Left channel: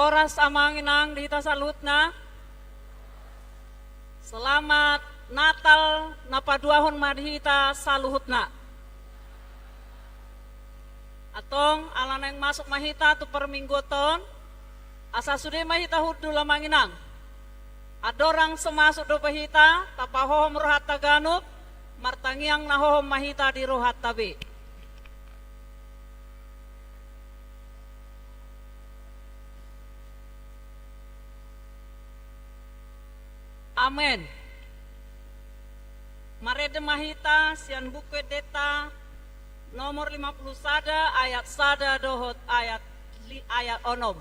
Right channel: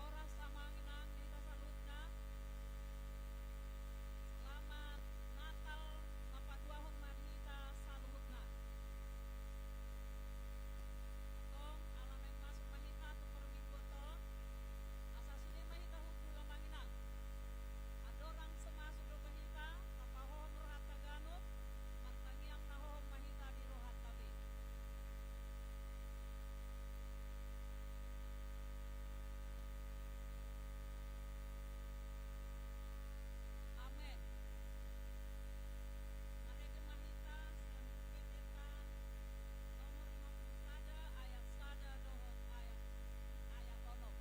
Oras amanginang dita salutna. Selamat Natal napaduahon madhita saluhutna. Atong alaneng masuk mahita tu perminggoton. Asa sudah mahita hudu lamanginang. Adorang semasuk do pahita tapahohom rohat taganub. Martangiang nahohom mahita di rohat tabi. Amen. Marede mahita sian buku deta nomor 50 sada ayat sada dohot ayat onom.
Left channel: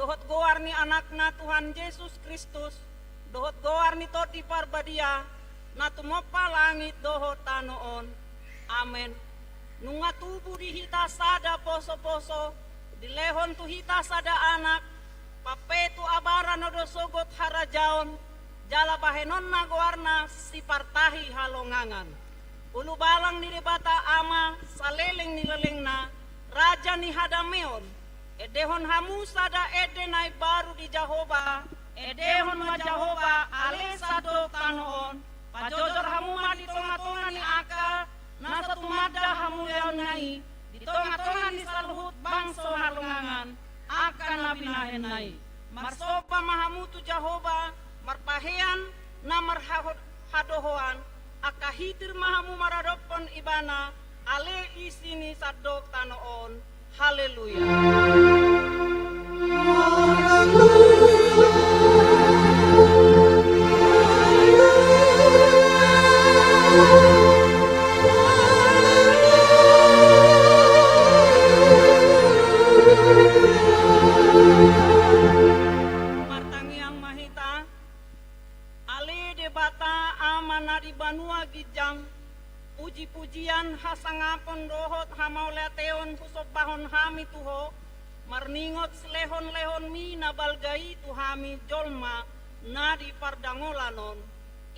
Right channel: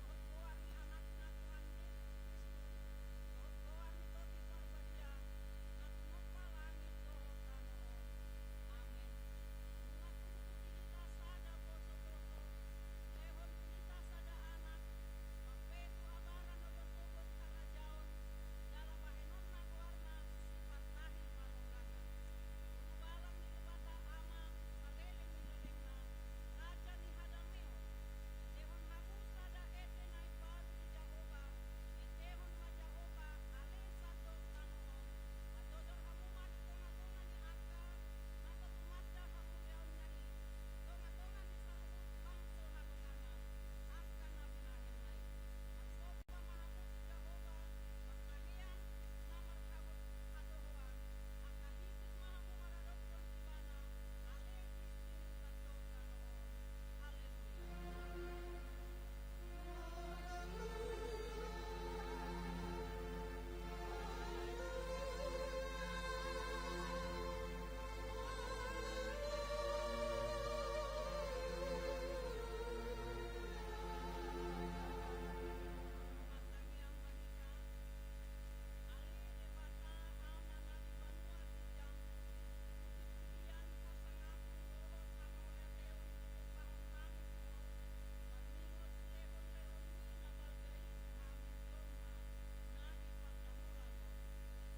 Dohot goarni anakna Tuhan Yesus Kristus, dohot goarni toti parbadia, na tumopa langit dohot tanoon. Amen. Nunga tubuh di hita sada poso-poso, dilehon tu hita sada anak, papetu abara nodo sogot harajaon, jala bahenon na goarna si partahi halongangan. Ulu balang ni debata ama, saleleng ni lelengna, raja ni hadameon. Edehon hamu sada edenai baru di Jahoba, edehon ma Jahoba alesa do tanoon, pajojor hamu ma di tonga-tonga ni aka, nasa tumada hamu leon nai, di tonga-tonga ni saluhut bangso halungangan, akan nabinahen nai. Marsopa mahamu tu Jahoba, marpahean na marhadohoan, akahitir mahamu maradopon ibana, ale isini sadok tanoon. Haleluya. Martangiang mahita, ali debata amana di banua gijang, puji-pujian hasangapon dohot hamauleteon kusopahon hami tuho, marningot selehon-lehon mi nabalgai tuhami jolma na di pardangolanon,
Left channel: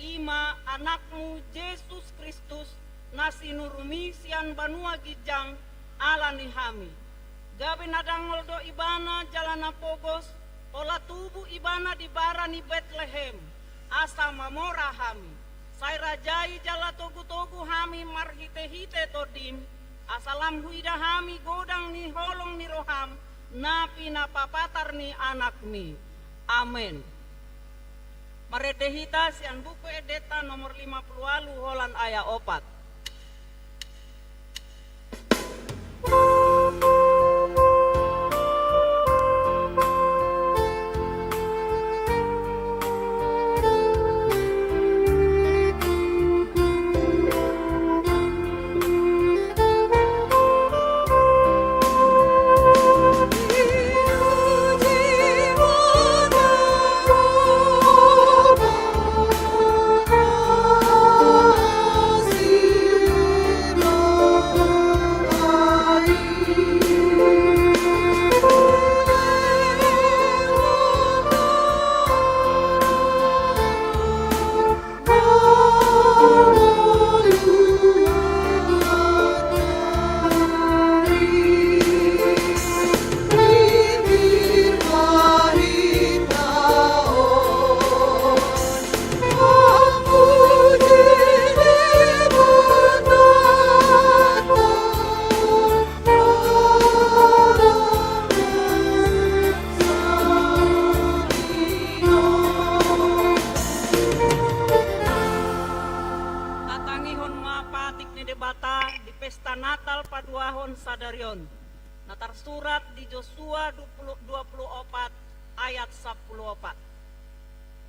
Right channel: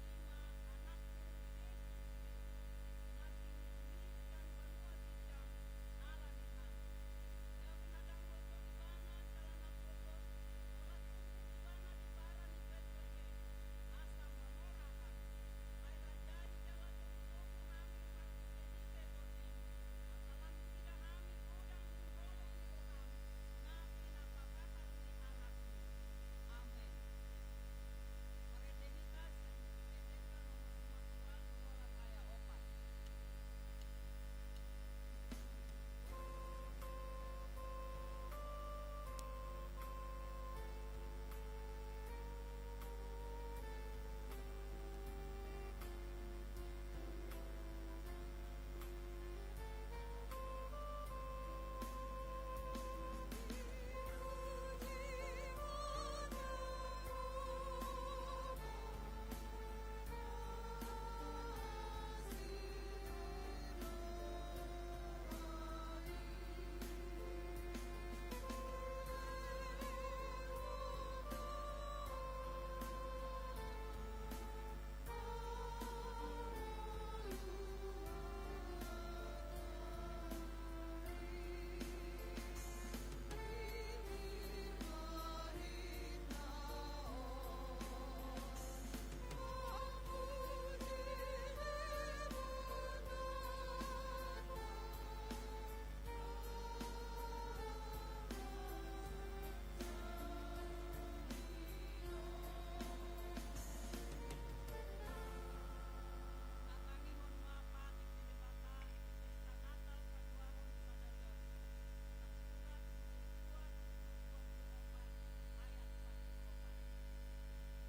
ima anakmu Yesus Kristus nasinurumi sian banua gijang alani hami. Gabi nadangol do ibana jalana pogos, pola tubuh ibana di barani Bethlehem, asa mamora hami. Sai rajai jala togu-togu hami marhite-hite todim, asalam huida hami godang ni holong ni roham, napi napapatar ni anakmi. Amen. Maredehita sian buku edeta nomor 50 holan aya opat. Gideon. Na tersurat di Yosua 24 ayat 14.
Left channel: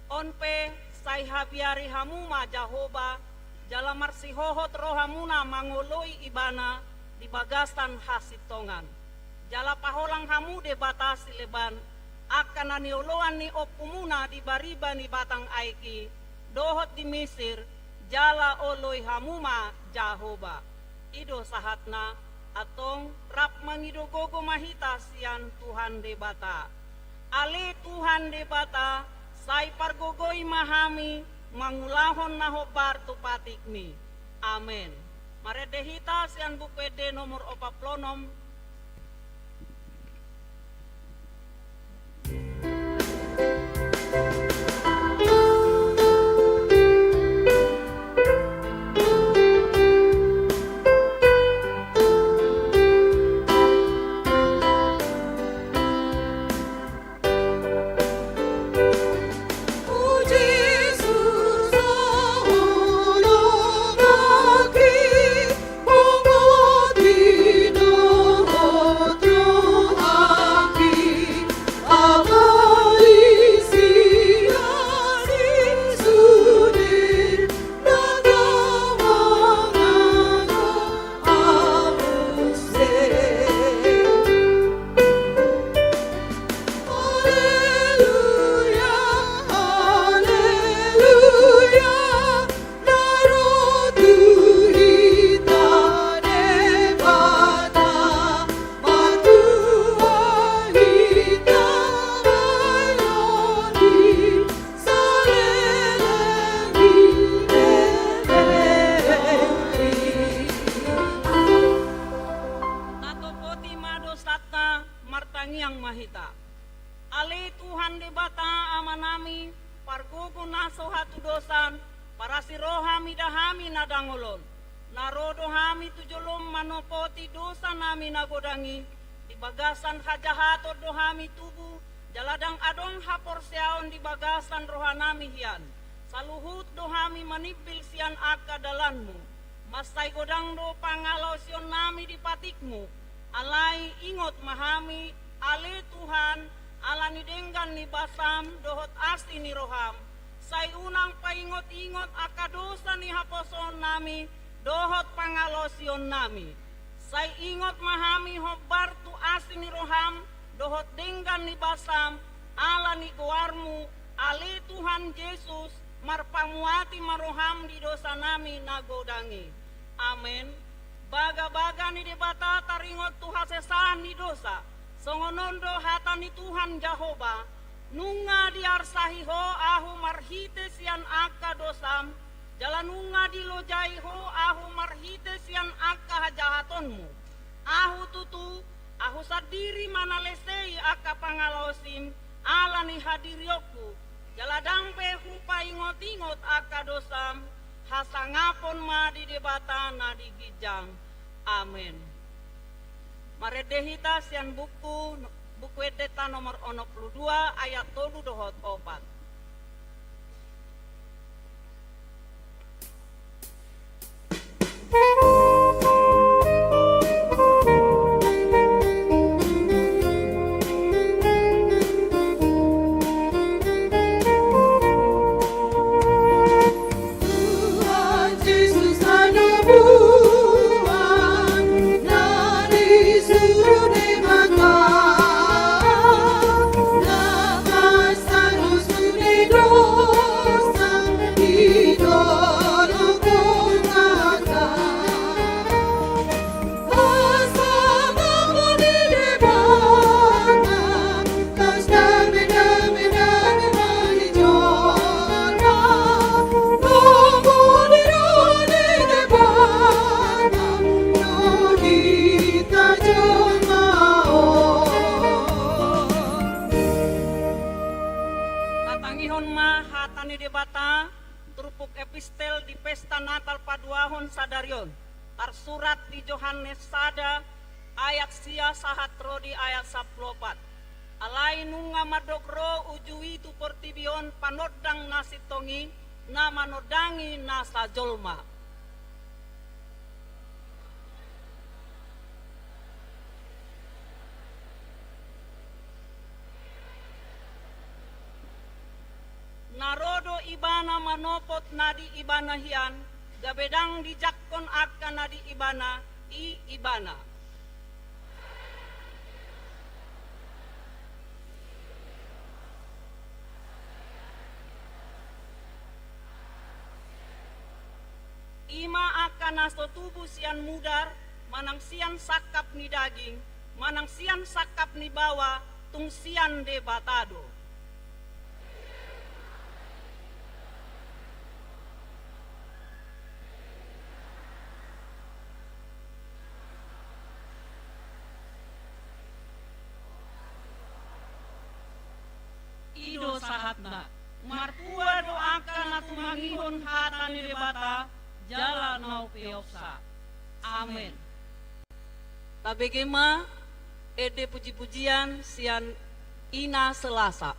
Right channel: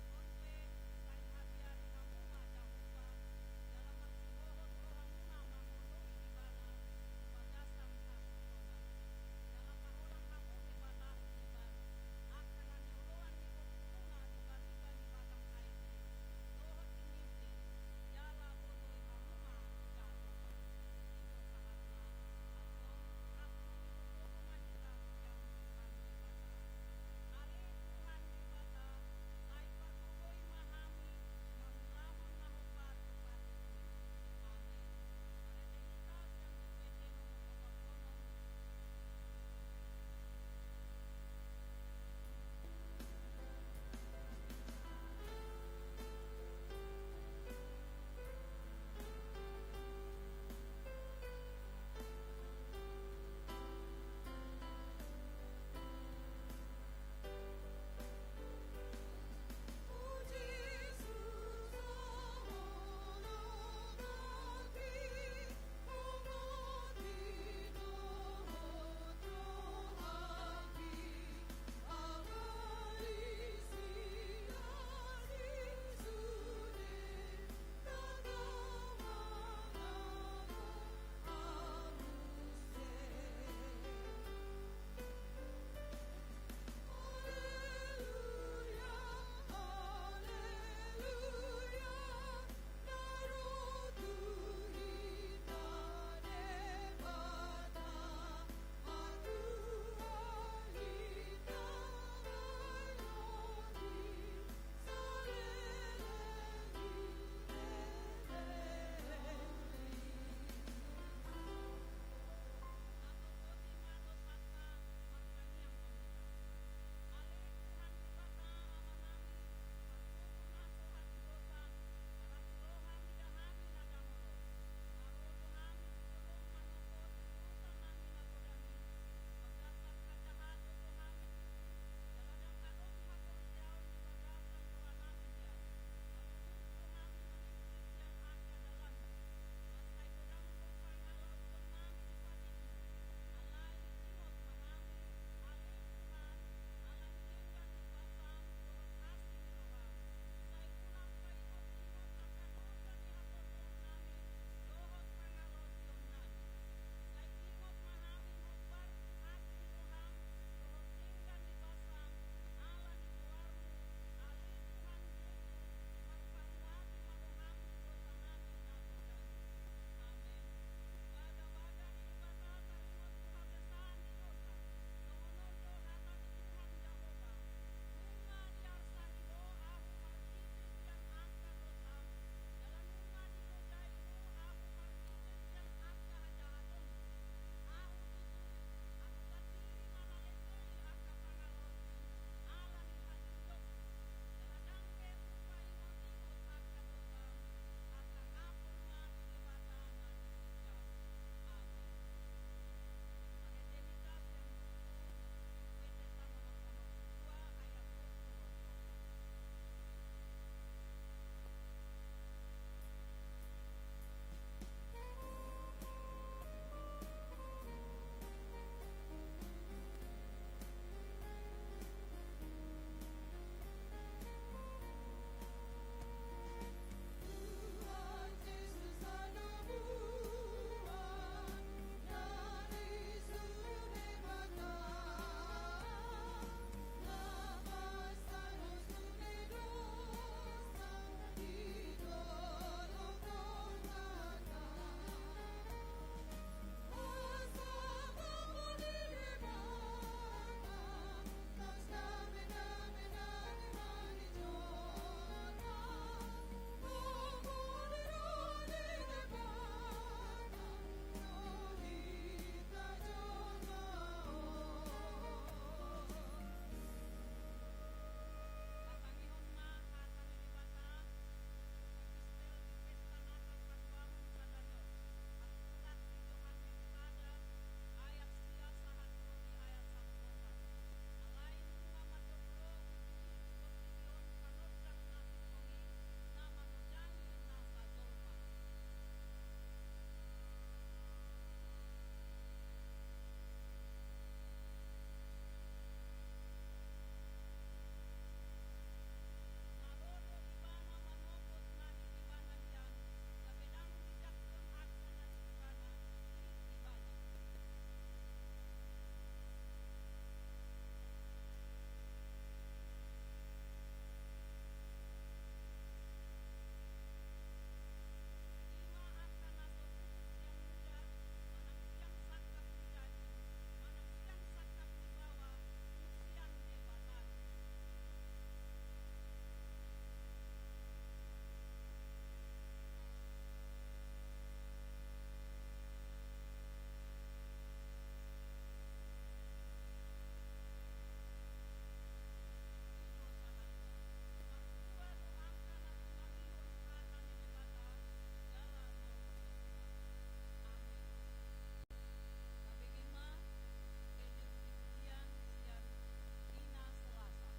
Onpe sai habiari hamuma Jahoba jala marsihohot rohamuna mangoloi ibana di bagasan hasitongan. Jala paholang hamu de batasi leban akan anioloan ni opumuna di bariba ni batang aiki dohot di Mesir jala oloi hamuma Jahoba. Ido sahatna atong rap mangidogogo mahita sian Tuhan debata. Ale Tuhan debata sai pargogoi mahami mangulahon nahobar tupatikmi. Amen. Maredehita sian bukwede nomor 46. Yang mahita. Ale Tuhan debata amanami pargogo naso hatu dosan para sirohami dahami nadangolon narodo hami tujolom manopoti dosa nami nagodangi di bagasan hajahato dohami tubuh jaladang adong hapor seaon di bagasan rohanami hian saluhut dohami manipil sian aka dalanmu masai godang do pangalau sion nami di patikmu alai ingot mahami ale Tuhan alani denggan ni basam dohot asti ni roham sai unang paingot-ingot akadosa ni haposon nami dohot pangalosion nami sai ingot mahami hobar tu asti ni roham dohot denggan ni basam alani goarmu ale Tuhan Yesus marpamuati maroham di dosa nami nagodangi. Amen. Baga-baga ni debata taringot Tuhan sesan ni dosa songonondo hatani Tuhan Jahoba nunga diarsahiho ahu marhite sian aka dosam jalanunga dilojaiho ahu marhite sian aka hajahatonmu ahu tutu ahu sadiri manalesei aka pangalosim alani hadirioku jaladampe hupa ingot-ingot aka dosam hasangapon ma di debata na digijang. Amen. Maredehita sian buku edeta nomor 62 ayat 3 dohot 4. epistel di pesta Natal paduahon sadarion. Tersurat di Yohanes sada ayat sia sahat rodi ayat 14. Alai nunga madokro ujui tu portibion panodang nasitongi na manodangi nasa jolma. marodo ibana manopot nadi ibana hian, gabedang dijakkon akka nadi ibana i ibana. Ima akan naso tubuh sian mudar, manang sian sakap ni daging, manang sian sakap ni bawa, tung sian de batado. Ido sahatna, marpua doakan na tumangihon hata ni debata, jala nau peoksa. Amin. Tabegema ede puji-pujian sian ina Selasa.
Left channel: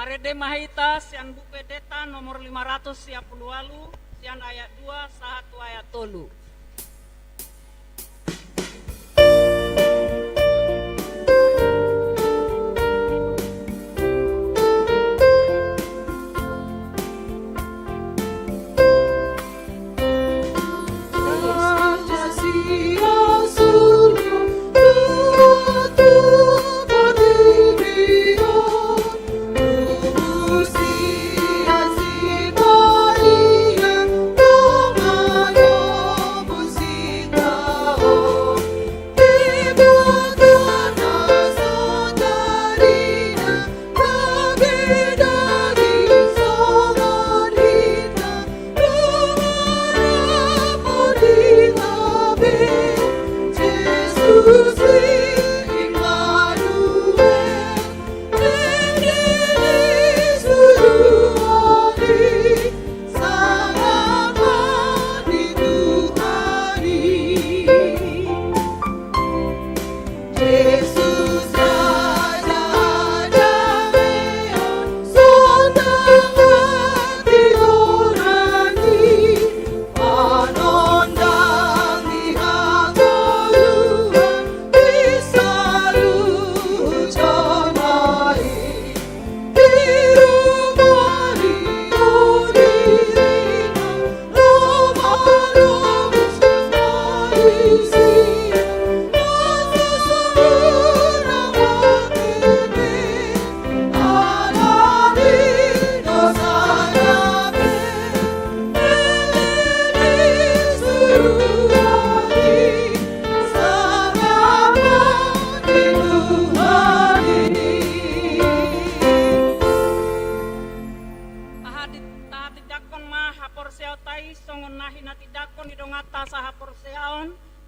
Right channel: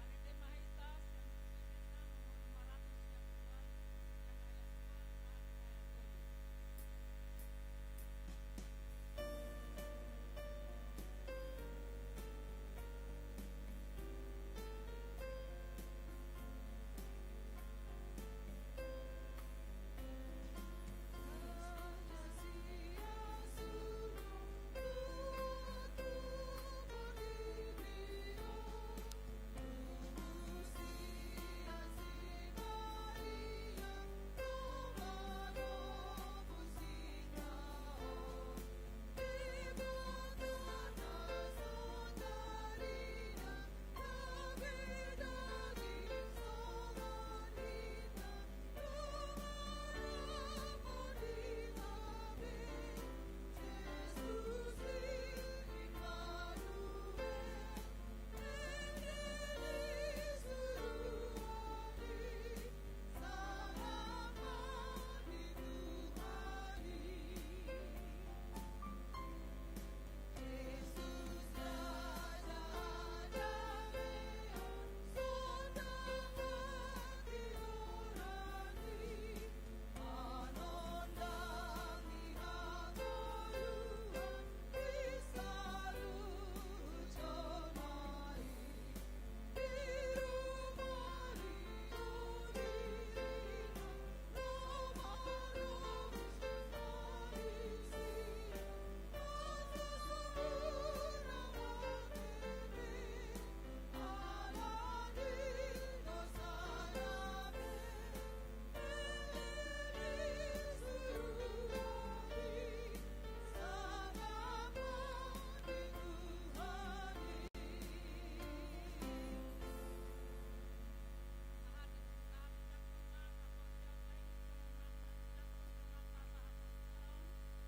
Marede mahita sian buku deta nomor 510 walu sian ayat 2 satu ayat 3.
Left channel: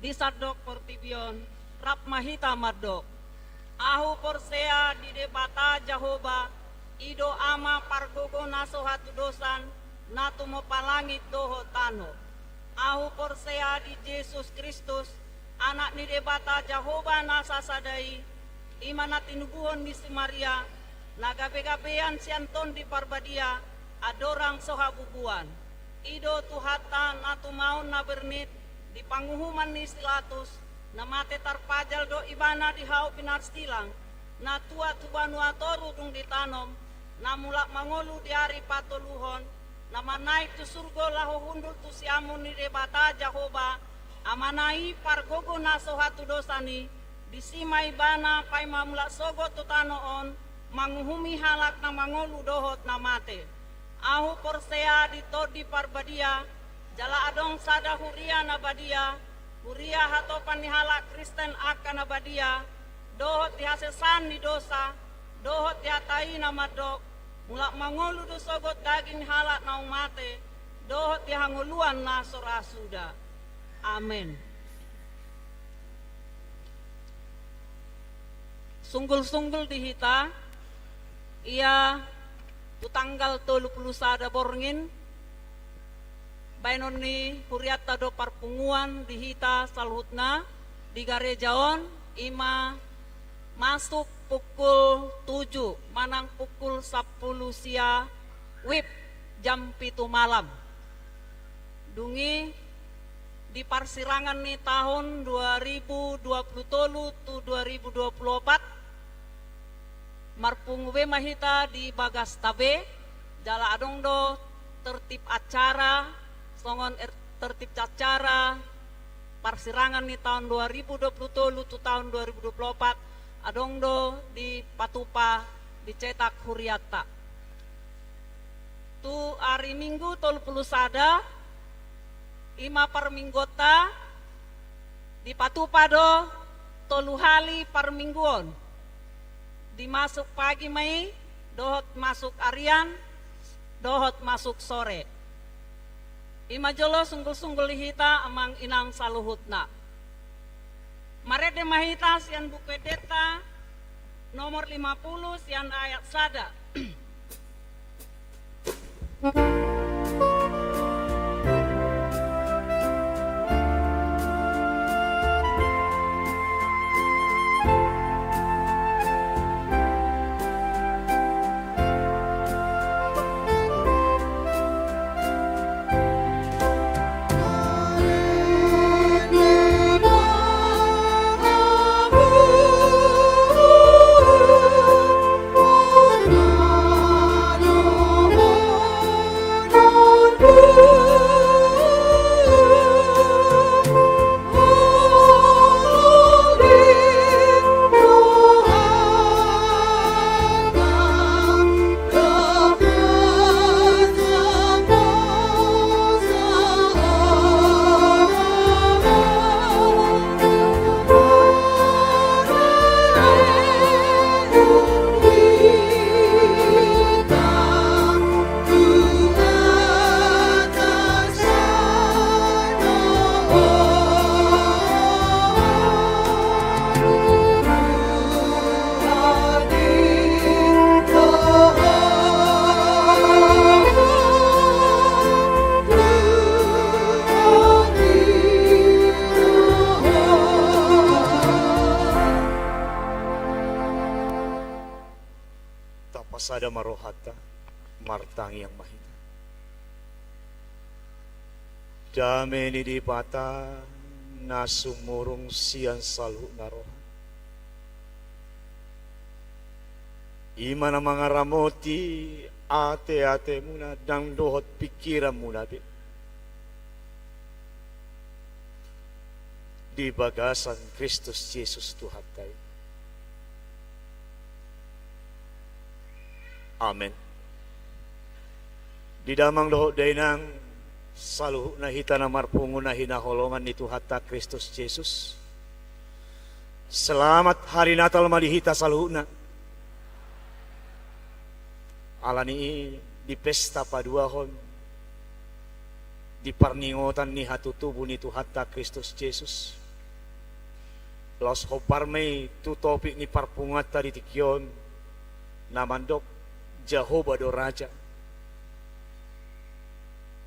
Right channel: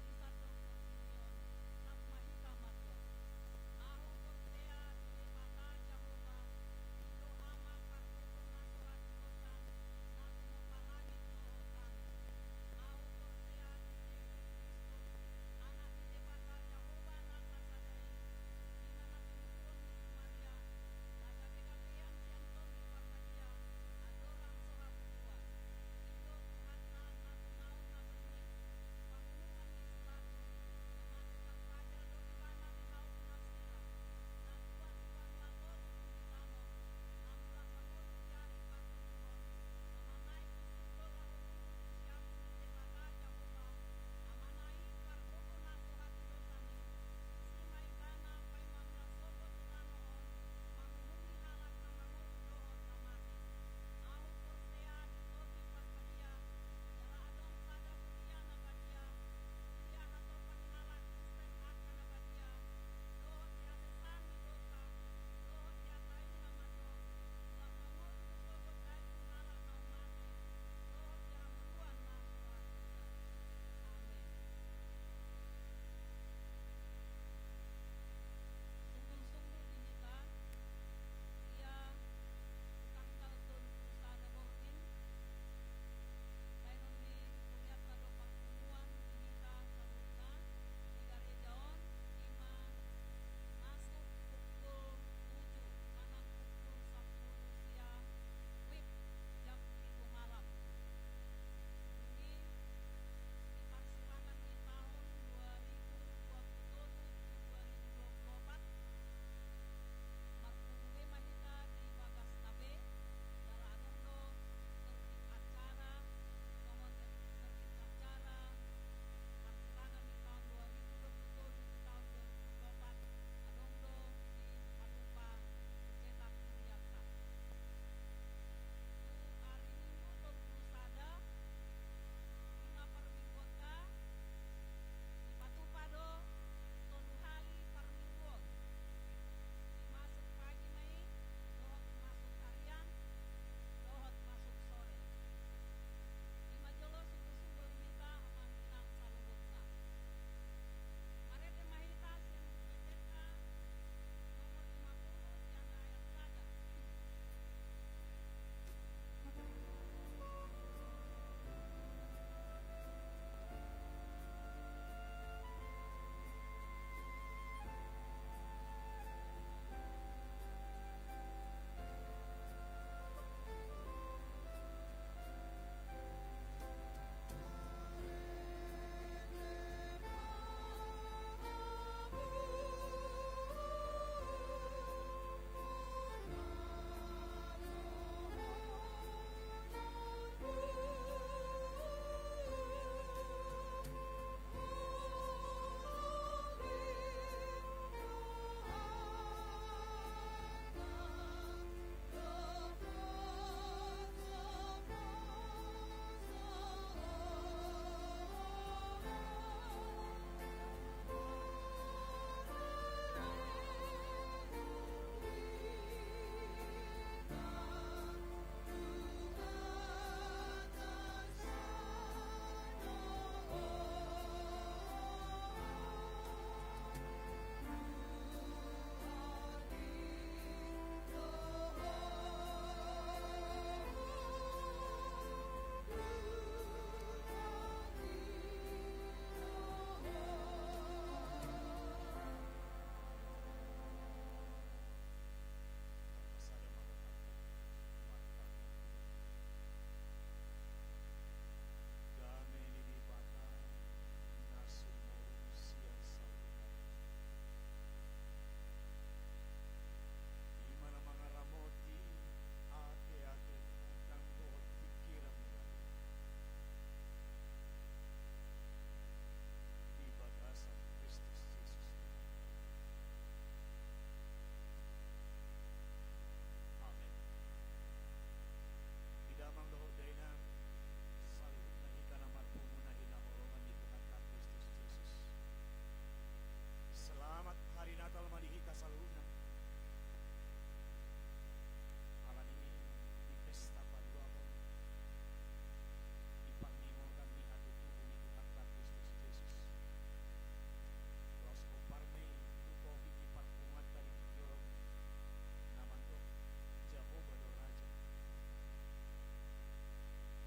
Disadok portibion rap mahita madok ahu porsea di debata Jahoba ido ama pargogo naso hatu dosan natu mo palangit doho tano ahu porsea di Yesus Kristus anak ni debata Jahoba nasa sadai imana tinubuhon di Maria nagabe-gabean sianton di parbadia adorang sohabubuan ido tuhata natu maun na bernit di panguhuman ni Silatus na mate tarpajal do ibana di hau pinar stilang na tua tubanu atoru dung ditanom na mulak mangolu di hari patoluhon na manai tu surgo laho hundul tu siamun ni debata Jahoba amanai pargogo na sohatu dosani di simai bana pai mamulak sogo tu tanoon manguhumi halak na mangolu dohot na mate ahu porsea di todi parbadia jala adong sada huria nabadia huria hato panihala Kristen akan nabadia dohot dihasesan ni dosa dohot dihatai namadok mulak mangolu do sogot daging halak naung mate dohot dihanguluan na sorasuda amin. Sunggul-sunggul dihita ia tu tanggal 30 sada borngin bainon ni huriata do parpunguan dihita salhutna di garejaon ima masuk pukul 7 manang pukul 10 sia wib jam 7 malam dungi di parsirangan ni tahun 2023 tu 2024 marpungue mahita di bagas tabe jala adong do tertib acara songon tertib acara parsirangan ni tahun 2023 tu tahun 2024 adong do di patupa dicetak huriata tu hari Minggu 30 sada ima parminggota di patupa do tolu hali parmingguon dimasuk pagi mai dohot masuk arian dohot masuk sore ima jolo sunggul-sunggul hita amang inang saluhutna marede mahita sian buku deta nomor 50 sian ayat sada Asada marohata martangi yang mahita. Dame ni di bata nasumurung sian salu naroha. Imana mga ramoti ate-ate muna dang dohot pikiran muna bit. Di bagasan Kristus Yesus Tuhan tayo. Amen. Di damang dohot day nang saluh na hita na marpungo na hinaholongan ni Tuhan ta Kristus Yesus. Selamat hari Natal malihita saluh na. Alani di pesta paduahon di parningotan ni hatutubo ni Tuhan ta Kristus Yesus. Los hoparmay tutopi ni parpungat ta di tikyon namandok Jehovah do Raja.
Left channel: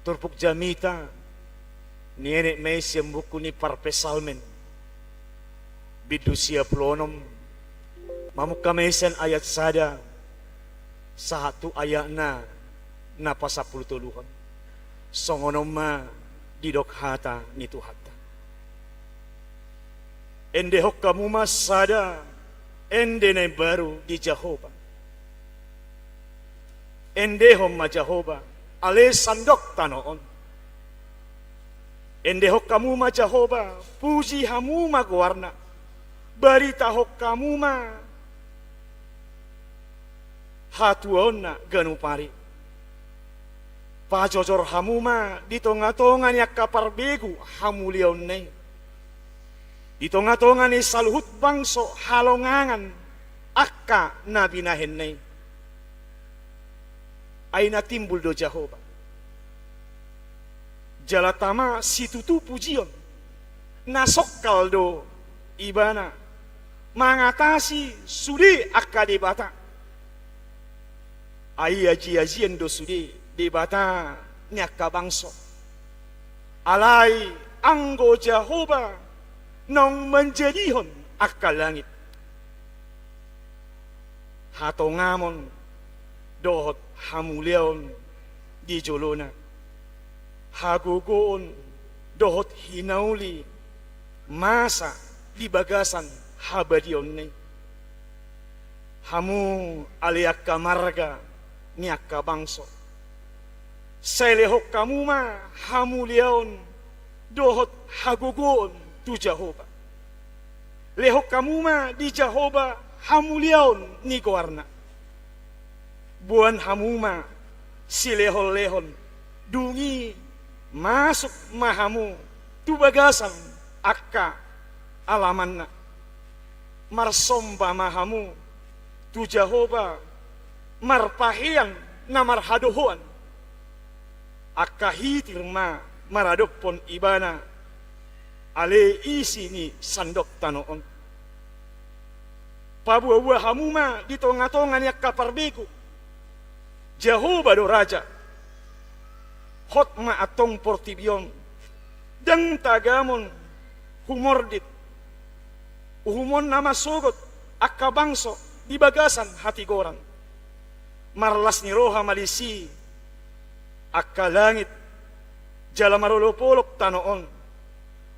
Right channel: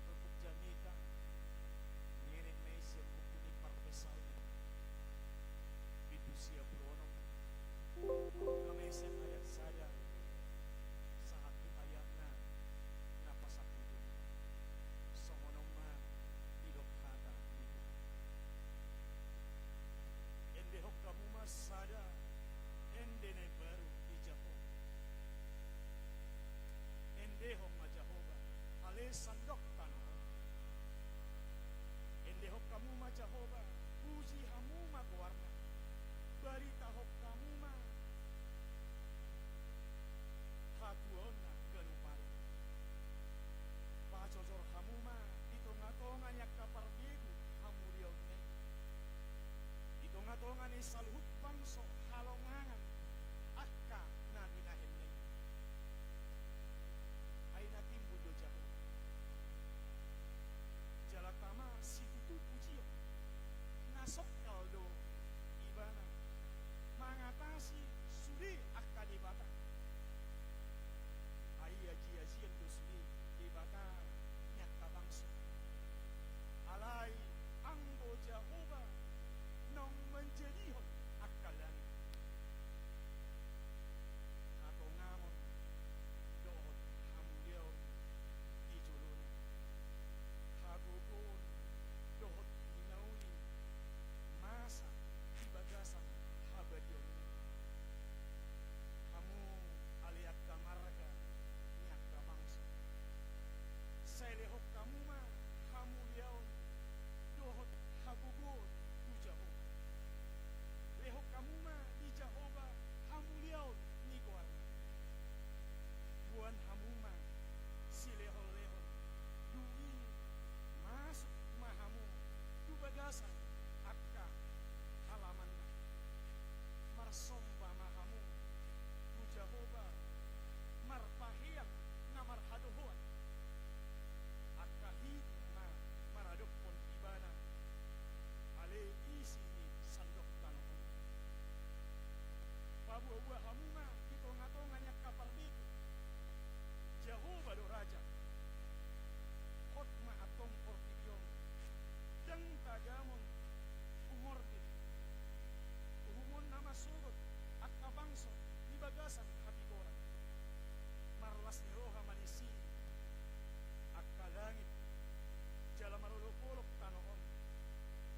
Turpuk jamita nienek may siyambuku ni parpesalmen bidusia plonom mamuk kamesen ayat sada satu ayat na napasapul tuluhan songonom ma didok hata ni Tuhata ende hok kamu mas sada ende na baru di Jehovah ende hom ma Jehovah ale sandok tanoon ende hok kamu ma Jehovah puji hamu ma guarna barita hok kamu ma hatuon na ganupari pajojor hamu ma di tonga-tonga niya kaparbegu hamulion ne di tonga-tonga ni saluhut bangso halongangan akka nabinahen ne ay natimbul do Jehovah. Jalatama situtu pujion. Nasokal do ibana. Mangatasi sudi akadebata. Ay aji-ajian do sudi debata nyaka bangso. Alay anggo Jehovah nong menjadihon akal langit. Hatongamon dohot hamuleon di jolona hagogoon dohot hinauli masa di bagasan habadion ne hamu aliak kamarga niaka bangso selehok kamu ma hamuleon dohot hagogoon tu Jehovah lehok kamu ma di Jehovah hamuleon ni goarna buan hamuma si lehon-lehon dungi masuk mahamu tu bagasan akka alamanna marsomba mahamu tu Jehovah marpahian na marhadohoan akka hitir ma maradopon ibana ale isi ni sandok tanoon pabuah-buah hamuma di tonga-tonga ni akka parbeku Jehovah do Raja hot ma atong portibion dang tagamon humordit uhumon nama sogot akka bangso di bagasan hati goran marlas ni roha malisi akka langit jala marolopolop tanoon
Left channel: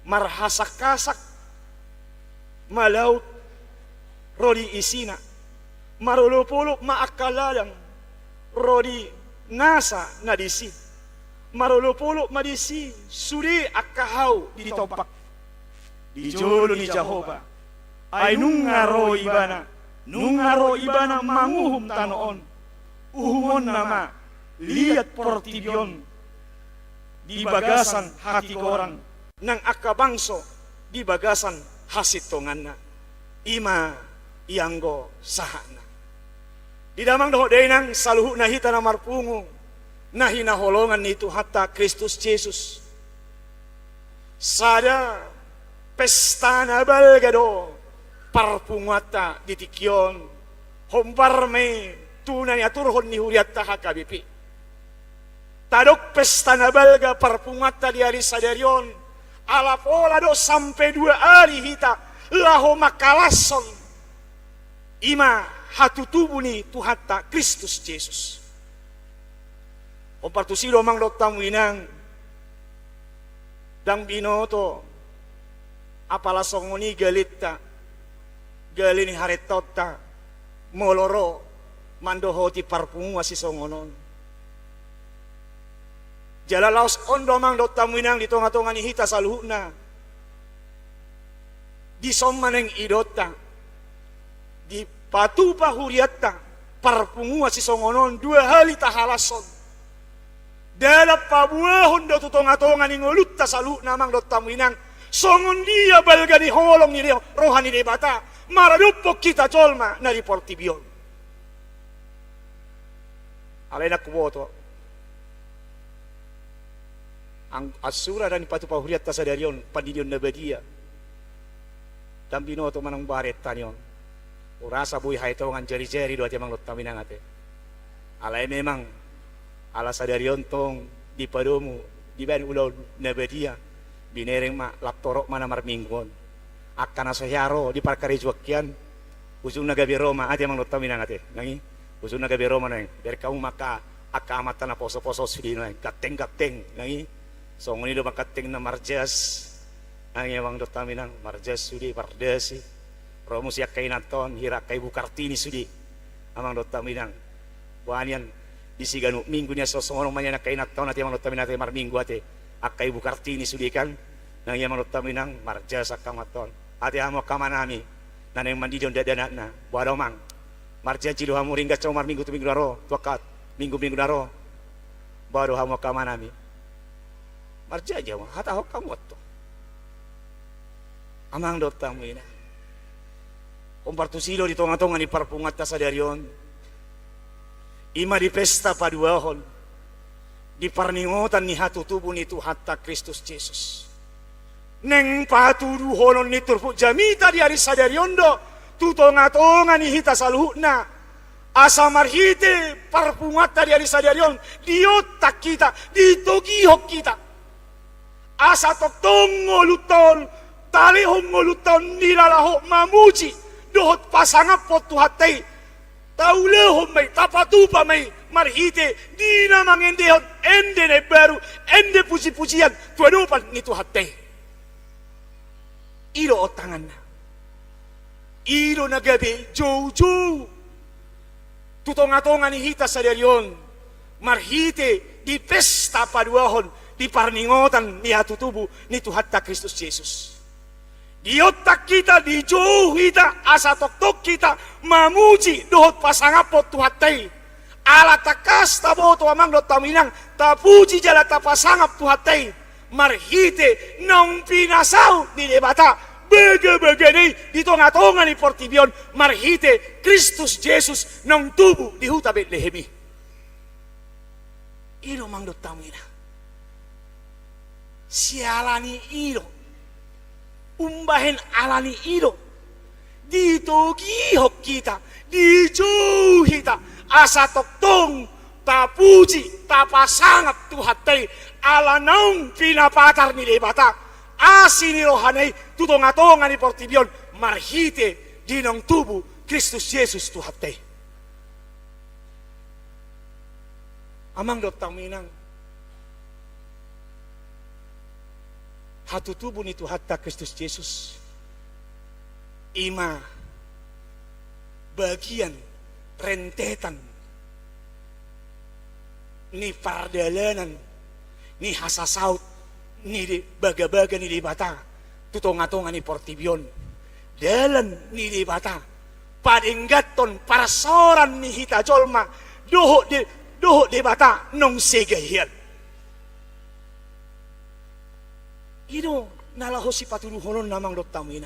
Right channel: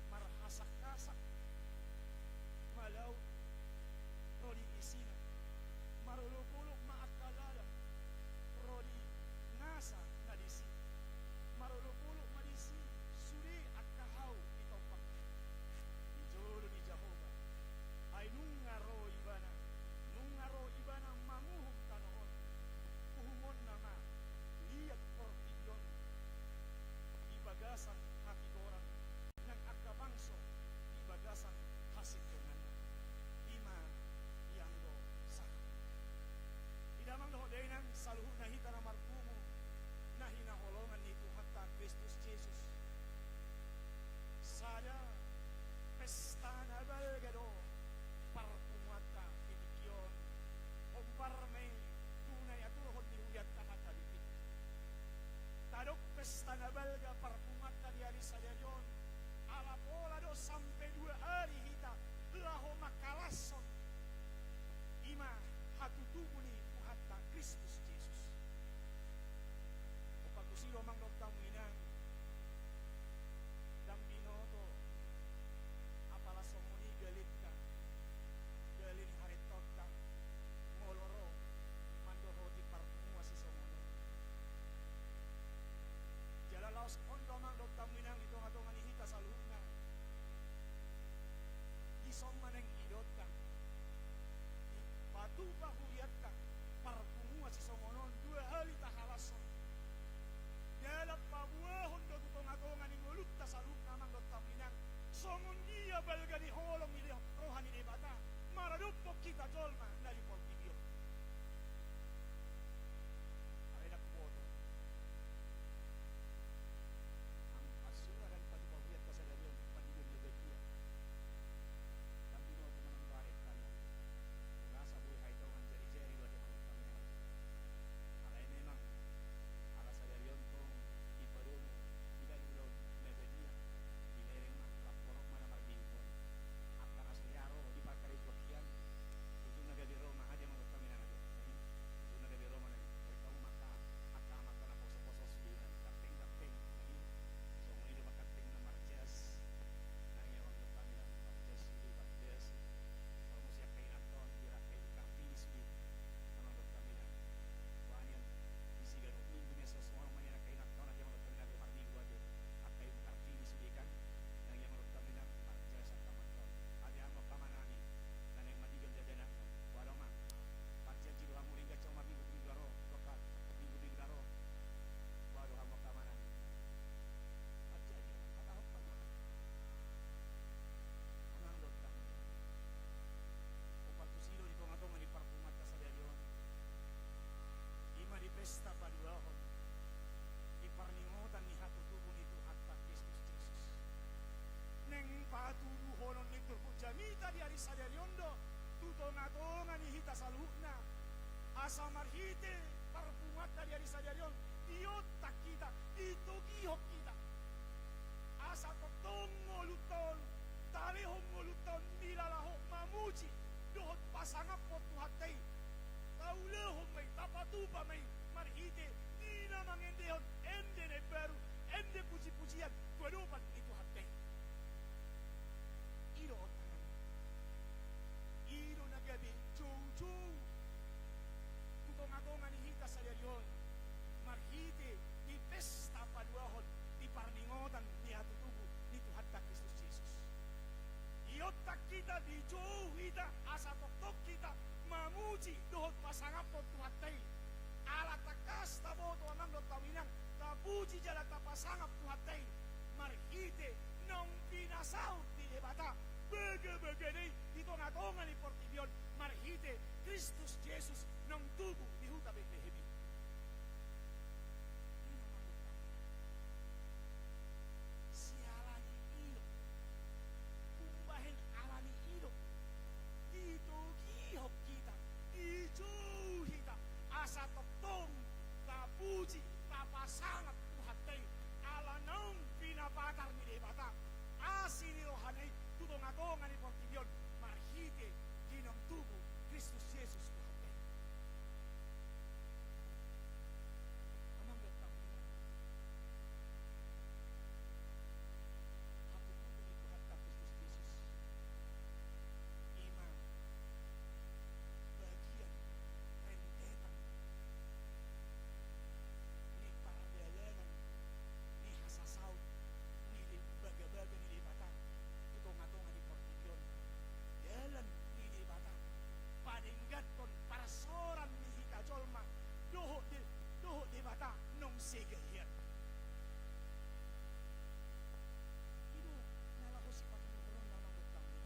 marhasak-kasak malaut rodi isina marolopolop maakaladang rodi nasa nadisi marolopolo madisi suri akahau di topak di jolo ni Jehovah ay nungaro ibana manguhum tanoon uhumon nama liat portibion di bagasan hati korang nang akabangso di bagasan hasitonganna ima ianggo sahana di damang doho denang saluhu nahita na marpungo nahinaholongan ni Tuhan ta Kristus Yesus sada pesta na balgado parpungata di tikyon homparme tunay aturhon ni huriat ta hakabipi tadok pesta na balga parpungata di hari sadaryon ala pola do sampai 2 hari hita laho makalason Ima hatutubu ni Tuhatta Kristus Yesus. Kompartusilo mang dotamu inang dang binoto apala songoni galita galini haretota moloro mandoho ti parpungu si songonon. Jalalaos ondo mang dotamu inang di tonga-tonga ni hita saluhna di sommaneng idota di patupa huriatta parpungu si songonon 2 hali tahalason. Dalam pabuahon do tutonga-tonga ni ngolutta salu namang do tamuinang songon dia balga ni holong ni rohani de bata maradupok kita colma na portibion. Alena kuboto ang asura dan patu pahuriat tasadarion pandidion nabadia dan binoto manang baret tanion urasa buy haitongan jari-jari do ati mang do taminang ate. Alay memang ala sadarion tong di padomu di ban ulau nabadia binereng ma laptorok mana marminggon akan asohyaro di parkari juakian usung nagabi Roma ate mang lotta minang ate nangi usung nagabi Roma nang dari kamu maka akamata na poso-poso sudi nang kateng-kateng nangi songoni do makateng na marjas nangi mang lotta minang marjas sudi pardasi romo siak kainaton hira kai bukartini sudi amang lotta minang buanian disiganu minggu niya sosong manya na kainat taon ati manut tamin ati marminggu ati akai bukartini sudikan nang iya manut taminang marja sakamaton ati amo kamanami naneng mandidion dadana na wadomang marja jilu hamu ringga cuma minggu tu minggu daro tuakat minggu daro baru hamu kamanami marja aja mah hata hok kamu to amang dot tamina kompartusilo di tonga-tonga ni parpungat tasadarion ima di pesta paduahon di parningotan ni hatutubu ni Tuhatta Kristus Yesus neng patuduhonon ni turpu jamita di hari sadariondo tutonga-tonga ni hita saluhna asa marhite parpungata di hari sadarion di otak kita di togihok kita asa toktong ngoluton talihong ngoluton nilalaho mamuji dohot pasangapot Tuhattei taulehon may tapatupa may marhite di na mangendehon ende na baru ende puji-pujian tuadupan ni Tuhatte iro otangan na iro nagabi jow tutonga-tonga ni hita sa darion marhite di pesta paduahon di parningotan ni hatutubu ni Tuhatta Kristus Yesus. Di otak kita, di jauh kita, asa tok-tok kita, mamuji dohot pasangapot Tuhattei. Ala takas taboto amang do taminang, tapuji jala tapasangap Tuhattei. Marhite nang pinasau di debata, bege-bege di tonga-tonga ni portibion, marhite Kristus Yesus nang tubuh di huta Betlehemi. Iro mang do taminang. Sialani iro. Umbahen alani iro dito gihok kita dijo kita asa toktong tapuji tapasangap Tuhattei ala naung pinapatar ni debata asini rohanai tutonga-tonga ni portibion marhite dinong tubuh Kristus Yesus Tuhattei amang dotang minang hatutubu ni Tuhatta Kristus Yesus ima bagian rentetan ni pardalanan ni hasasaut ni baga-baga ni dibata tutonga-tonga ni portibion dalan ni dibata padinggaton parasoran ni hita jolma doho dibata nong segahian ino nalaho si patuluhonon namang dotamina.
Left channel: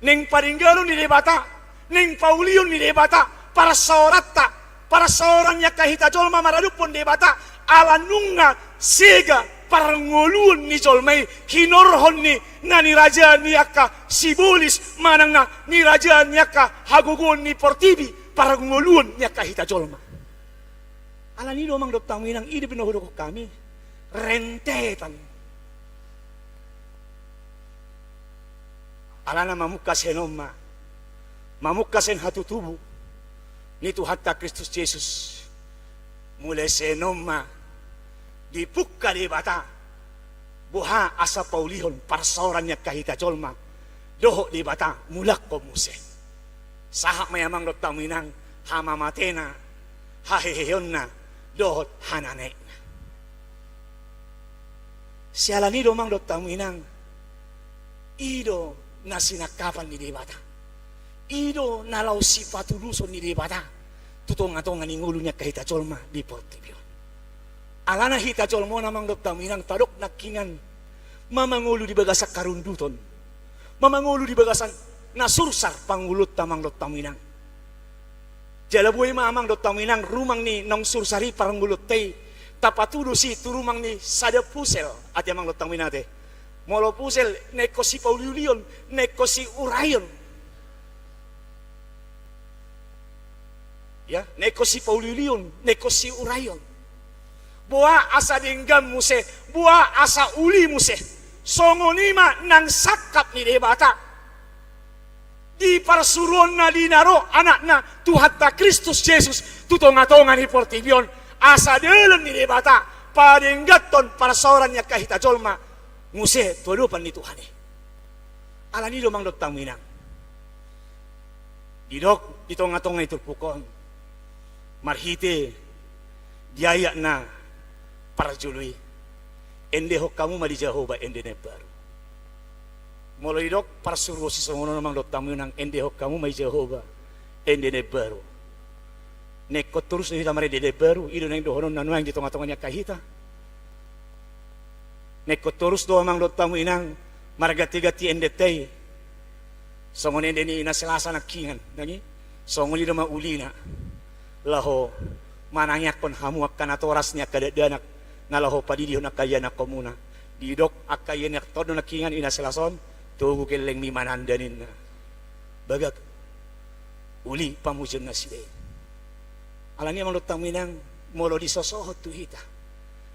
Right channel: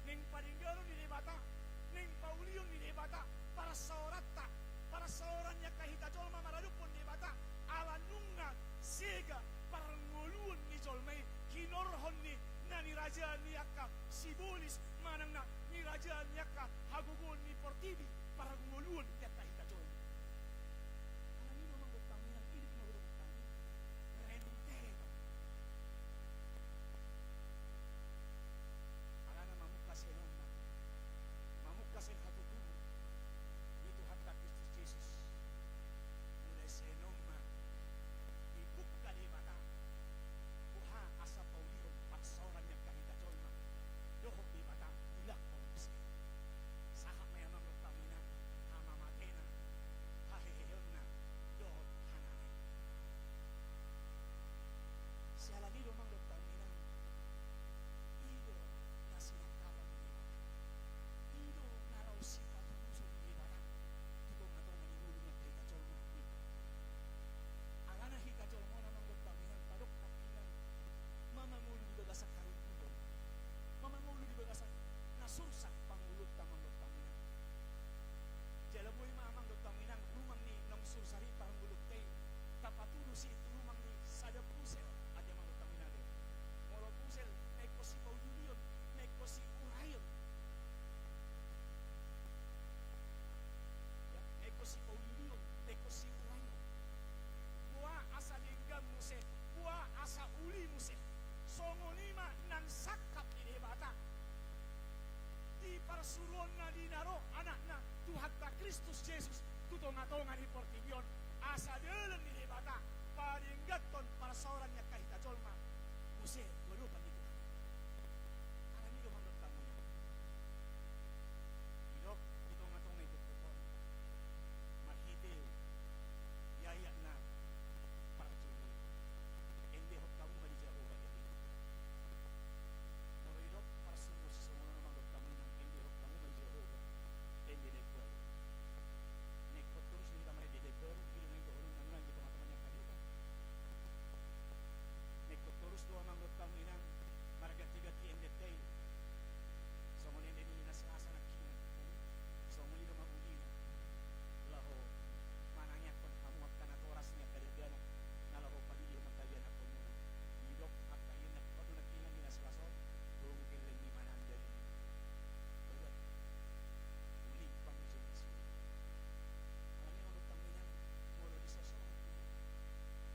Neng paringgalon ni debata, neng paulion ni debata, para soran nya kahita jolma maradupon debata, alanunga sega parangoluon ni jolmai, kinorhon ni nani raja niaka sibolis manang na ni raja niaka hagugon ni portibi, parangoluon nya kahita jolma. Alani domang dotamina ini pinohodok kami, rentetan. Alana mamuka senoma mamukasen hatu tubuh nitu hatta Kristus Yesus mulai senoma dipukka di bata buha asa paulihon parsorannya kahita colma doho di bata mulak ko muse sahak mayamang dot taminang hama matena haheheyonna dohot hanane sialani domang dot taminang ido nasinakapan ni debata ido nalau sipatuluson ni debata tutong-atongan ingulunya kahita colma di portibio alana hita colmo namang dot taminang tadok nakingan mamangulu di bagasak karunduton mamangulu di bagasan nasursar pangulut tamang dot taminang jalabuay mamang dot taminang rumang ni nong sursari pangulut tei tapatudo si turumang ni sada pusel at yamang dot taminate molo pusel neko si pauliulion neko si urayon ya neko si pauliulion neko si urayon buah asa dinggam muse buah asa uli muse songonima nang sakap ni debata di parsuron na dinaro anak na tuhatta Kristus Yesus tutong-atongan ni portibion asa dalam ni debata padenggaton parsorannya kahita colma nguse tuadupan ni Tuhan alani domang dot taminang didok ditong-atongan itu pukon marhite diayak na parjului ende hok kamu madi Jehovah ende ne baru mulai dok parsuruh si songono namang dot taminang ende hok kamu madi Jehovah ende ne baru neko terus ni tamare de baru ido nang dohonon nanuang ditong-atongannya kahita neko terus do amang dot taminang margati-gati ende tei songon ende ni ina selasa nakingan nani songon ida maulina laho manangyak kon hamu akan atorasnya kadadanak nalaho padidiho nakaya na komuna didok akayen yak todo nakingan ina selason tugu keleng mi manandanin na bagak uli pamujon na sile alani amang dot taminang molo disosohot tu hita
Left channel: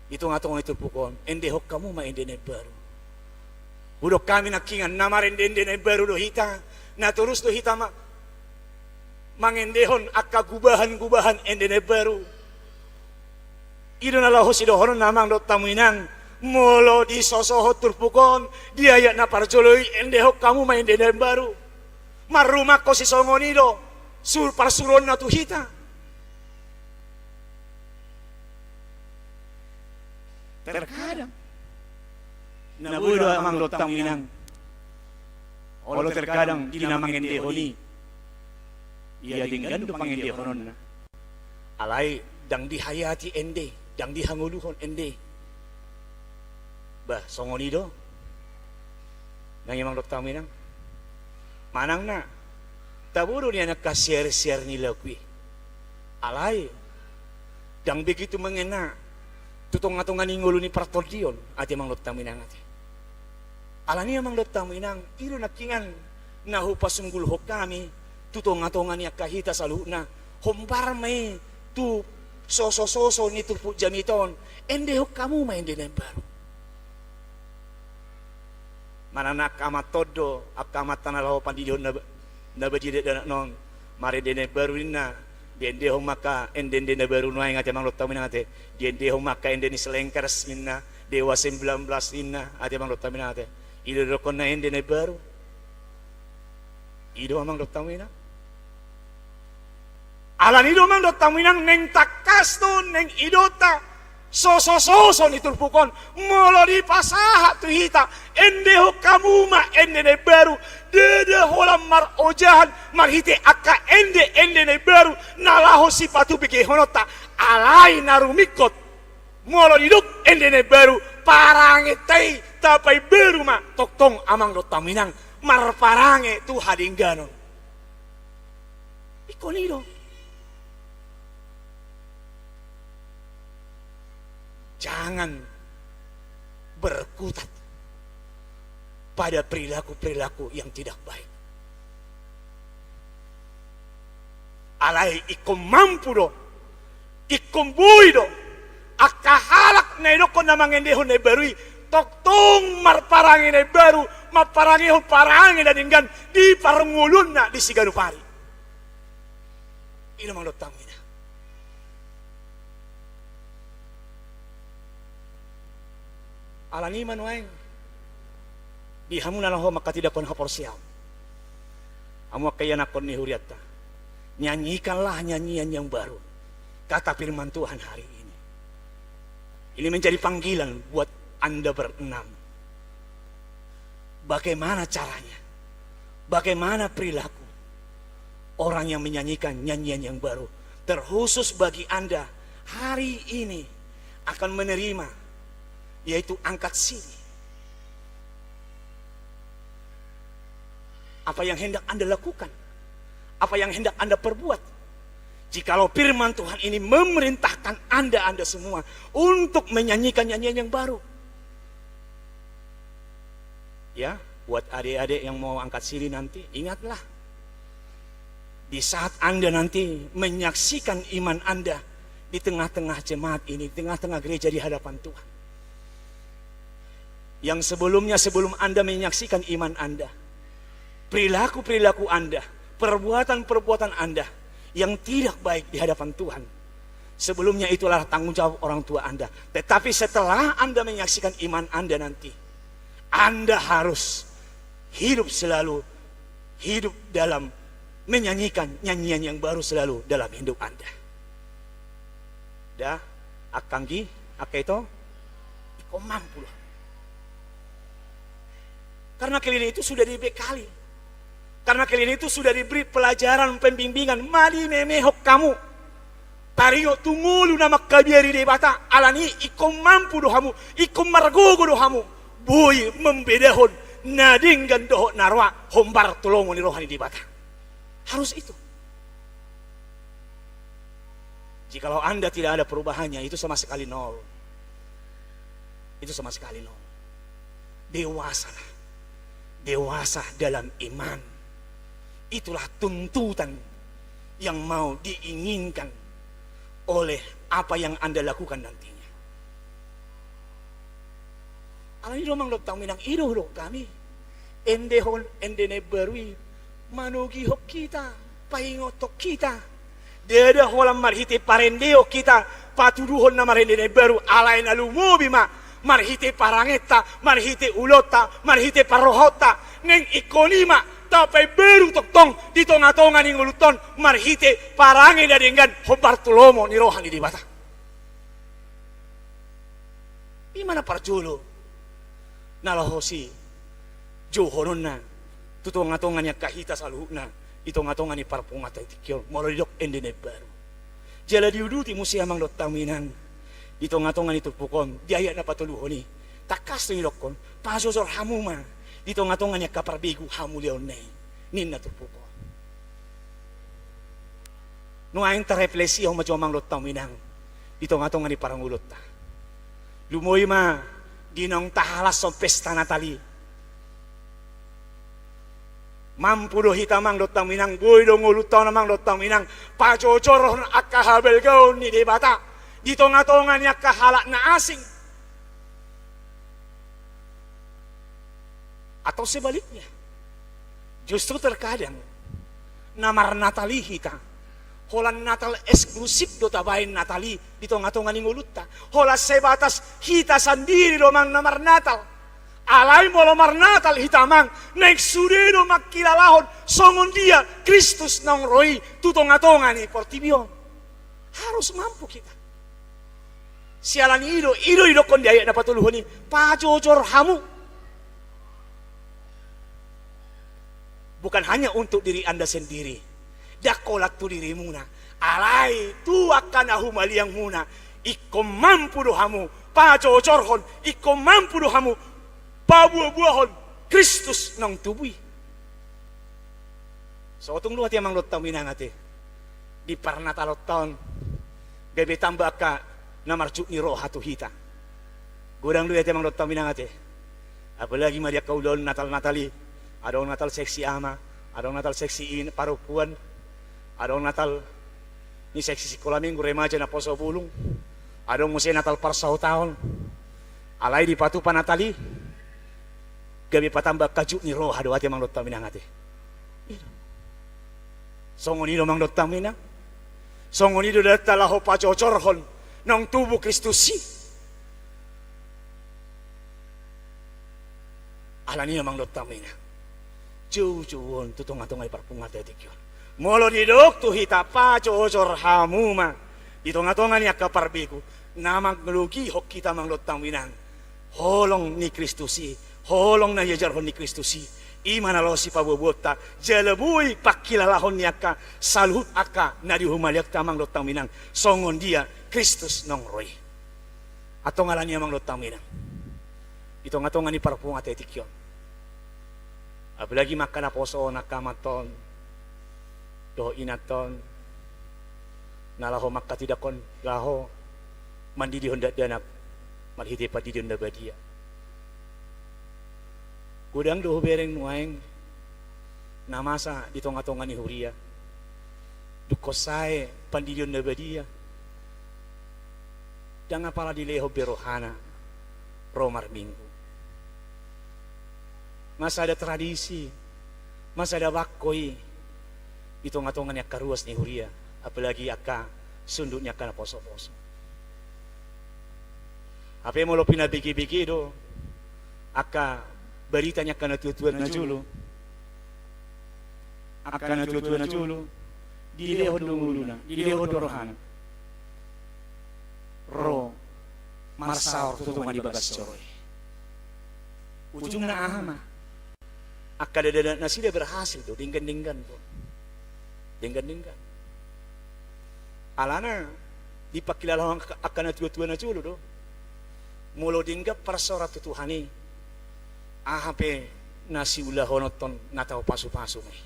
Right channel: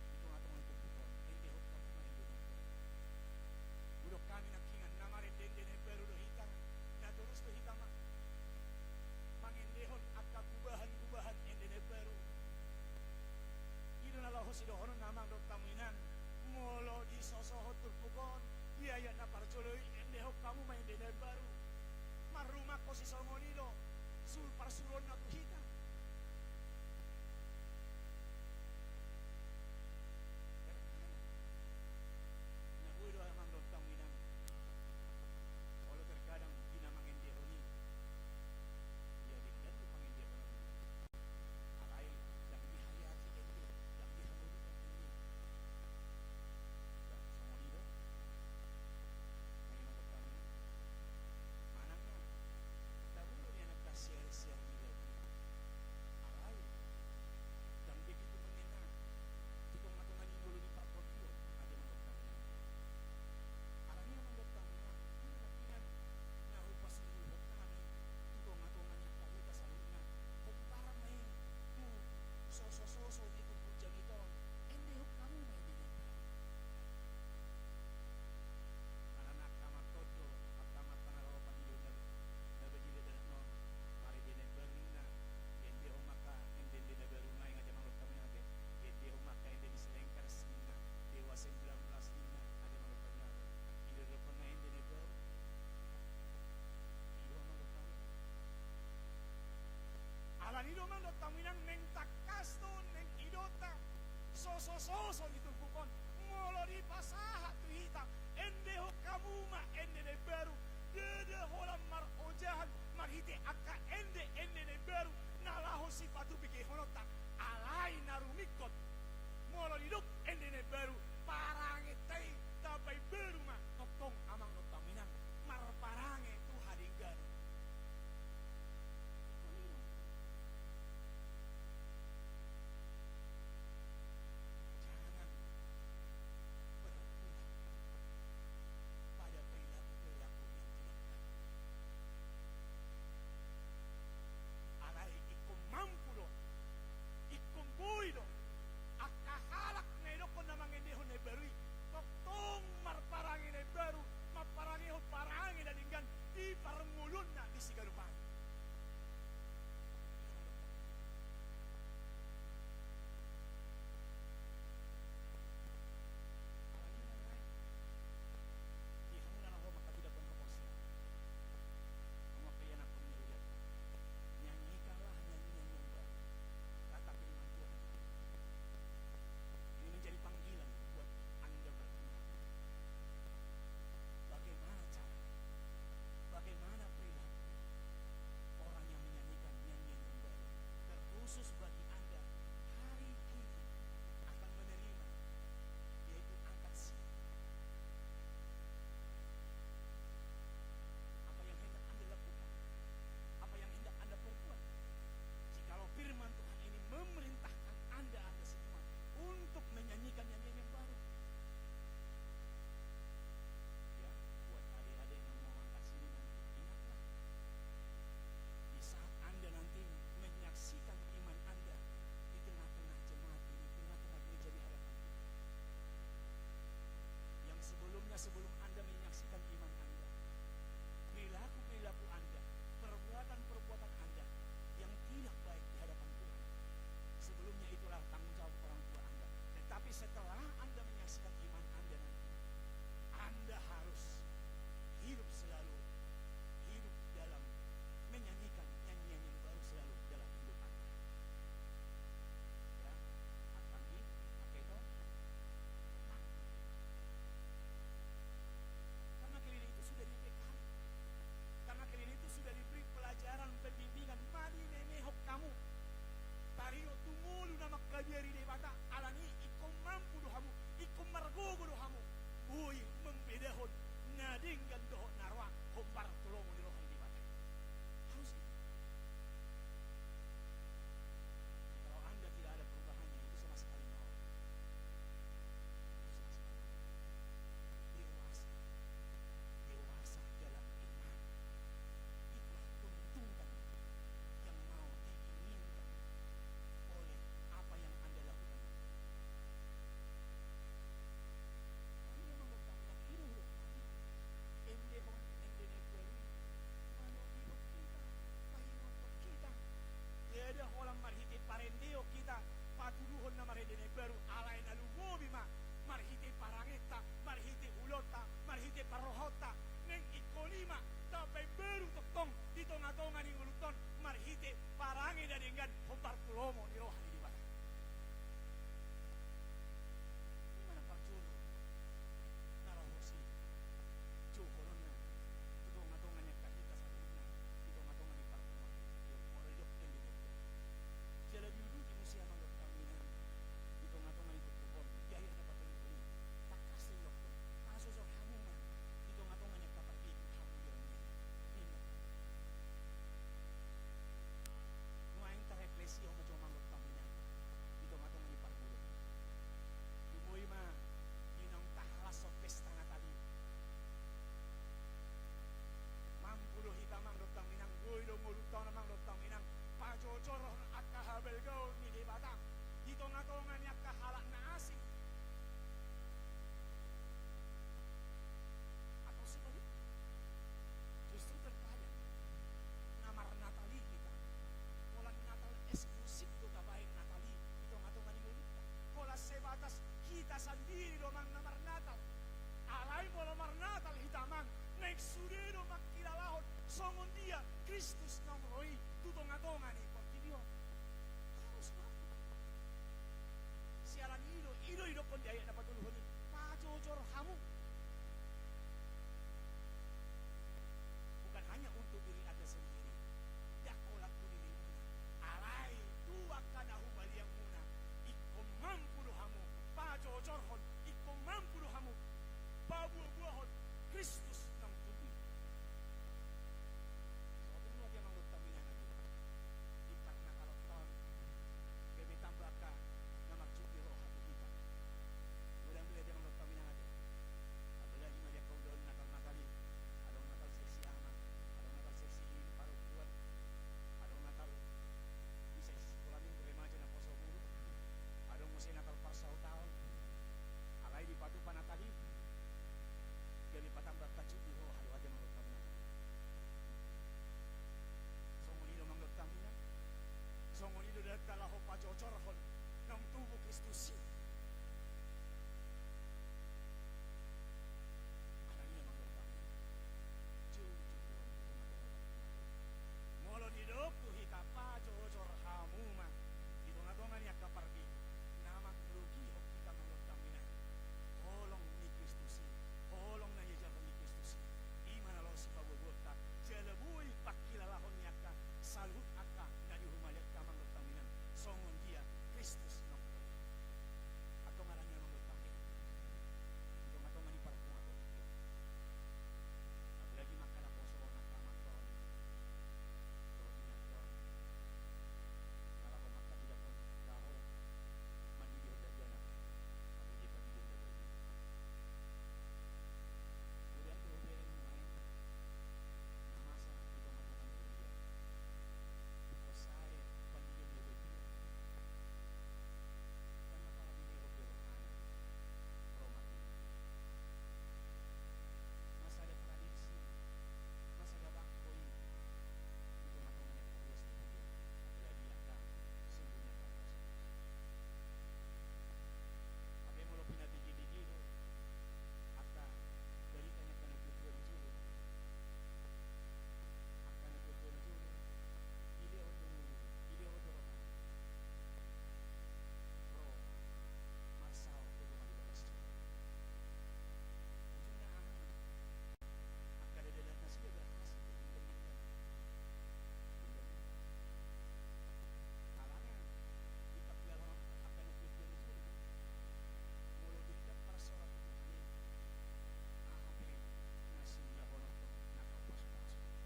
itu ngatong itu pukon ende hok kamu ma ende ne baru udok kami nakingan namar ende ne baru do hita na terus do hita mangendehon akka gubahan ende ne baru ido nalahu si dohonon namang dot taminang molo di sosohot turpukon dia ya na parjoloi endehok kamu main dendam baru marumah ko si songonido sur parsuron na tuhita terkadang nabudo amang dot taminang olo terkadang di namang endehoni iya dinggan do pangendehonon na alai dang dihayati ende dang dihanguluhon ende bah songonido nang imang dot taminang manang na taburo niya nakasier-sier nila kui alay dang begitu mengena tutong-atongan ingulu ni partordion ati imang dot taminang ati alani imang dot taminang iro nakingan nahupasunggul ho kami tutong-atongan niya kahita saluna hombar may tu soso ni tupu jamiton ende hok kamu main di baru mananak amat todo akamat tanalaho pandidion na bajide danak non mare dene baru inna dende hok maka ende baru nuai ngate mang lotta minate dende hok maka ende ni selengkers minna dewa 19 inna ate mang lotta minate ido dokon na ende baru ido amang lotta minate alan ido mang dot taminang neng takas to neng idota soso ni turpukon molo di pasaha tu hita ende ho kamu ma ende ne baru dede holam mar ojahan mar hite akka ende ne baru nalaho sipatu bike honota alai narumikot molo diduk ende ne baru parange tei tapai baru ma toktong amang dot taminang mar parange tu hadingganon ikonido jangan berkutat pada perilaku-perilaku yang tidak baik. Alai ikom mampu do, ikom bui do, akahalak na inoko na mangendehon na barui, toktong marparangi na baru, maparangi ho parangi na dinggan, di parangulun na di siganupari. ilo mang tamina. Alani manueng di hamuna ho makatidakon hapor siam. Amu kaya nakon ni huriatta. Nyanyikanlah nyanyian yang baru. Kata firman Tuhan hari ini. Ini menjadi panggilan buat Anda berenam. Bagaimana caranya? Bagaimana perilaku orang yang menyanyikan nyanyian yang baru? Terkhusus bagi Anda hari ini akan menerima, yaitu angkat sini. Apa yang hendak Anda lakukan? Apa yang hendak Anda perbuat? Jikalau firman Tuhan ini memerintahkan Anda semua untuk menyanyikan nyanyian yang baru. Ya, buat adik-adik yang mau angkat sini nanti, ingatlah. Di saat Anda nanti menyaksikan iman Anda di tengah-tengah jemaat ini, di tengah-tengah gereja di hadapan Tuhan. Yang sebelumnya, sebelum Anda menyaksikan iman Anda, perilaku-perilaku Anda, perbuatan-perbuatan Anda yang tidak baik di hadapan Tuhan, sebelumnya itulah tanggung jawab orang tua Anda. Tetapi setelah Anda menyaksikan iman Anda nanti, Anda harus hidup selalu, hidup dalam menyanyikan nyanyian yang baru selalu dalam hidup Anda. Dah, akanggi, itu, iko mampu loh. Karena kalian itu sudah dibekali. Karena kalian itu sudah diberi pelajaran, pembimbingan. Mali memehok kamu. Tario tungulu nama kabiari debata. Alani ikom mampu dohamu. Ikom margogo dohamu. Boy membedahon. Nadinggan dohok narwa. Hombar tolongo ni rohani debata. Harus itu. Jikalau Anda tidak ada perubahannya, itu sama sekali nol. Itu sama sekali nol. Dewasalah. Dewasa dalam iman. Itulah tuntutan yang mau diinginkan oleh apa yang Anda lakukan nantinya. Alani domang lobtang minang ido lo kami. Endehon endene berwi manugi hok kita, paingotok kita. Deda holam marhite parendeo kita, patuduhon na marendene baru alain alumobi ma. Marhite parangeta, marhite ulota, marhite parohota, neng ikonima, tapay beru toktong, di tonga-tonga ning uluton, marhite parange dadenggan, hobar tulomo ni rohani di bata. Di mana parjulo? Nalahosi, johonon na, tutonga-tonga niya kahita saluhna, itonga-tonga ni parpungata itikyo, molodok endene baru. Jala diuduti musia mang lotaminang, ito nga tongan ito pukon, diaya na patuluhoni. Takas to ilokon, pasosor hamuma. Dito nga tongan niya kaparbigo hamulion na nin na pukon. Nuayin ta refleksiyo majomang lot taminang. Dito nga tongan ni parang ulot ta. Lumoy ma, dinong tahalas sa pesta natali. Mampudo hitamang lot taminang, boy dong ulutaw namang lot taminang. Pajojor at kahabel gaon ni debata. Di tonga-tonga niya kahala na asing. Atau sebaliknya. Justru terkadang namar Natali hita. Holan Natal eksklusif do tabahin Natali di tonga-tonga ni nguluta. Hola sebatas hita sendiri domang namar Natal. Alay mo lamar Natal hitamang naik sudero makilalahon songon dia Kristus nang roi tu tonga-tonga ni portibion. Harus mampu kita. Sialan ido kon diayak na patuluhon ni pajojor hamu. Bukan hanya untuk diri Anda sendiri. Dakolat tu diri muna. Alay tu akan ahumali yang muna. Iko mampu dohamu. Pajojorhon. Iko mampu dohamu. Pabuah-buahon. Kristus nang tubui. So tung luat yang manglot taminang ati. Di parnatalot taon. Gabi tambah ka. Na marjuk ni roh hatu hita. Gudang lu ya temang lot taminang ate. Apalagi Maria kaulon Natal-Natali. Adong Natal seksi ama, adong Natal seksi parupuan, adong Natal ni seksi sekolah minggu remaja na poso bulung. Adong musim Natal parsau tahun. Alay di patupan Natali. Gabi patambah kajuk ni roh hadu ate mang lot taminang ate. Songon ni mang lot taminang. Songon ido datala ho pacocorhon nong tubuh Kristusi. Alani namang dotamina. Jauh-jauhon tutong-atong ay parpungat etikyon. Molo didok tu hita pacocor hamuma. Ditong-atongan ni akaparbiku. Namang ngelugi hok kita mang dotaminang. Holong ni Kristusi. Holong na yajarhon ni Kristusi. Imana lo si pabobota. Jalebui pakilalahon ni aka. Saluhut aka na dihumaliak tamang dotaminang. Songon dia Kristus nong roy. Atong alani amang dotaminang. Itong-atongan ni parpungat etikyon. Apalagi makan aposo nakamaton. Do inaton. Nalaho makatidakon laho. Mandi di honda danak. Malhiti pa di honda badia. Kudang doh bereng nuaeng. Namasa di tonga-tonga ni huria. Dukosae pandi di honda badia. Dan apala di leho berohana. Romar minggu. Masa ada tradisi, masa ada wakoi, hitung-hitungan yang karuas ni huria, apalagi aka sunduknya kana poso-poso. Apa yang mau lo pina biki-biki do, aka beritanya kana tutuan na julu, aka na tutuan na julu, dileho dunguluna, dileho dorohana, ro marsaor tutungan di bagas coroy, ujung na ahama. Akadadana nasi dia berhasil tuh, dinggan-dinggan tuh. Dinggan-dinggan. Alana dipakilalang akan tua-tua na culo do. Mulo dinggap persora tutuhani. Ahape nasi ulah honoton natau pasu-pasu meh.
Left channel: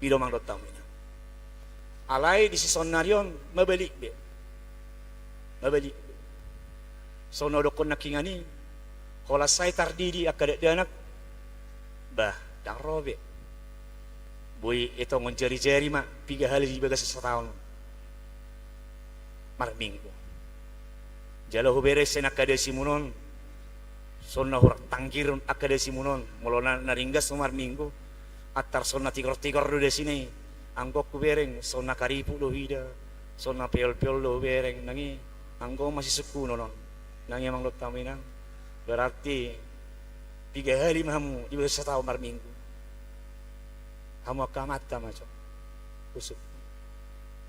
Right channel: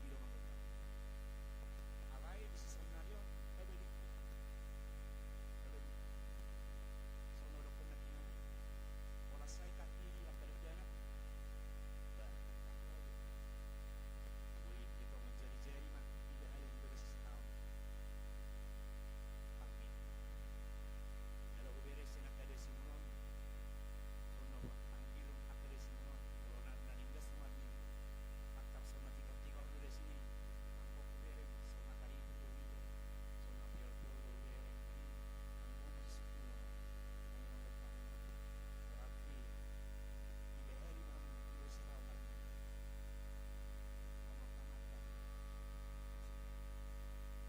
Pido mang dotam ina. Alai di sison narion mabalik be. Mabalik. Sono dokon nakingani. Kalau saya tardidi akadak danak, bah, dah robe. Boy, itu menjari-jari mak, 3 hari di bagas setahun. Mar minggu. Jalo beres senak kada simunon, sonna hurak tangkirun akada simunon, molona naringgas mar minggu. Atar sonna tigor-tigor do sini, anggok ku bereng, sonna karipu do hida, sonna peol-peol do bereng, nangi, anggok masih suku nonon, nangi emang lo taminang. Berarti 3 hari mahamu di bawah 1 tahun mar minggu. Hamu akamata macam usuk.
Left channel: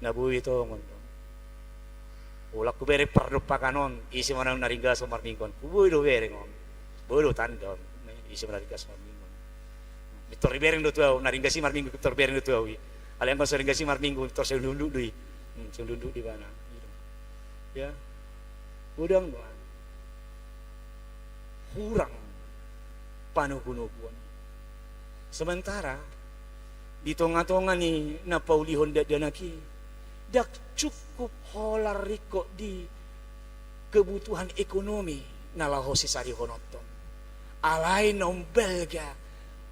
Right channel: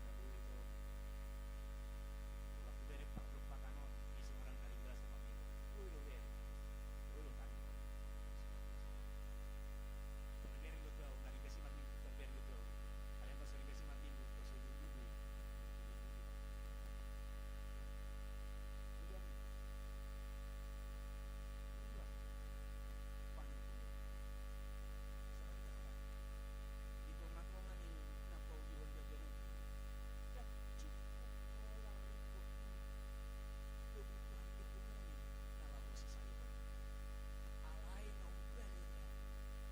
Nabu itu ngono. Ulah ku bere pardupakanon isi manang naringga mar minggon. Ku do bere ngon. Bodo tandon isi naringga mar minggon. Mitor bereng do tuau naringga si mar minggu mitor bereng do tuau. Ale angkon sering gasi mar minggu mitor selunduk deui. Selunduk di mana gitu. Ya. Udang doang. Kurang panuh-panuhuan. Sementara di tonga-tonga ni na paulihon danaki dak cukup holar riko di kebutuhan ekonomi nalaho si sari honoton. Alai nombelga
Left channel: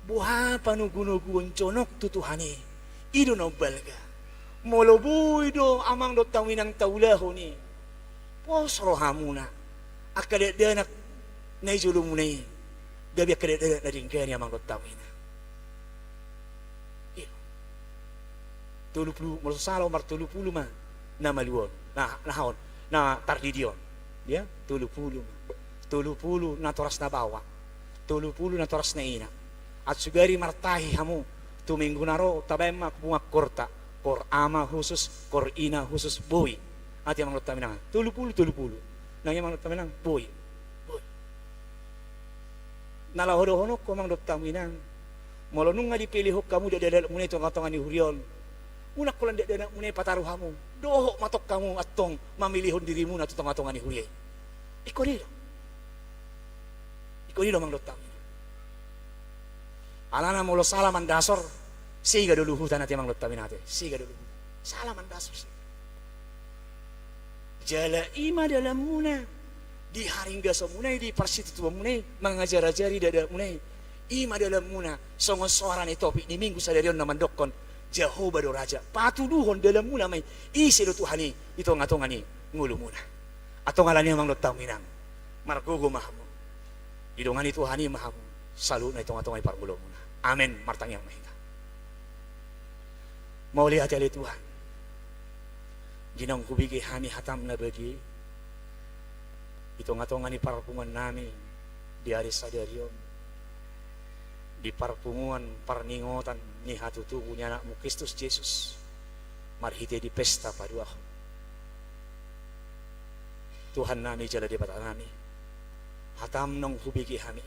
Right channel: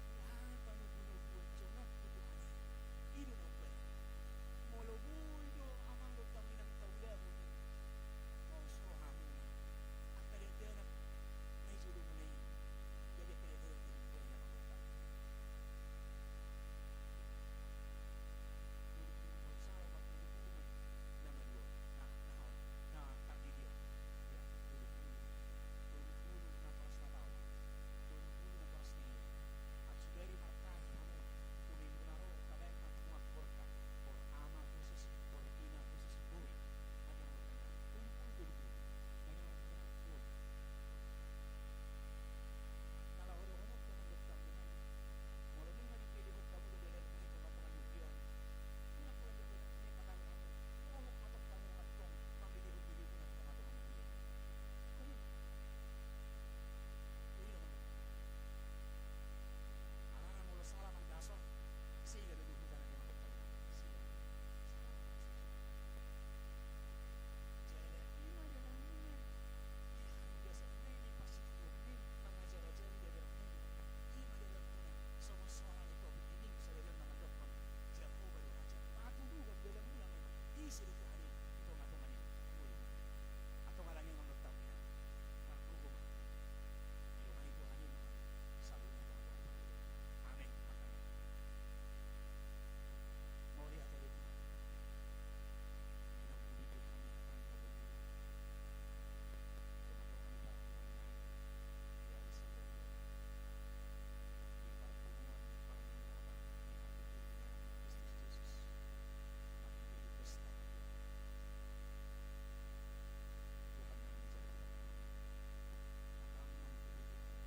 buha panuh-panuhuan conok tutuhani ido nombelga. Molobuy do amang do tawinang taulahu ni. Posro hamuna akade danak nay julung munay gabi akada na ringgan yang manggot tawina. Iyo. 30 malusalo mar 30 mah na maluon. Nahon na tardidion. Ya, 30 mah. 30 na toras na bawa. 30 na toras na ina. At sugari martahi hamu tuminggu naro tabay bunga korta. Kor ama khusus, kor ina khusus boy. At yang manggot tawina 30. Nang yang manggot tawina boy. Nalahodo-honok ko mang dot taminang. Molo nung nga dipilih kamu dadadal munay tonga-tonga ni hurion. Unak ko lang dadadal munay pataruhamu. Doho matok kamu atong mamilihon dirimu na tonga-tonga ni hurion. Iko nilo mang dot taminang. Alana molo salaman dasor. Siga duluhutan natin mang dot taminate. Siga duluhutan. Salaman dasor. Jala ima dalam muna. Di haringga semunai di parsitu tua munai mengajar-ajari dada munai ima dalam muna songon soaran topik di minggu sadarion naman dokon Jehovah do raja patuduhon dalam muna may isi do tuhani ito ngatongani ngulu muna atau ngalani mang do taminang margogo mahamu idongani tuhani mahamu salu na ito ngatongay pargulo muna amen martang yang mahita Mau lihat ya Tuhan. Ginang hubigi hani hatam na bagi. Ito nga to nga ni parpungan namin. Di hari sadarion. Di parpungan parningotan ni hatutubo niya anak mo Kristus Jesus. Marhite di pesta paduahon. Tuhan nami jala di bata nami. Hatam nong hubigi hani.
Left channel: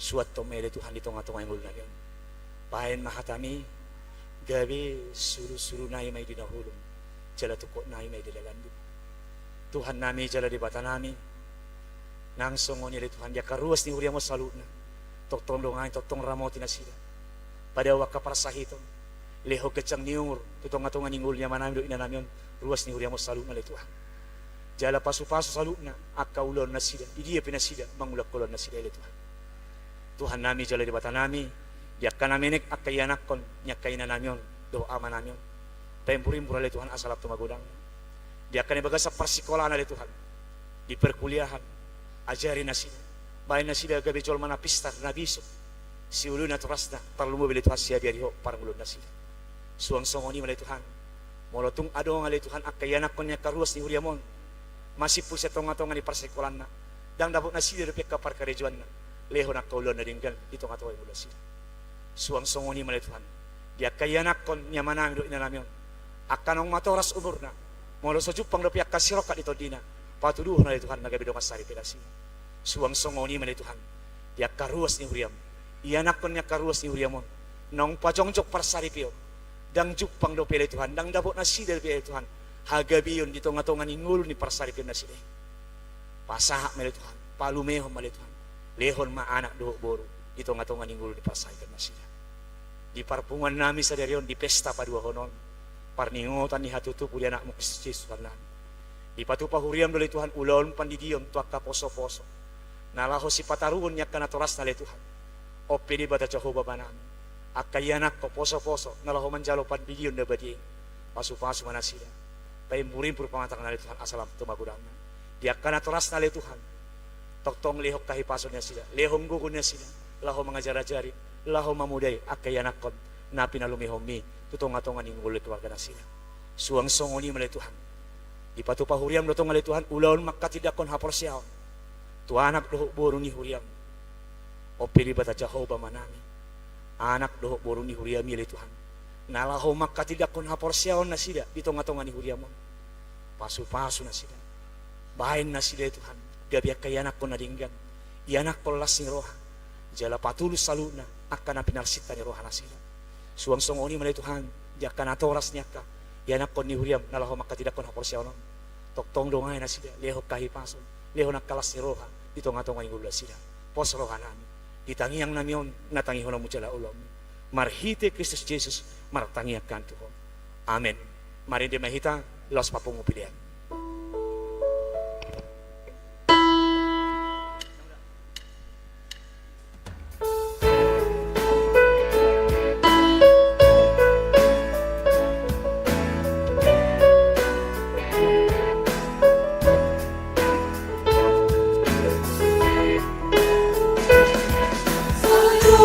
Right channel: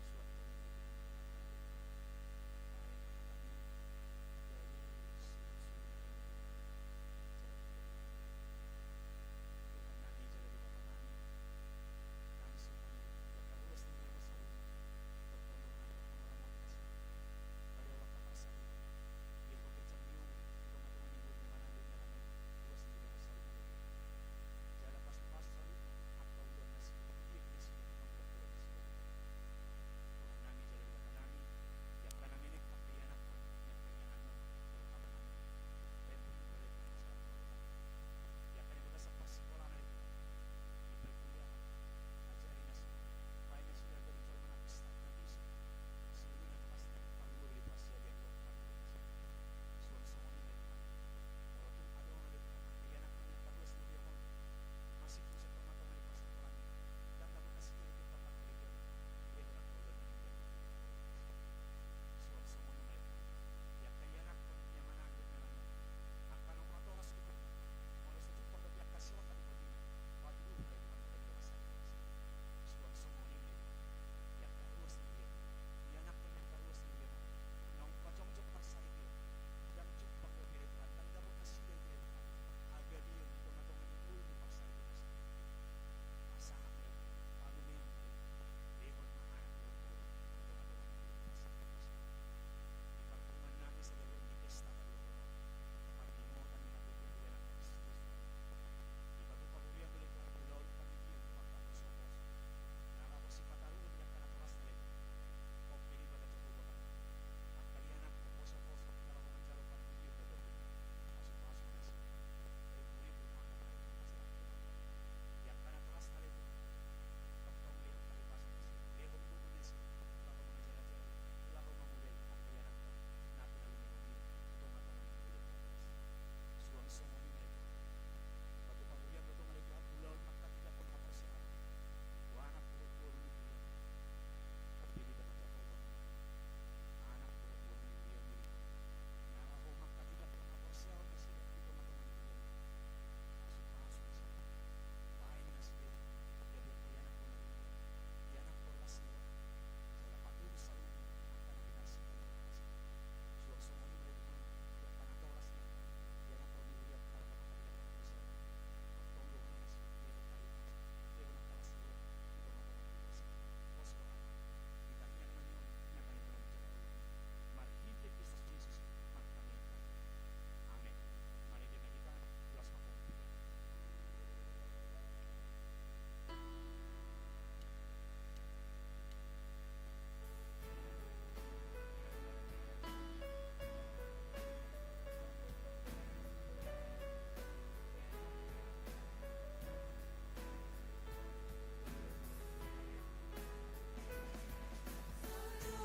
Suat to mele Tuhan dito nga to nga imul na yan. Pahen mahatami. Gabi suru-suru na may dinahulong. Jala tukot na may dilalandip. Tuhan nami jala di bata nami. Nang songo nila Tuhan dia karuas ni huriya mo salud na. Toktong lungain, toktong ramoti na sila. Pada waka para sahiton. Leho kecang niungur. Tutong nga tunga ningul niya manami do inanamion. Ruas ni huriya mo salud na li Tuhan. Jala pasu-pasu salud na. Akaulon na sila. Idiya pinasila. Mangulak kulon na sila li Tuhan. Tuhan nami jala di bata nami. Diak ka naminik akayanakon. Nyak kaina namion. Doa manamion. Tempurin pura li Tuhan asalap tumagudang. Diak ka nibaga sa persikolaan na li Tuhan. Di perkuliahan. Ajarin na sila. Bayan na sila gabi jol mana pistar na bisok. Si ulu na turas na. Parlumo bili Tuhan siya biariho. Parang ulun na sila. Suang songoni malay Tuhan. Molotong ado nga li Tuhan. Akayanakon niya karuas ni Huriamon. Masih po siya tonga-tonga ni persikolaan na. Dang dapat na sila rupik kapar karejuan na. Leho na kaulon na ringgan. Dito nga tuway mula sila. Suang songoni malay Tuhan. Di akayanakon niya manami do inanamion. Akanong matoras umur na. Molo sa jupang rupiak kasirokat ito di na. Patuduh na li Tuhan nagabi do kasari pila sila. Suang songoni malay Tuhan. Di akaruas ni Huriam. Iyanakon niya karuas ni Huriamon. Nong pajongjok parsari piyon. Dang jupang do pila Tuhan. Dang dapat na sila pila Tuhan. Hagabi yun dito nga tonga ningul ni parsari piyon na sila. Pasahak malay Tuhan. Palumehon malay Tuhan. Lehon maanak do boro. Dito nga tonga ningul ni parsari piyon na sila. Di parpungan namin sa dariyon, di pesta pa dua honon. Parningotan ni hatutupo di anak mo Kristus Jesus Tuhan. Di patupa huriam dali Tuhan, ulon pandidion tuak ka poso-poso. Nalaho si pataruon niya kanatoras na li Tuhan. O pili bata Jehovah banan. Akayanak ko poso-poso, nalaho manjalo pandidion na badi. Pasu-pasu mana sila. Paimburin pur pamatang na li Tuhan, asalam tumagudang na. Di kanatoras na li Tuhan. Toktong lehok kahipaso niya sila. Lehong gugun niya sila. Laho mga jara-jari. Laho mamuday akayanakon na pinalumihom mi tutong-atongan ng ulit keluarga na sila. Suang songoni malay Tuhan. Di patupa huriam do tonga li Tuhan ulaon makatidakon hapor siyaon. Tuanak doho boro ni huriam. O pili bata Jehovah manami. Anak doho boro ni huriam li Tuhan. Nalaho makatidakon hapor siyaon na sila di tonga-tonga ni huriamon. Pasu-pasu na sila. Bahin na sila Tuhan. Gabiak kayanak ko na dinggan. Ianak ko las ni roha. Jala patulus saluna akan napinarsita ni roha na sila. Suang songoni malay Tuhan. Di akan atoras niya ka. Ianak ko ni huriam nalaho makatidakon hapor siyaon. Toktong dongay na sila. Leho kahipason. Leho nagkalas ni roha. Dito nga tong ngula sila. Pos roha namin. Ditangiyang namiyon. Natangihon ang mutala ulam. Marhite Kristus Jesus. Martangiyak kanto ko. Amen. Marindi mahita. Los papungupilian. Sayo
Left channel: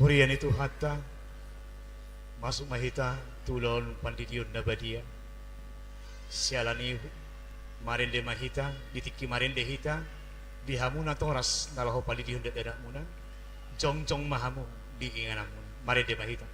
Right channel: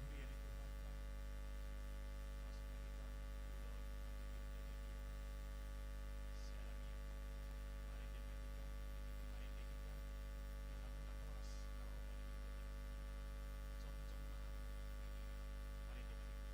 Hurian itu hatta masuk mahita tulon pandidion nabadia sialani marende mahita ditiki marende hita bihamuna toras nalaho pandidion dadak muna jong mahamu diinganamun marende mahita.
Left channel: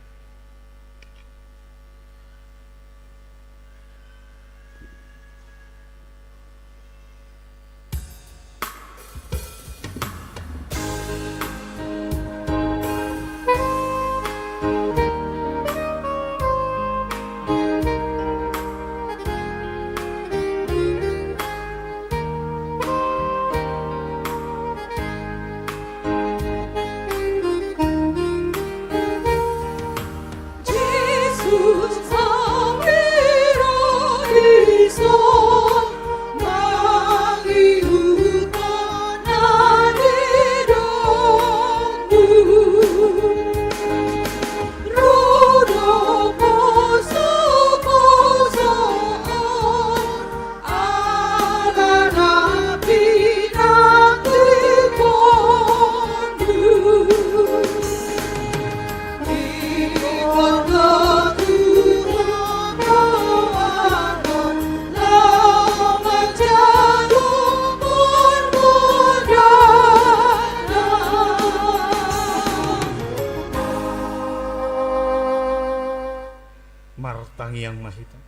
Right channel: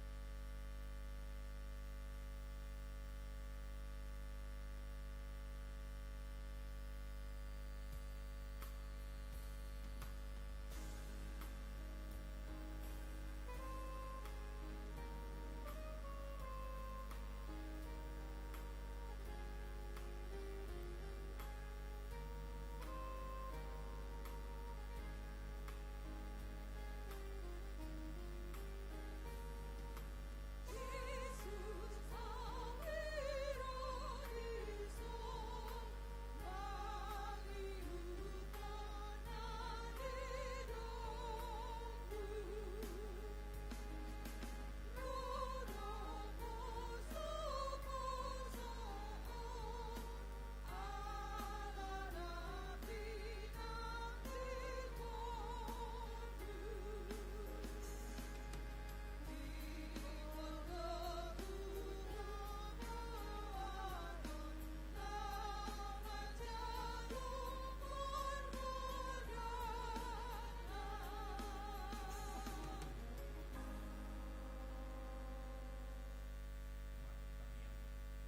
Martangi yang mahita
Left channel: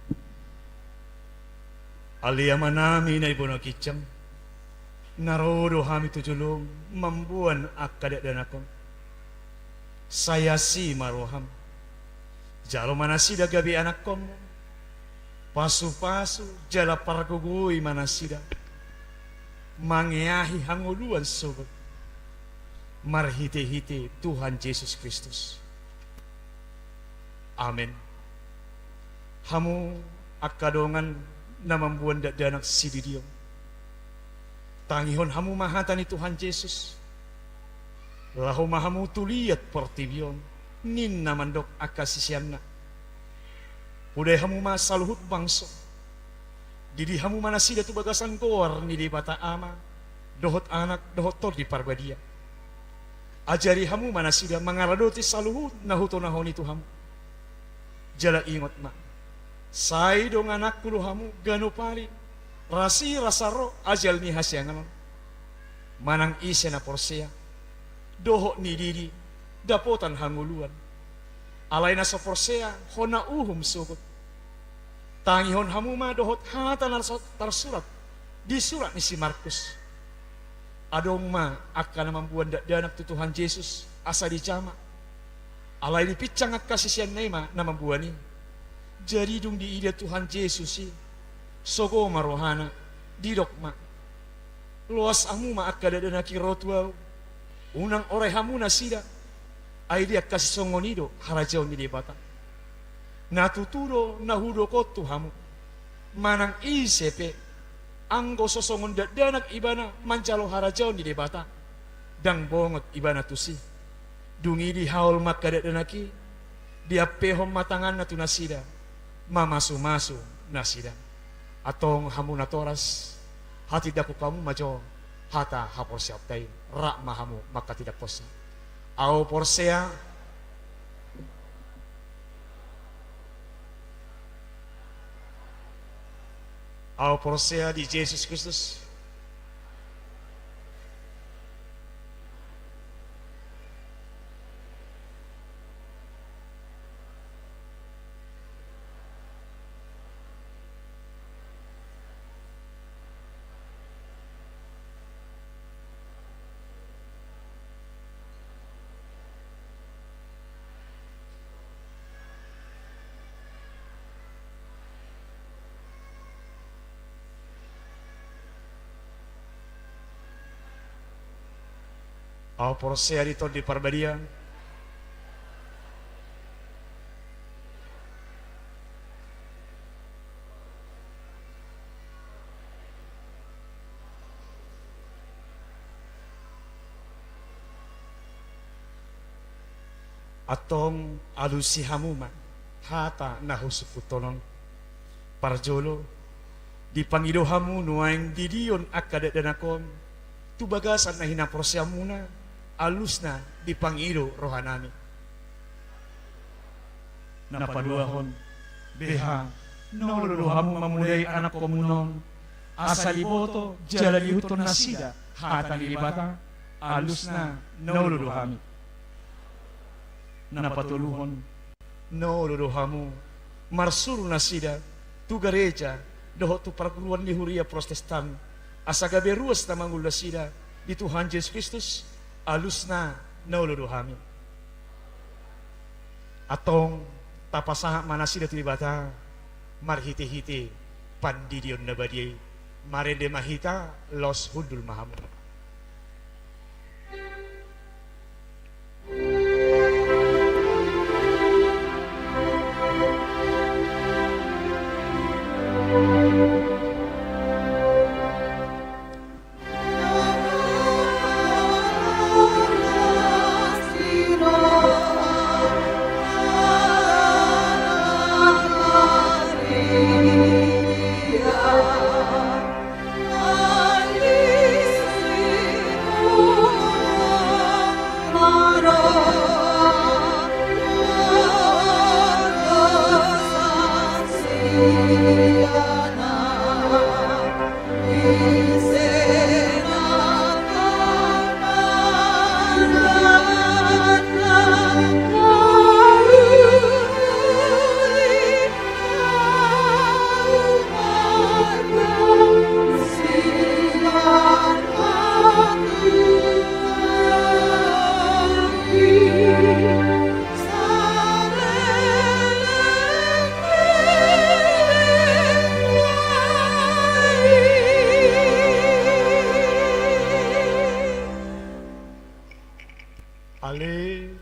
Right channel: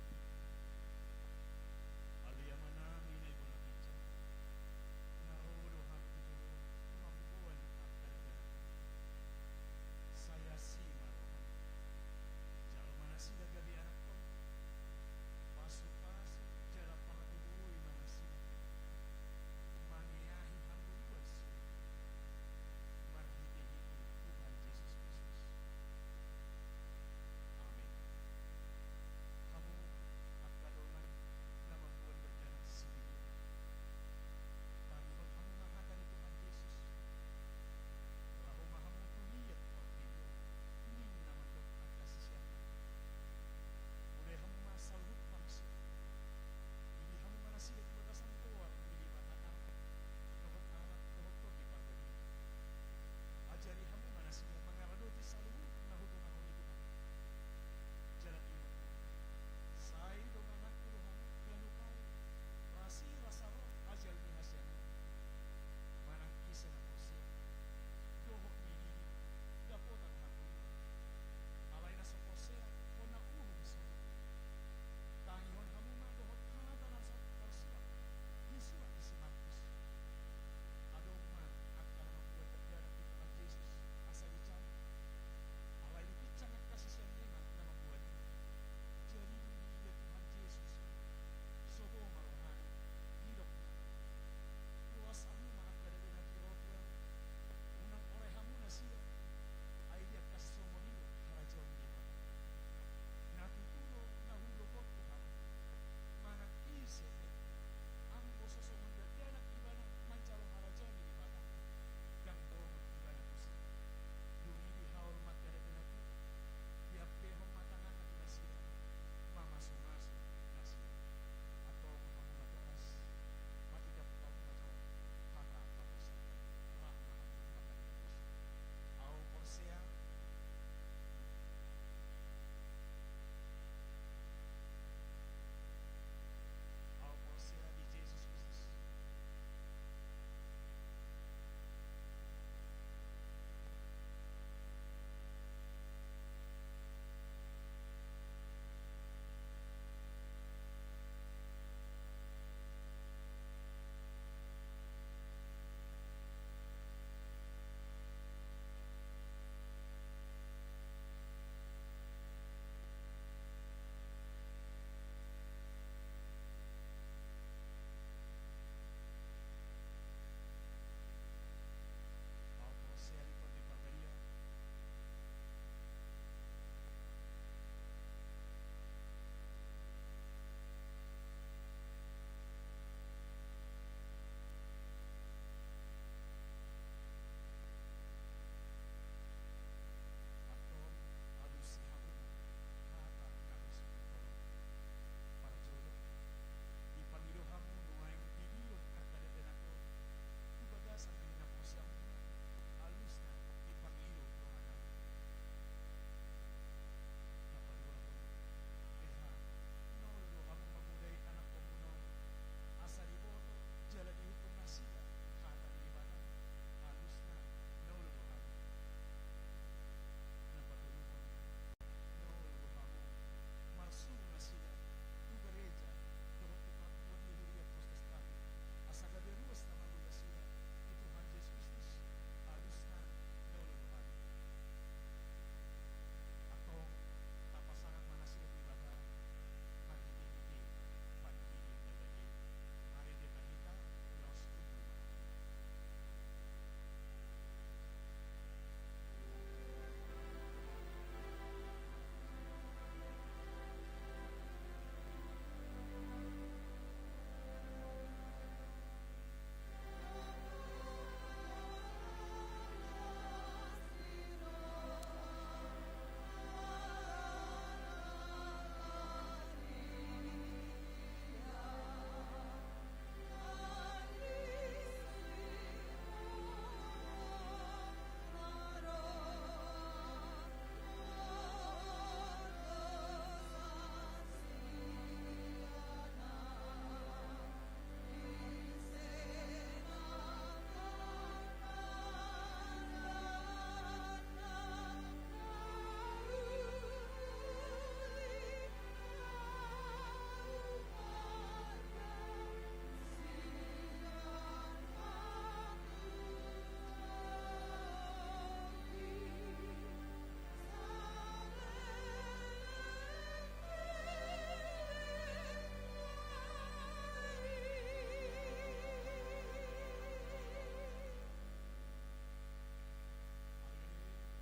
alia manami na ibono kicam narodo hami tujulung mambuan akadak dan akon saya si maroham jalo manasida gabi anak kom pasu-pasu jala pargugui manasida mangiahi hanguluan sobat marhite-hite Tuhan Yesus Kristus. Amin. Hamu akadongan na mambuan danak sididiyo. Tangihon hamu mahatan ni Tuhan Yesus. Lahu mahamu tuliyat portibyon. Nin namandok akasisyan na. Uday hamu masaluhut bangso. Didi hamu manasida tu bagasan kor ni di bata ama. Dohot anak, dohot tor di parbadia. Ajari hamu manasida mangaradoti saluhut na hutonahon itu hamu. Jala ingot ma. Say dong anak kulu hamu gano pali Rasi rasaro ajal ni hasyangan. Manang ise na porsea. Doho ni didi. Dapotan hanguluan. Alay na sa porsea. Hona uhum sugot. Tangihon hamuma dohot hata tarsurat. Di surat ni si Markus. Adong ma akan membuat danak tutuhan Yesus. Asa dicama. Alay di picang ak kasisian nema na membuat ni. Jadi dung di ida Tuhan Yesus si. Sogo marohana didok ma luas amu ma akada dana kirotuau unang ore hamu na sida ai dia kasih songonido harajau ni debata na tuturo na hudo kotu hamu manang isepe anggo sosongon danak ibana mancalo harajau ni debata dang bongot ibana tusi dungi di haul makada dana ki dia pehom matangan na tunasida mamasu-masu nasida atong hamuna toras hati daku kamu majo hata hapor siap tay rak mahamu maka tidak posa au porsea di Yesus Kristus au porsea di tol di Parbadia atong alusi hamuma hata nahusuputonon parjolo di pangido hamu nuaing didion akada danakon tu bagasan na hinaporsea muna alusna di pangido rohanami Napaduahon, beha, noluluhamu mamulay anak komunon, asaliboto, jalalihuton na sida, hatan ilibata, alus na, noluluhami. Napatuluhon, noluluhamu marsuru na sida tu gareja doho tu perguruan lihuria protestan asagabe ruas na mangula sida di Tuhan Yesus Kristus alus na noluluhami atong tapasaha manasida tulibata marhite-hite pandidion na badiyay marende mahita los hundul mahamu. Ale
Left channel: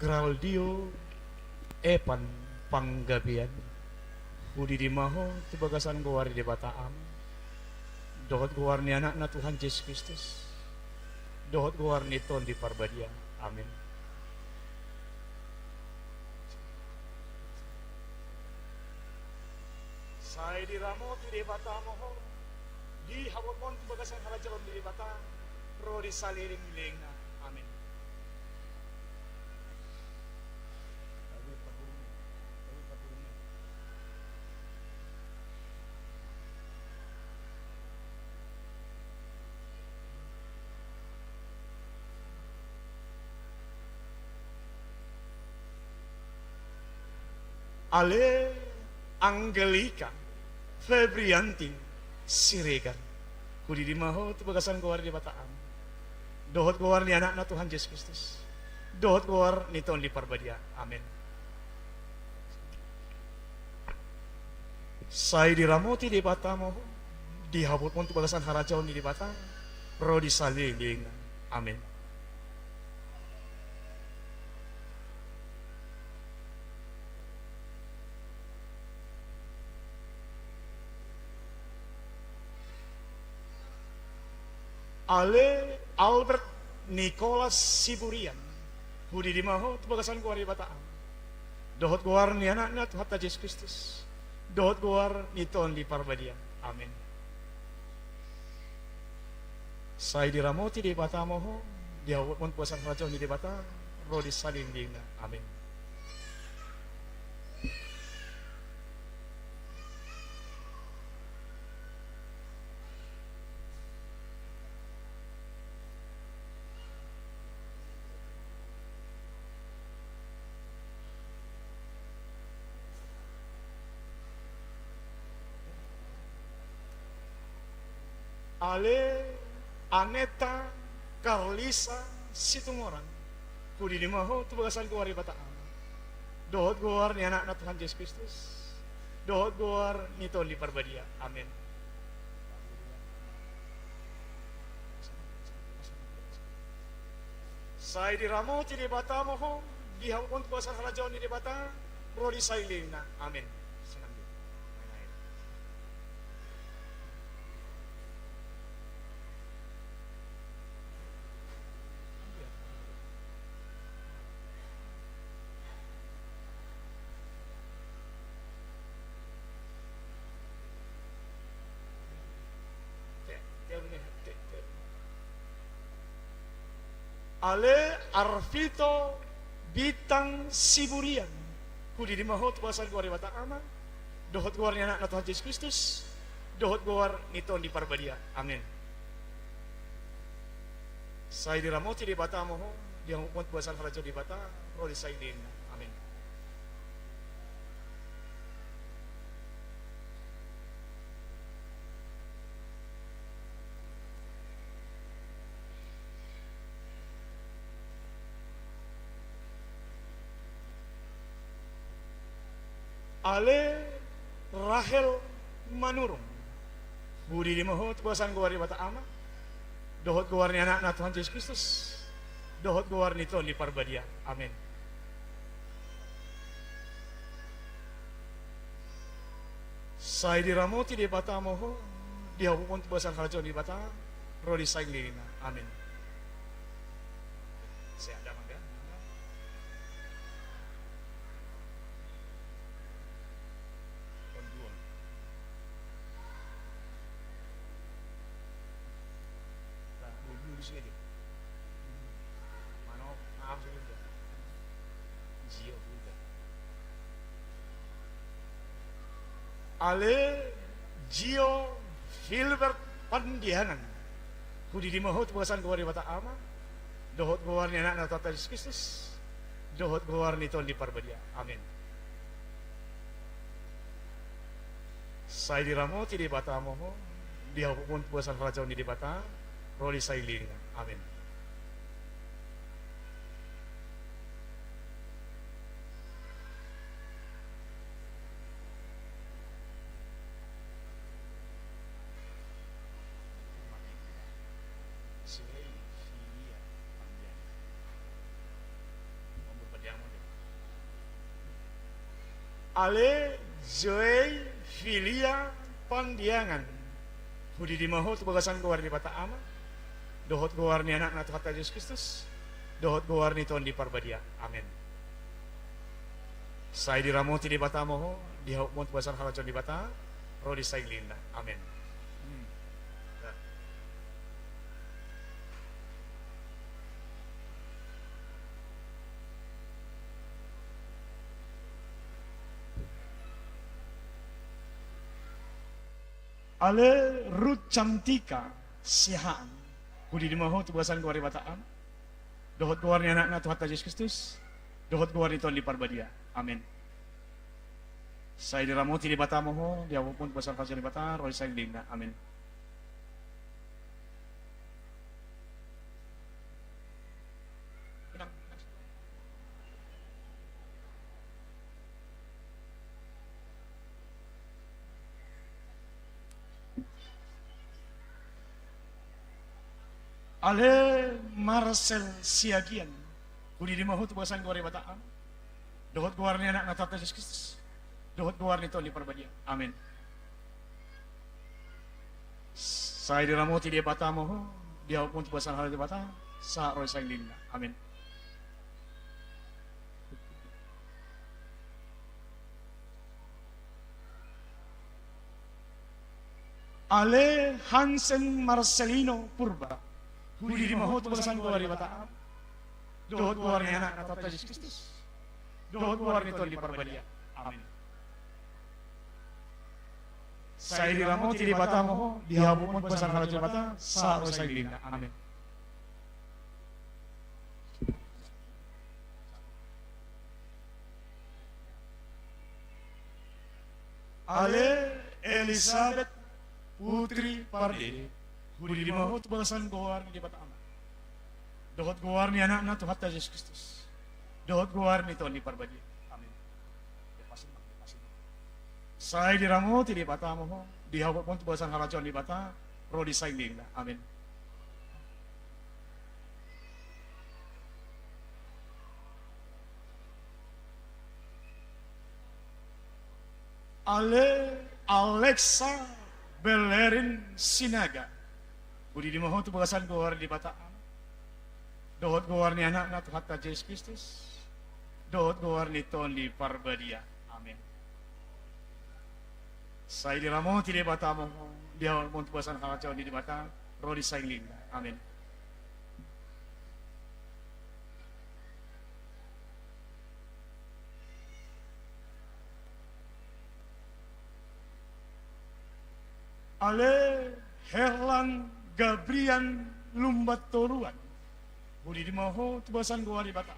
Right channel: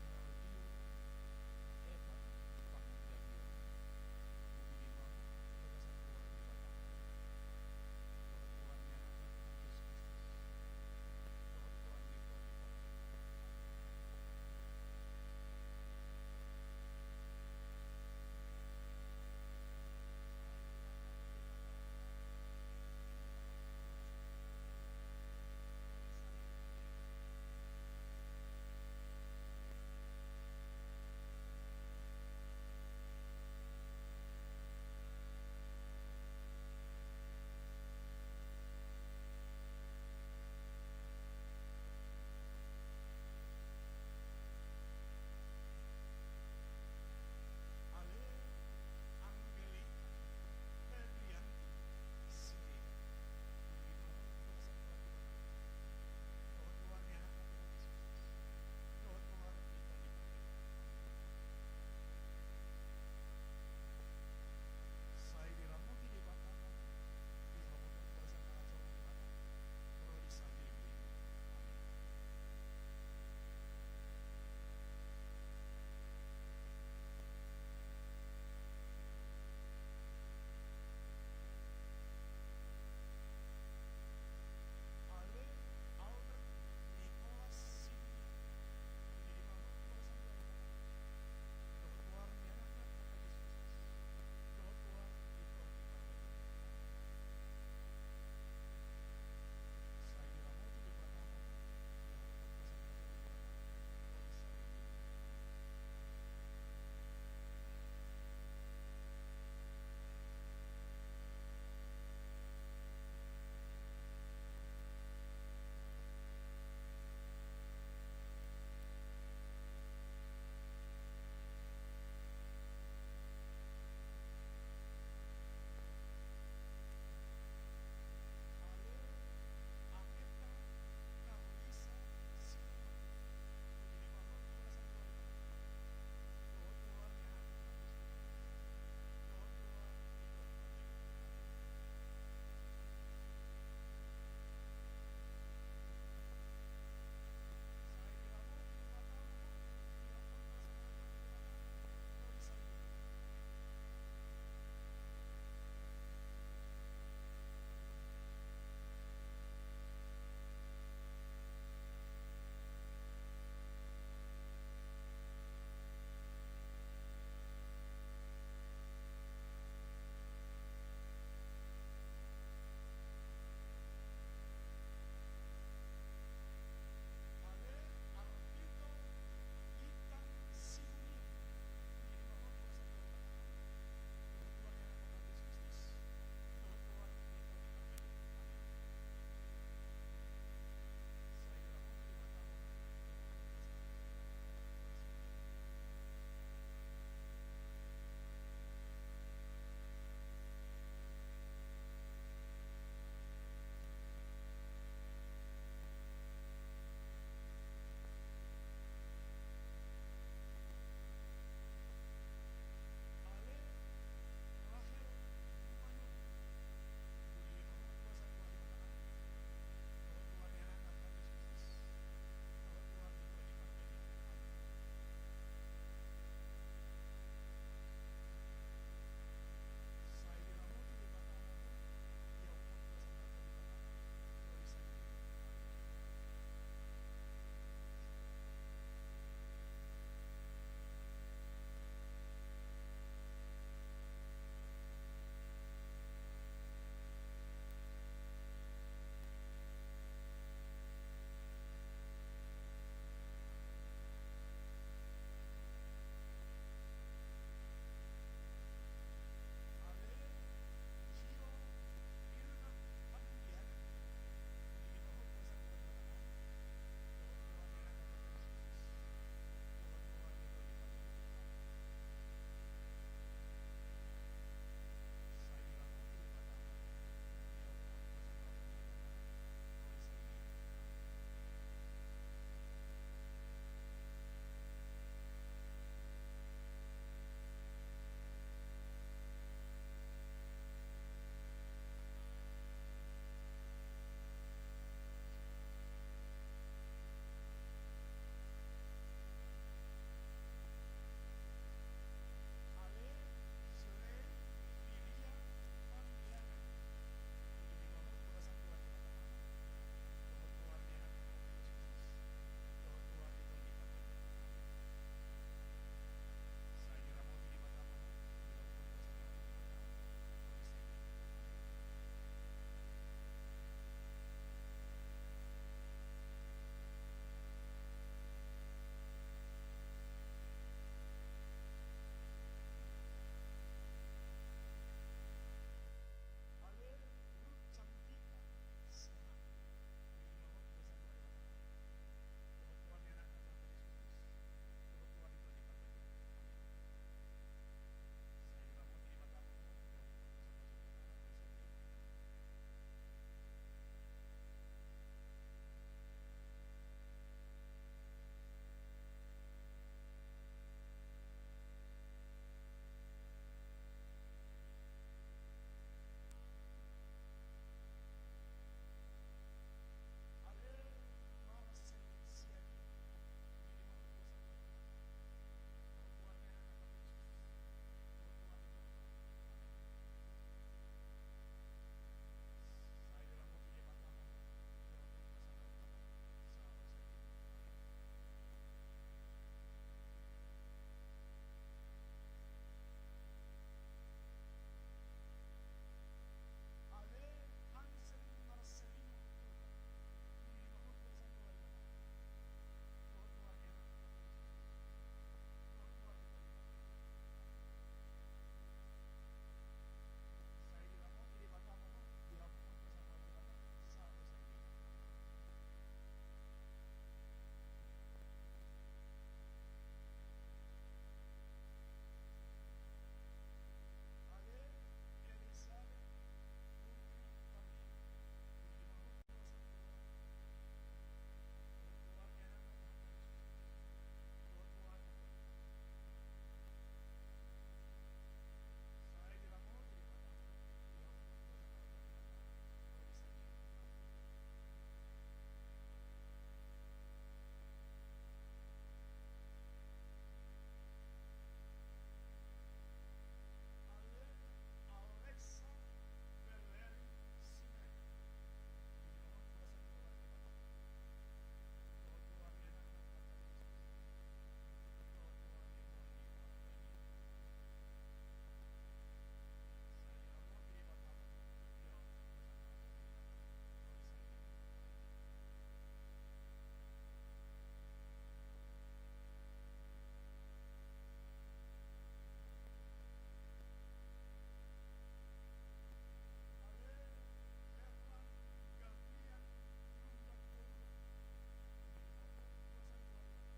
graldio epan panggabian udi di maho tu bagasan gowari di bataam dohot gowarni anak na Tuhan Yesus Kristus dohot gowarni ton di Parbadia amin. Saya di ramo tu di batamo ho di hawot mon tu bagasan halajalon di bata ro di saliring lingna amin. Ale Angelika Febrianti Siregar kudi di maho tu bagasan gowar di Bataan. Dohot gowar ni anak na Tuhan Yesus Kristus. Dohot gowar ni Tuhan di Parbadia. Amin. Saya diramoti di Bata moho dihabut pun tu bagasan harajau ni di Bata. Ro di saling. Amin. Ale Albert Nicholas Siburian Budi di maho tu bagasan gowar di Bataan. Dohot gowar ni anak na Tuhan Yesus Kristus. Dohot gowar ni Tuhan di Parbadia. Amin. Saya diramoti di Bata moho diawat pun puasan raja di Bata ro di saling dina. Amin. Ale Aneta Carlisa Situmorang kudi di maho tu bagasan gowar di Bataan. Dohot gowar ni anak na Tuhan Yesus Kristus. Dohot gowar ni Tuhan di Parbadia. Amin. Saya diramoti di Bata moho dihapun tu bagasan raja ni di Bata ro di sailing na. Amin. Senang dia. Main-main. Ale Arvito Bitang Siburian kudi di maho tu bagasan gowar di Bataan. Dohot gowar ni anak na Tuhan Yesus Kristus. Dohot gowar ni Tuhan di Parbadia. Amin. Saya diramoti di Bata moho dia pun bagasan raja di Bata ro di sailin. Amin. Ale Rahel Manurung budi di maho tu bagasan gowar di Bataan. Dohot gowar ni anak na Tuhan Yesus Kristus. Dohot gowar ni Tuhan di Parbadia. Amin. Saya diramoti di Bata moho dihapun tu bagasan raja di Bata ro di sailin. Amin. Saya ada mangga. Di sini. Mano, maaf sudah. Gio sudah. Ale Gio Filbert Pandianan kudi di maho tu bagasan gowar di Bataan. Dohot gowar ni anak na Tuhan Yesus Kristus. Dohot gowar ni Tuhan di Parbadia. Amin. Saya diramoti di Bata moho dihapun puasan raja ni di Bata ro di sailin. Amin. Ale Joy Filia Pandiangan budi di maho tu bagasan gowar di Bataan. Dohot gowar ni anak na Tuhan Yesus Kristus. Dohot gowar ni Tuhan di Parbadia. Amin. Saya diramoti di Bata moho dihapun tu bagasan halajon di Bata ro di sailin. Amin. Ale Ruth Cantika Sihaan kudi di maho tu bagasan gowar di Bataan. Dohot gowar ni anak na Tuhan Yesus Kristus. Dohot gowar ni Tuhan di Parbadia. Amin. Saya diramo ti di bata mo, di ako pun pasal kasih di bata, roy sa na. Amin. Ale Marcel Siagian, kudi di mahu tu basan gore bataan. Dohot guar ni anak natata Yesus Kristus. Dohot guar ni toli perbadia. Amin. Saya diramo ti dia bata mo, dia pun tu basan hal di bata, sa roy sa linda. Amin. Ale Hansen Marcelino Purba, huli di mahot basan guar di bataan. Dohot guar ni anak natata Yesus Kristus. Dohot guar ni toli perbadia. Amin. Saya diramo ti di bata mo, dihabu mo basan hal di bata, sa roy sa linda. Amin. Ale Elizabeth Putri Parde, huli di mahot basan guar ni di bata amat. Dohot guar ni anak na Tuhan Yesus Kristus. Dohot guar ni Tuhan di perbadia. Amin. Lepasin. Saya diramo ti di bata mo, dihabu mo basan hal di bata, roh di sa linda. Amin. Ale Alexa Belerin Sinaga, budi di mahot basan guar di bataan. Dohot guar ni anak na Tuhan Yesus Kristus. Dohot guar ni Tuhan di parbadia. Amin. Saya diramo ti di bata mo, dia mo basan hal di bata, roh di sa linda. Amin. Ale Herlan Gabrian Lumbat Toruan, budi di maho tubasan guar di bata.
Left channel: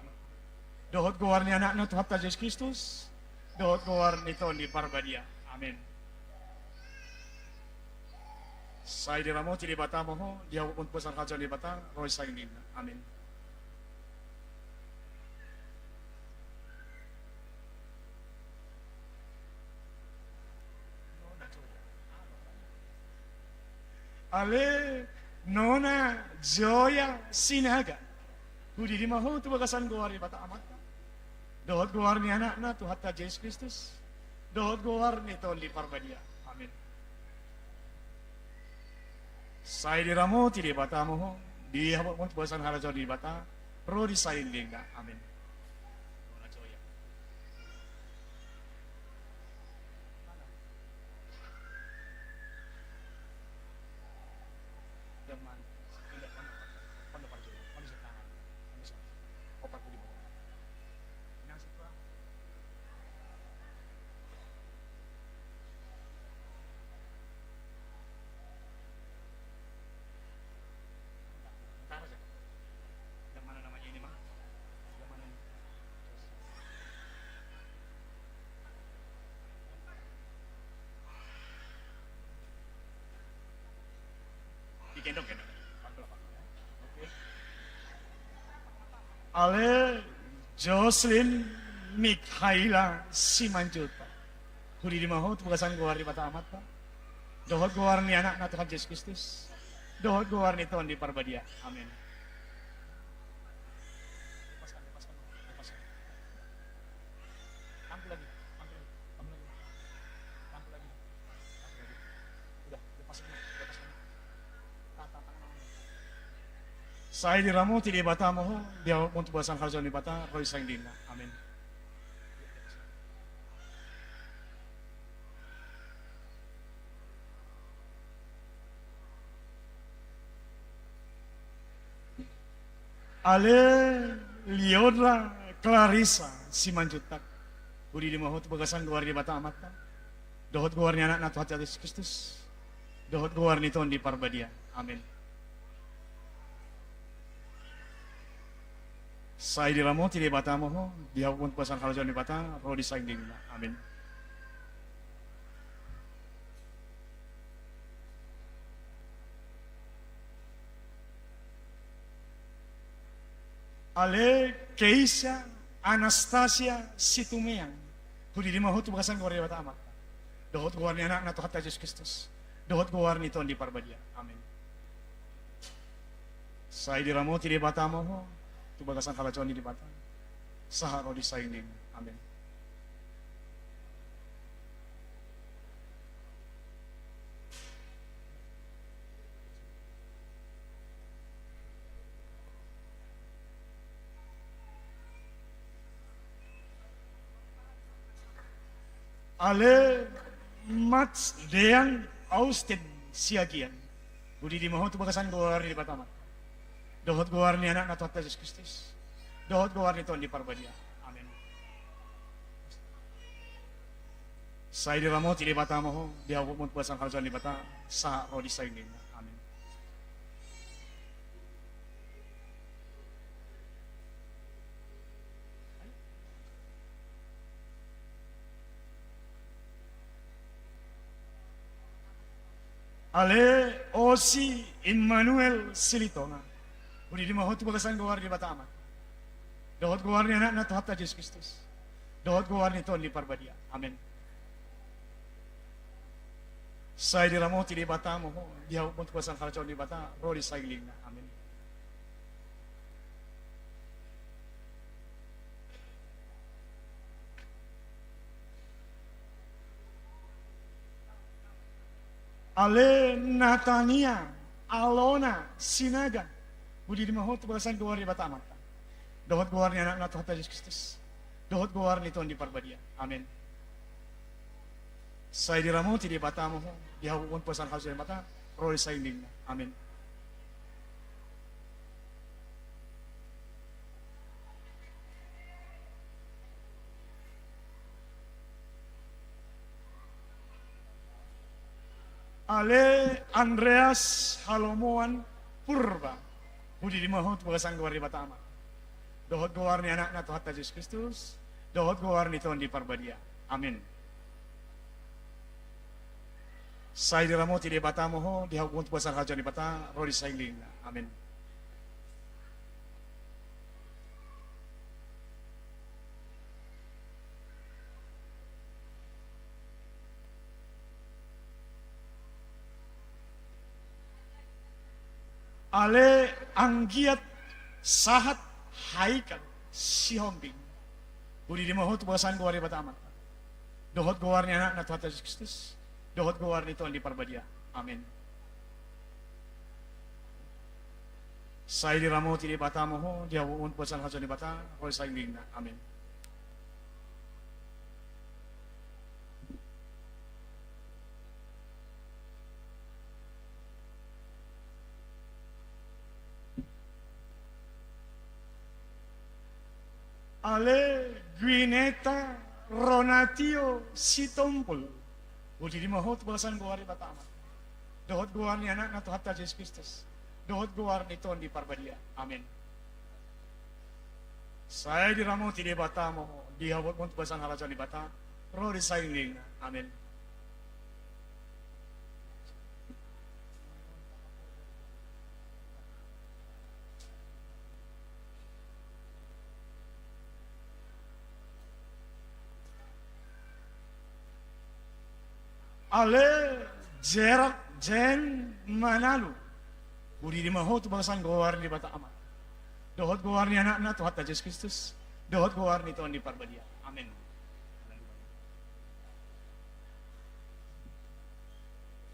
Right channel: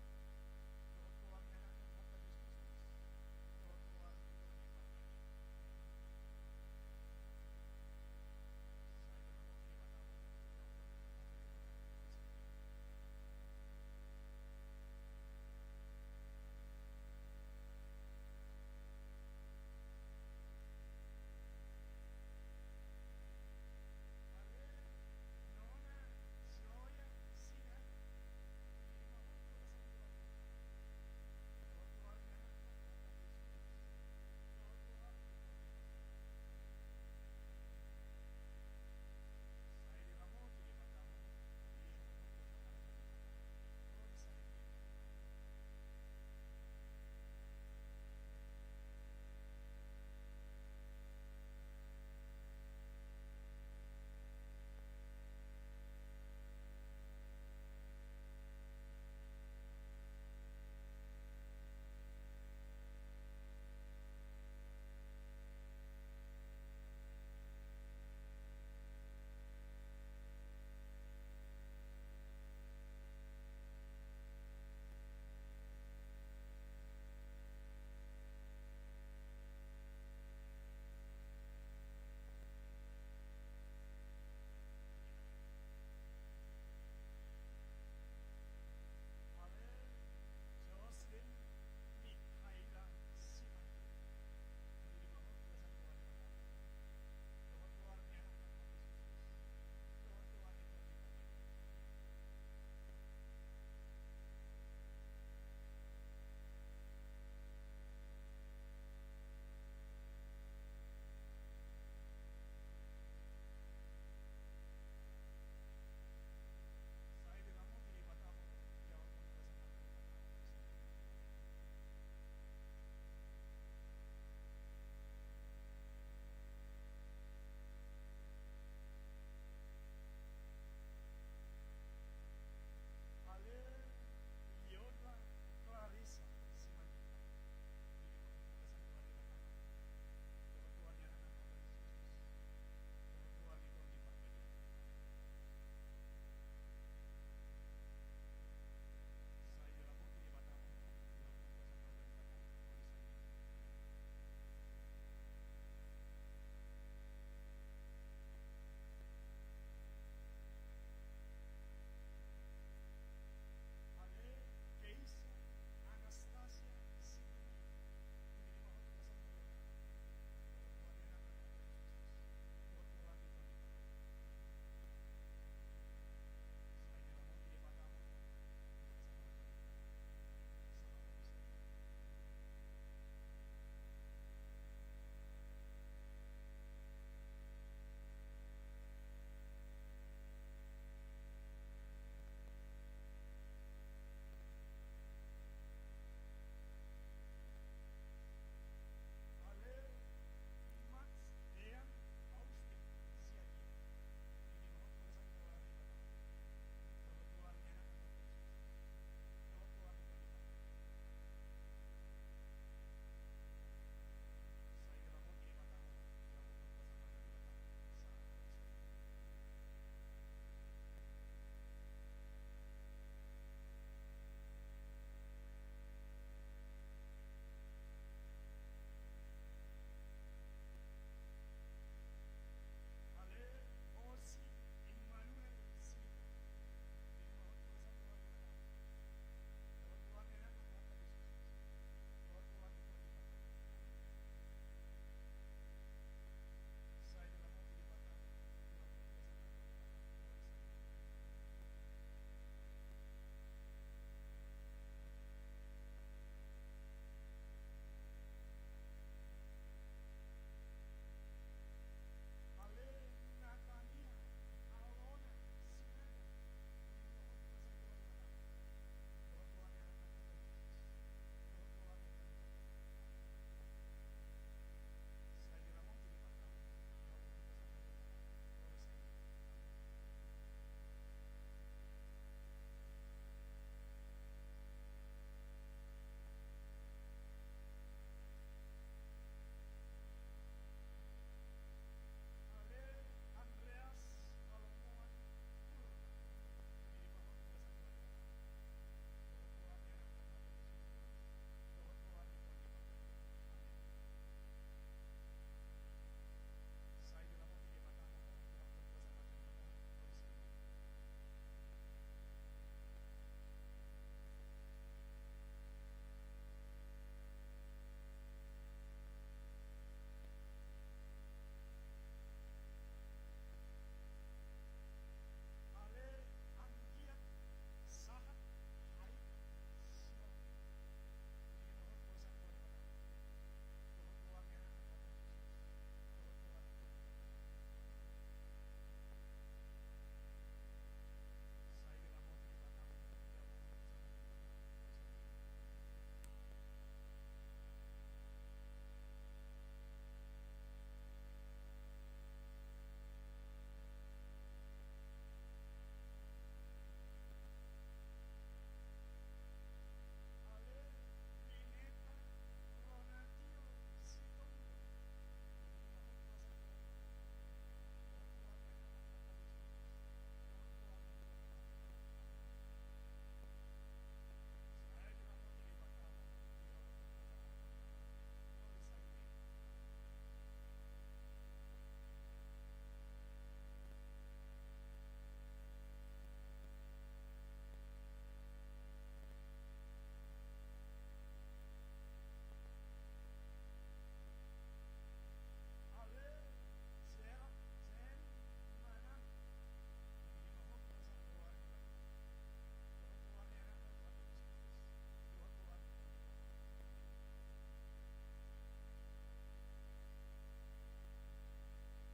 Dohot guar ni anak na Tuhan Yesus Kristus. Dohot guar ni Tuhan di parbadia. Amin. Saya diramo ti di bata mo, dia pun tubasan kaca di bata, roy sa linda. Amin. Ale Nona Joya Sinaga, hudi di mahu tu bagasan guar di bata amat. Dohot guar ni anak na Tuhan Yesus Kristus. Dohot guar ni Tuhan di parbadia. Amin. Saya diramo ti di bata mo, di habak mo tu bagasan harajo di bata, roh di sa linda. Amin. Nona Joya. Yang mana namanya ini, Mang? Yang mana ini? Digendong. Pantul ya. Oke. Ale Jocelyn Mikhaila Simanjuta, hudi di maho tu bagasan guar di bata amat, Pak. Dohot guar ni anak na Tuhan Yesus Kristus. Dohot guar ni Tuhan di parbadia. Amin. Lepaskan. Angku lagi. Udah, lepasin. Tangan. Saya diramo ti di bata mo, dia untuk basan harjon di bata, roy sang dinna. Amin. Ale Liodra Clarissa Simanjutak, budi di mahut bagasan guar di bata amat. Dohot guar ni anak na Tuhan Yesus Kristus. Dohot guar ni Tuhan di parbadia. Amin. Saya diramo ti di bata mo, dia pun pasan harjon di bata, roh di sang dinna. Amin. Ale Keisha Anastasia Situmeang. Hudi di mahutu bakasan keluarga bata amat. Dohot guarni anak na Tuhan Yesus Kristus. Dohot guarni Tuhan di parbadia. Amin. Saya diramo ti di bata mo ho. Tu bakasan kalacon di bata. Saharo di sainin. Amin. Ale Mats Dean Austin Siagian. Budi di maho tu bakasan guar di batamat. Dohot guar ni anak na Tuhan Yesus Kristus. Dohot guar ni Tuhan di parbadia. Amin. Saya diramo ti di bata mo di awak mo bakasan kaljan di bata sa rodi sainin. Amin. Ale Osi Immanuel Silitona. Budi di maho tu bakasan guar di bata amat. Dohot guar ni anak na Tuhan Yesus Kristus. Dohot guar ni Tuhan di parbadia. Amin. Saya diramo ti di bata mo di awak mo tu bakasan kalacon di bata rodi sailing na. Amin. Ale Natania Alona Sinaga. Budi di maho tu bakasan guar di bata amat. Dohot guar ni anak na Tuhan Yesus Kristus. Dohot guar ni Tuhan di parbadia. Amin. Saya diramo ti di bata mo di awak mo tu bakasan kalacon di bata rodi sailing na. Amin. Ale Andreas Halomoan Purba. Budi di maho tu bakasan guar di bata amat. Dohot guar ni anak na Tuhan Yesus Kristus. Dohot guar ni Tuhan di parbadia. Amin. Saya diramo ti di bata mo di awak mo tu bakasan kalacon di bata rodi sailing na. Amin. Ale Anggiat Sahat Haikal Sihombing. Budi di maho tu bakasan guar di bata amat. Dohot guar ni anak na Tuhan Yesus Kristus. Dohot guar ni Tuhan di parbadia. Amin. Saya diramo ti di bata mo di awak mo tu bakasan kalacon di bata rodi sailing na. Amin. Ale Gwineta Ronatio Sitompul. Budi di maho tu bakasan guar di bata amat. Dohot guar ni anak na Tuhan Yesus Kristus. Dohot guar ni Tuhan di parbadia. Amin. Saya diramo ti di bata mo di awak mo tu bakasan kalacon di bata rodi sailing na. Amin. Ale Jerak Jen Manalu. Budi di maho tu bakasan guar di bata amat. Dohot guar ni anak na Tuhan Yesus Kristus. Dohot guar ni Tuhan di parbadia. Amin.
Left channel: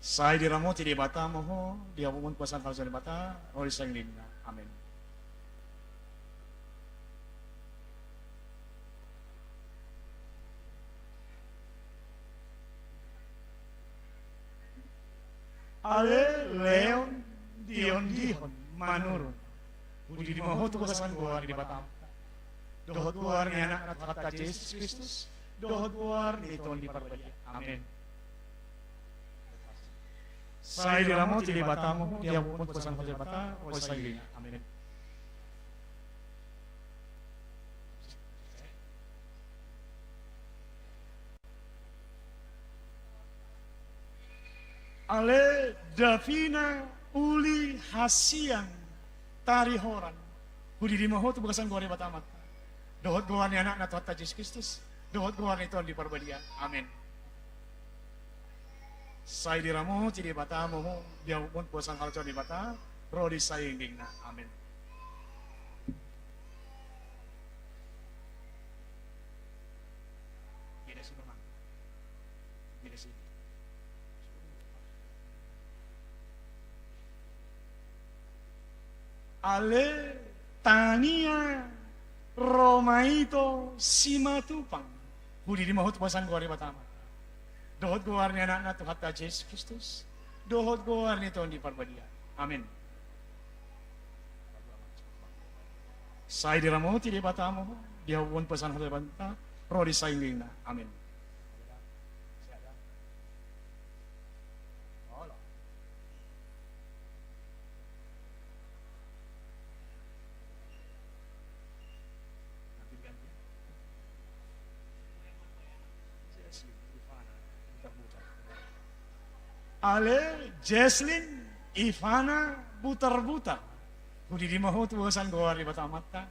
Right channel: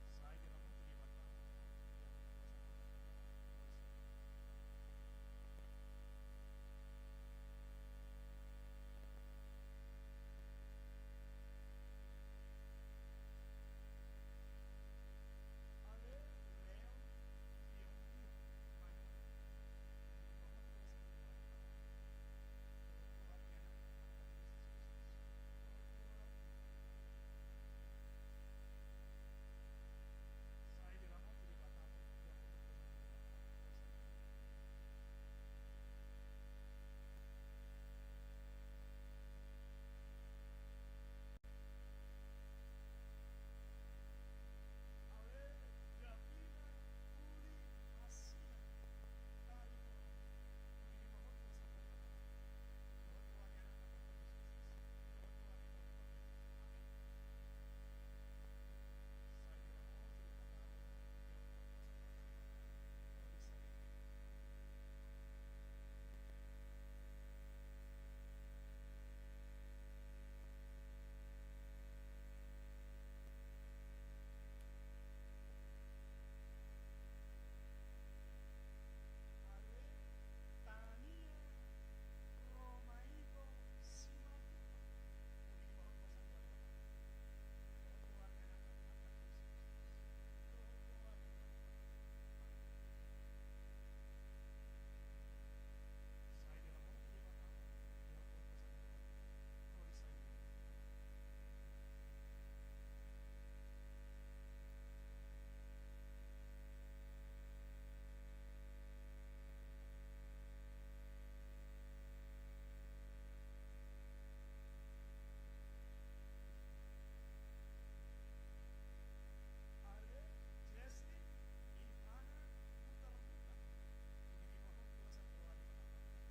Saya diramo ti di bata mo di awak mo tu bakasan kalacon di bata rodi sailing na. Amin. Ale Leon Dion Manurun. Budi di maho tu bakasan guar di bata amat. Dohot guar ni anak na Tuhan Yesus Kristus. Dohot guar ni Tuhan di parbadia. Amin. Saya diramo ti di bata mo di awak mo tu bakasan kalacon di bata rodi sailing na. Amin. Ale Davina Uli Hasian Tarihoran. Hudi di maho tu bagasan gori batamat. Dohot goan ni anak na Tuhan Yesus Kristus. Dohot goan ni Tuhan di parbadia. Amin. Sai di ramo ti di bata mo dia pun puasang kalco di bata. Rodi saying ding na. Amin. Gila sih memang. Gila sih. Ale Tania Romaito Simatupang. Hudi di mahut pasan gori batama. Dohot goar ni anak na Tuhan Yesus Kristus. Dohot goar ni Tuhan di parbadia. Amin. Sai di ramo ti di batamo. Dia pun pasan hal banta. Rodi saing na. Amin. Ale Jesslyn Ivana butar-butar. Hudi di maho tuwasan goar di batamata.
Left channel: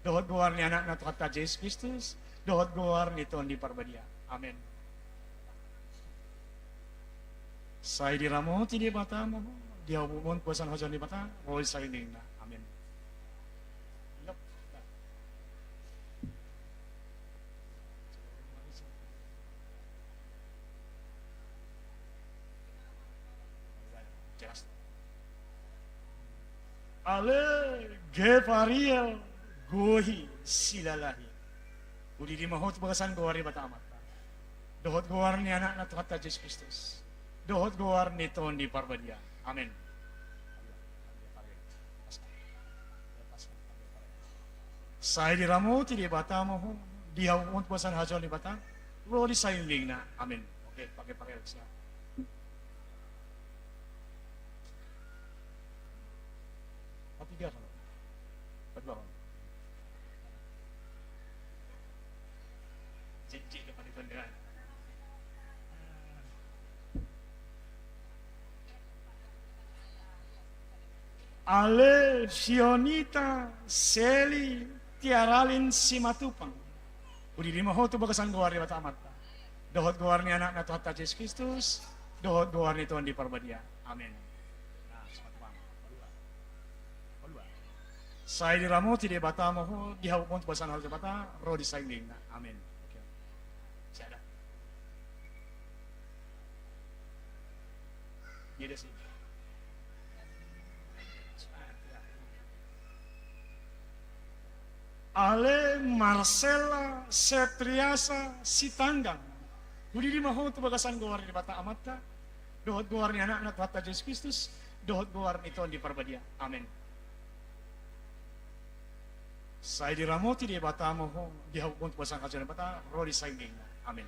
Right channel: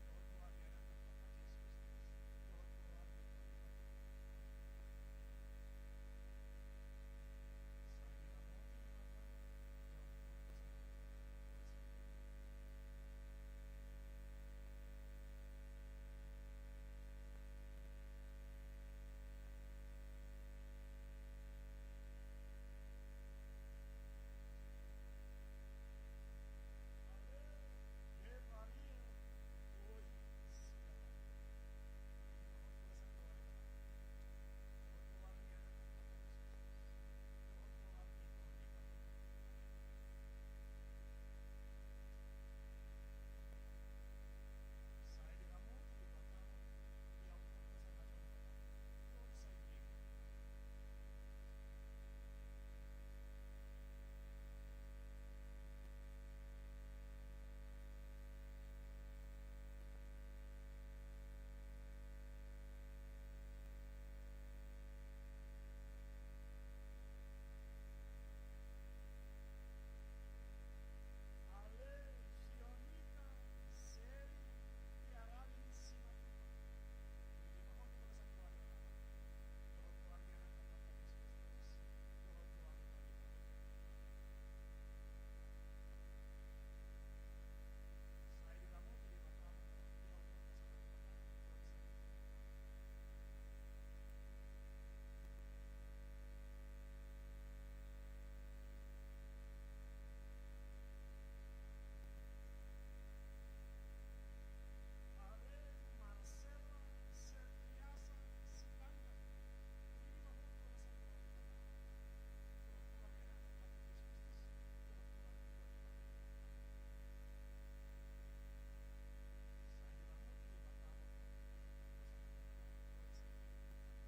Dohot goar ni anak na Tuhan Yesus Kristus. Dohot goar ni Tuhan di parbadia. Amin. Sai di ramo ti di batamo. Dia hubungan puasan hajan di bata. Roy sa ining na. Amin. Yup. Ale Gevariel Gohi Silalahi. Udi di mahot bagasan goari batamat. Dohot goar ni anak na Tuhan Yesus Kristus. Dohot goar ni Tuhan di parbadia. Amin. Sai di ramo ti di bata mo di hawon bagasan hajon di bata. Rodi saying na. Amin. Oke, pakai siap. Tiga kalau, berdua kalau. Cik depan itu dengan. Ale Fionita Seli Tiaralin Simatupang. Udi di maho tu bagasan goar di batamat. Dohot goar ni anak na Tuhan Yesus Kristus. Dohot goar ni Tuhan di parbadia. Amin. Sai di ramo ti di bata mo di hawon pasan hal di bata ro di saying na. Amin. Okay. Siada. Gede sih. Ale Marcella Setriasa Sitanggang. Hudi di maho tu bagasan goar di bata amata. Dohot goar ni anak na Tuhan Yesus Kristus. Dohot goar ni Tuhan di parbadia. Amin. Sai di ramo ti di bata mo di hawon pasang kajian bata rodi saying na. Amin.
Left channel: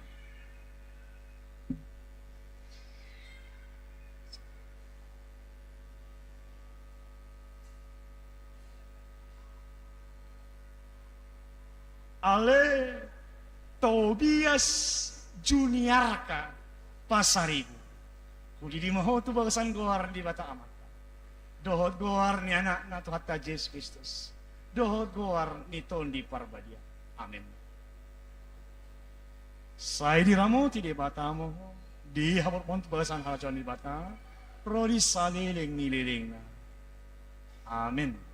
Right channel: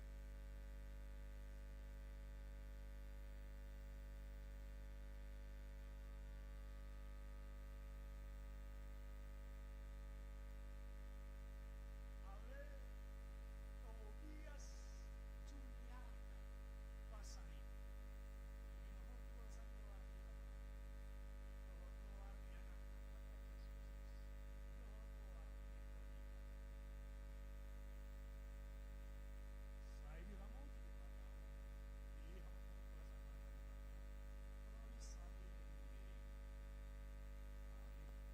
Ale Tobias Juniarka Pasaribu. Kudi di maho tu bagasan goar di bata amat. Dohot goar ni anak na Tuhan Yesus Kristus. Dohot goar ni Tuhan di parbadia. Amin. Sai di ramo ti di bata mo di hawon pon bagasan hajon di bata rodi saliling nililing na. Amin.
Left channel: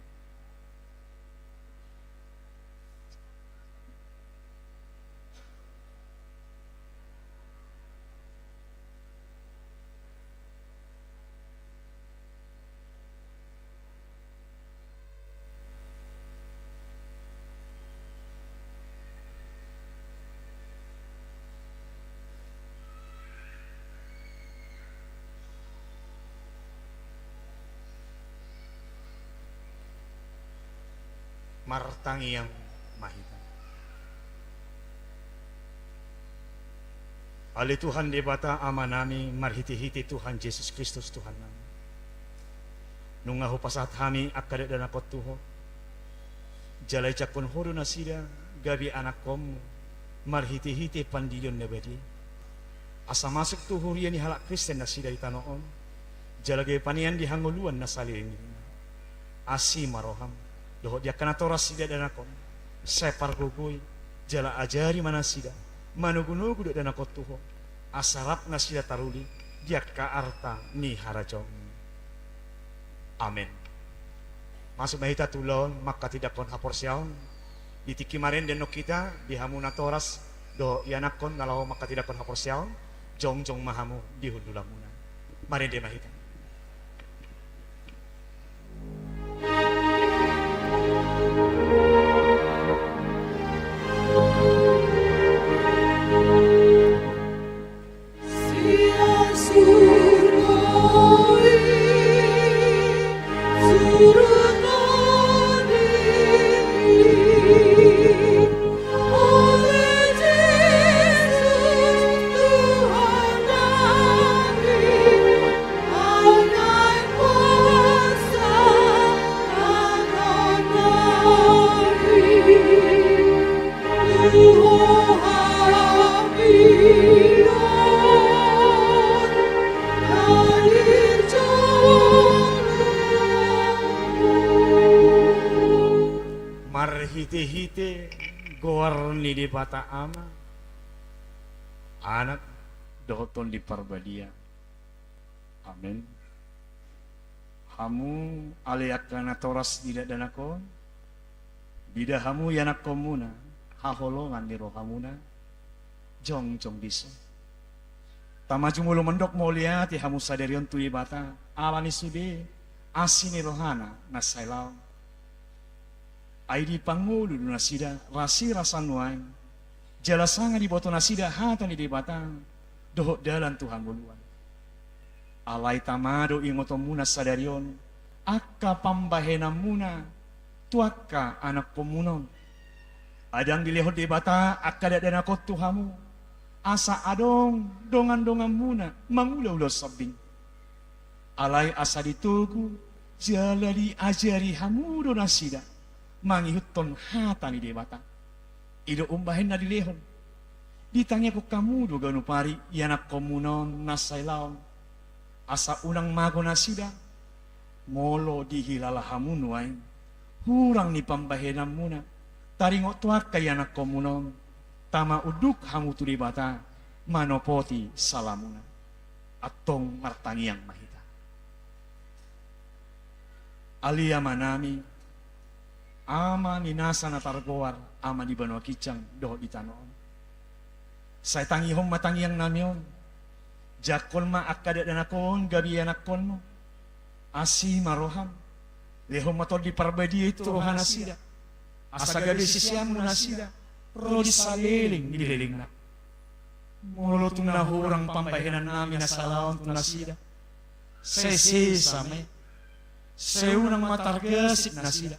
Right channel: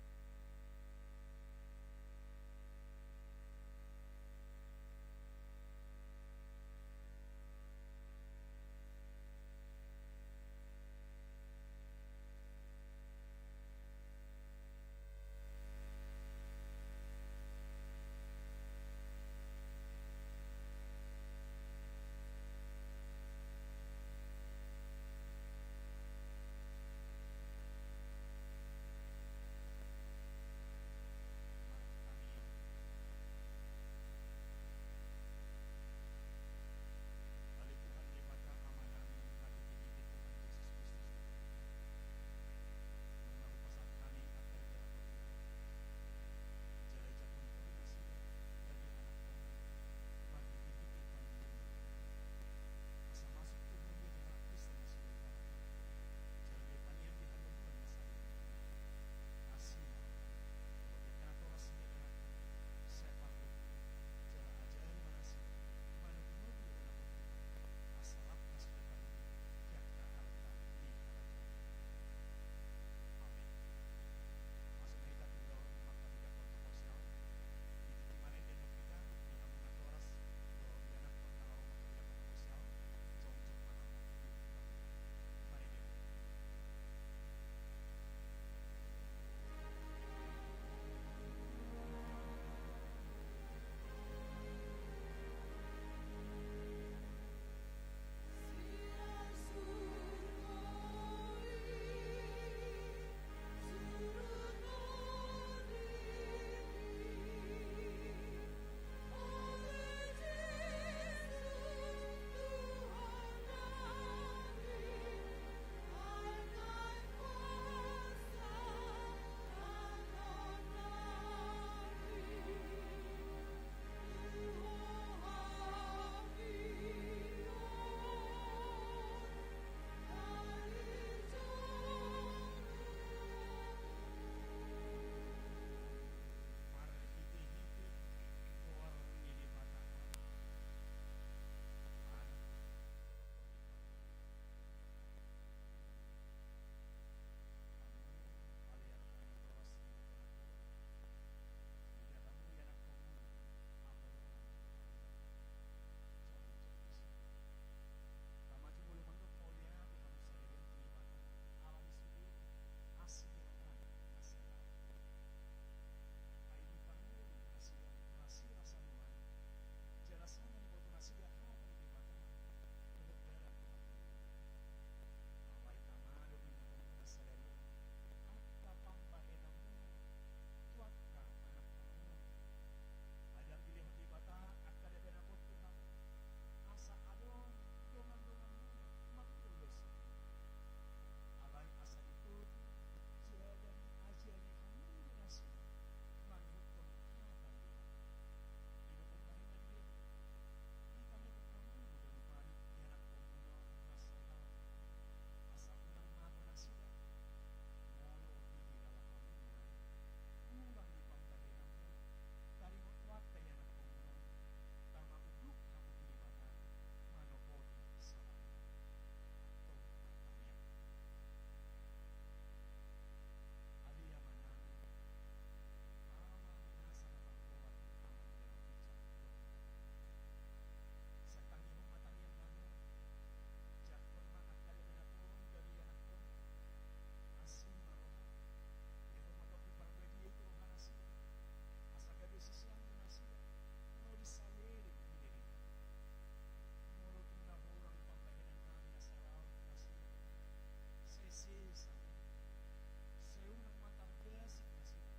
Martangi yang mahita. Ali Tuhan di bata ama nami marhiti-hiti Tuhan Yesus Kristus Tuhan nami. Nungahu pasat hami akade dan akot tuho. Jalai cakon hodo nasida gabi anak kom marhiti-hiti pandilyon nebedi. Asa masuk tuho yani halak Kristen nasida itanoon. Jalagay panian di hanguluan nasali ini. Asi maroham. Doho dia kena toras sida dan akon. Separ gogoi. Jala ajari mana sida. Manugu-nugu dan akon tuho. Asarap na sida taruli. Dia ka arta ni harajong. Amen. Masuk mahita tulon maka tidak kon hapor siyaon. Ditiki marin den no kita di hamuna toras do yanakon nalaw maka tidak kon hapor siyaon. Jong mahamu di hundulamuna. Marin de mahita. Marhite-hite gor ni di bata ama anak doton di parbadia. Amin. Hamu aliakana toras tidak danakon bida hamu yanak komuna haholongan di rohamuna jong bisa tamaju mulu mendok mau lihat hamu sadarion tui bata alani sude asini rohana nasailau aidi pangudu nasida rasi rasanuan jalasanga di boto nasida hata ni di batang dohok dalan Tuhan buluan alai tamado ingotomuna sadarion akka pambahena muna tuaka anak pemunon adang dilehot di bata akka dadana kot Tuhamu asa adong dongan-dongan muna mangulau-ulau sabing alai asa ditugu jala diajari hamudo nasida mangihuton hatani di bata ido umbahin na dilehon ditanya ko kamu do ganu pari yanak komunon nasailaon asa unang mago nasida molo dihilala hamun wain hurang ni pambahenam muna taringo tuak kay yanak komunon tama uduk hamu tu di bata manopoti salamuna atong martangiang mahita alia manami ama ninasa na targoar ama di banwa kicang doh di tanoon say tangihong matangiang namyon jakon ma akada danakon gabi anakon mo asi maroham lehom matol di parbadi itu rohana sida asa gabi sisiam nasida rodi saliling di liling na molo tuna hurang pambahenan namin na salaon tuna sida sesi same seunang matargasik na sida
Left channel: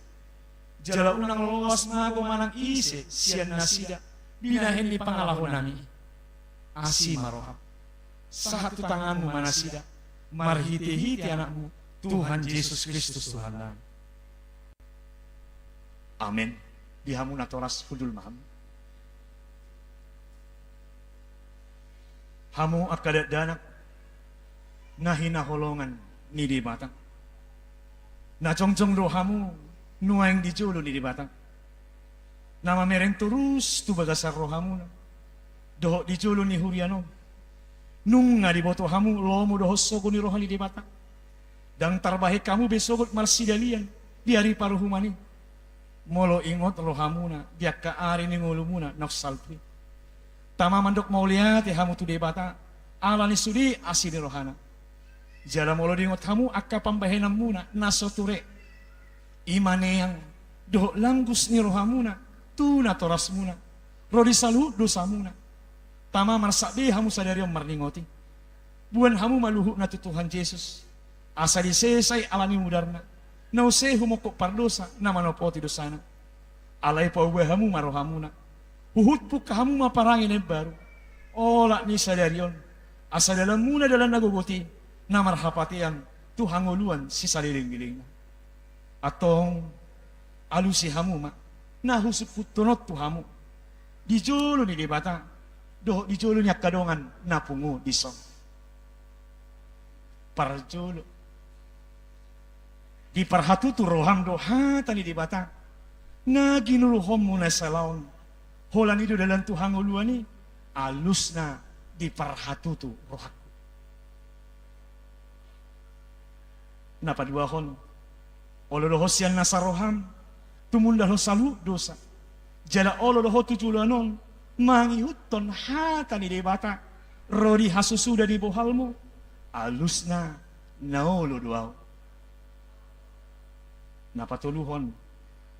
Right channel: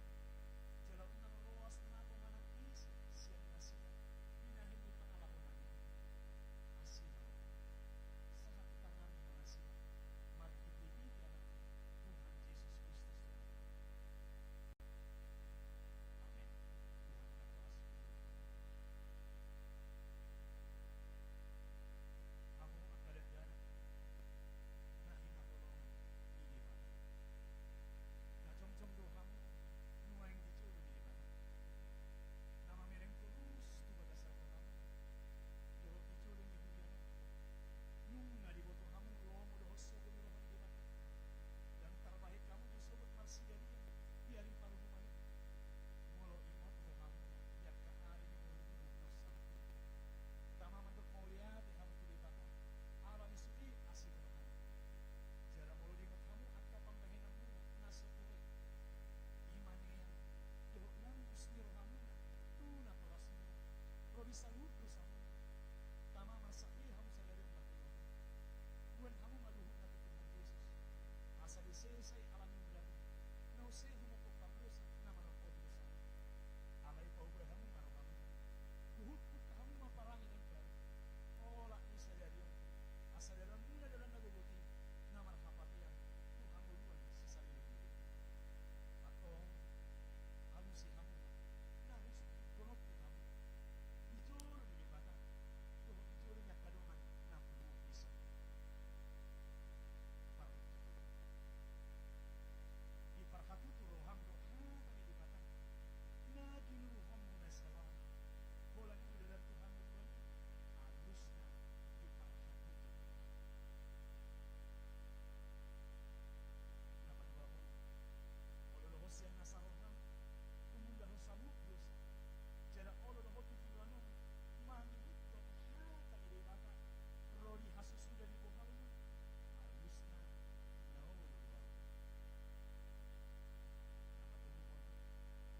jala unang lolos mago manang ise sian nasida binahin di pangalahon nami asi maroham satu tanganmu manasida marhiti-hiti anakmu Tuhan Yesus Kristus Tuhan nami. Amin. Dihamu natoras hudul maham hamu akadat danak nahina holongan ni di batang na cong-cong rohamu nuang di jolo di batang. Nama mereng terus tu bagasar rohamu. Doh di jolo ni huriano. Nung nga di boto hamu lomo doh sogo ni rohani di batang. Dang tarbahe kamu besogot marsidalian di hari paruhumani. Molo ingot rohamuna dia ka ari ni ngulumuna noksalpri. Tama mandok mau lihat ya hamu tu di batang. Alani sudi asini rohana. Jala molo di ingot hamu akka pambahenam muna nasoture. Imane yang doh langgus ni rohamuna tuna toras muna rodi salu dosa muna tama marsabi hamu sadari marningoti buan hamu maluhu na Tuhan Yesus asa disesai alami mudarna nause humokok pardosa na manopoti dosana alai pauwe hamu marohamuna huhut puk hamu maparangin baru ola ni sadarion asa dalam muna dalam nagogoti na marhapatian Tuhan ngoluan si saliling-bilingna atong alusi hamu ma nahusuk putunot tu hamu dijolo ni debata doh dijolo nya kadongan napungu disong parjolo Di parhatutu roham doha tani di bata. Naginuluhom muna salaon. Holan itu dalam Tuhan uluani. Alusna di parhatutu rohaku. Napa duahon? Olodoho sian nasaroham. Tumundalo salu dosa. Jala olodoho tujulanon. Mangihuton hatani di bata. Rodi hasusuda di bohalmu. Alusna naolo duao. Napatuluhon.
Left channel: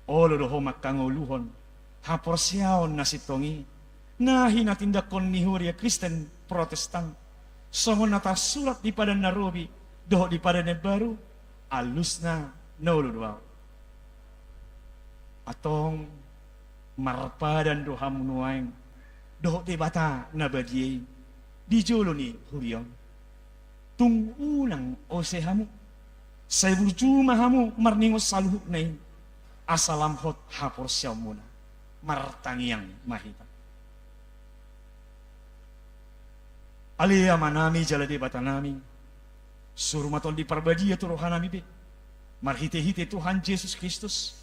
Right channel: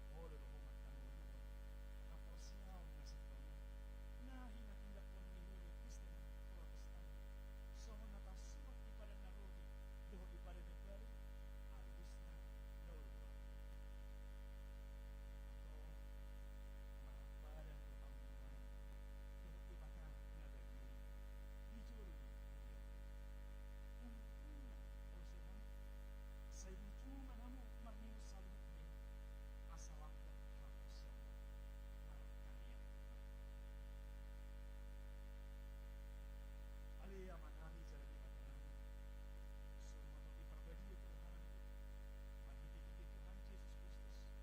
Olodoho makangoluhon. Haporsiaon nasitongi. Nahi natindakon ni Huria Kristen Protestan. Songon nata surat di pada Narobi. Doho di pada baru. Alusna naolo duao. Atong marpadan doha munuain. Doho di bata nabadiye. Di jolo ni Hurion. Tung unang osehamu. Saya berjumah hamu marningos saluhuk nain. Asalam hot hapor siyaw muna. Martangiang mahita. Alia manami jala di bata nami. Surumatol di parbadia tu rohanami be. Marhite-hite Tuhan Yesus Kristus.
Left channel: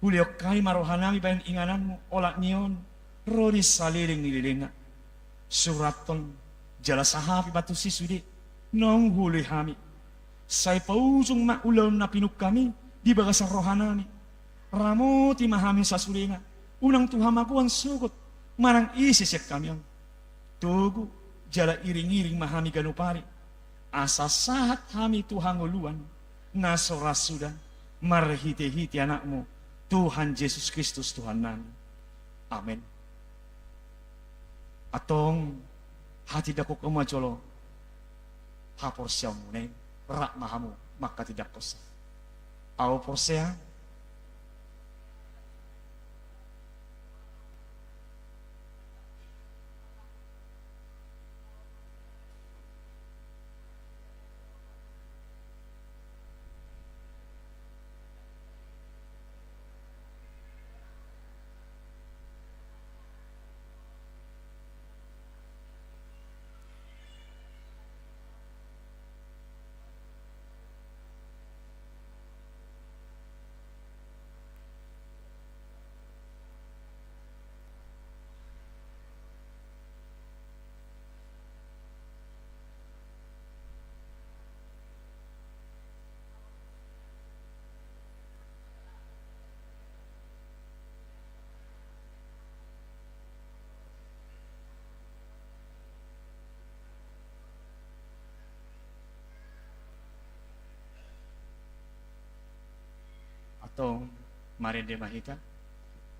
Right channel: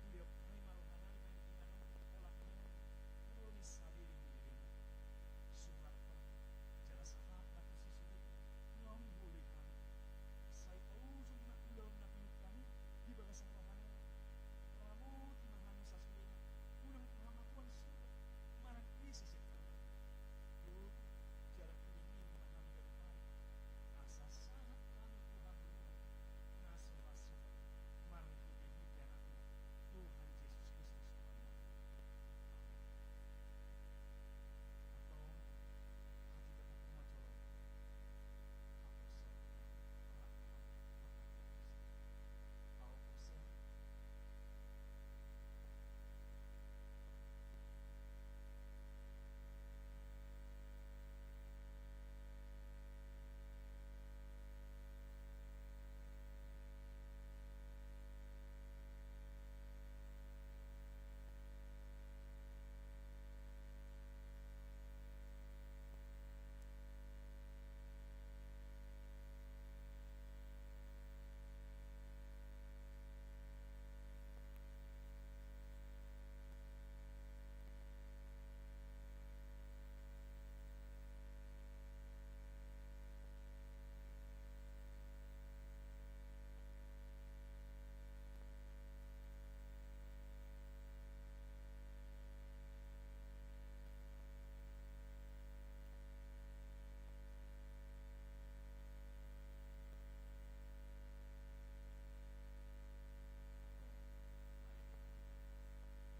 Huliok kai marohanami bayan ingananmu. Olak niyon. Rodi saliling nililinga. Suraton. Jala sahapi batu sisude. Nong huli hami. Say pausong maulaw na pinuk kami. Di bagasang rohanami. Ramo ti mahami sa sulinga. Unang tuhamakuan sugot. Marang isisek kami ang. Tugu. Jala iring-iring mahami ganupari. Asa sahat hami Tuhan uluan. Nasoras sudah. Marhite-hite anakmu. Tuhan Yesus Kristus Tuhan nami. Amin. Atong hati dako kumajolo. Hapor siyaw mo na rak mahamu maka tidak kosa. Aw porsea. Atong marende mahita.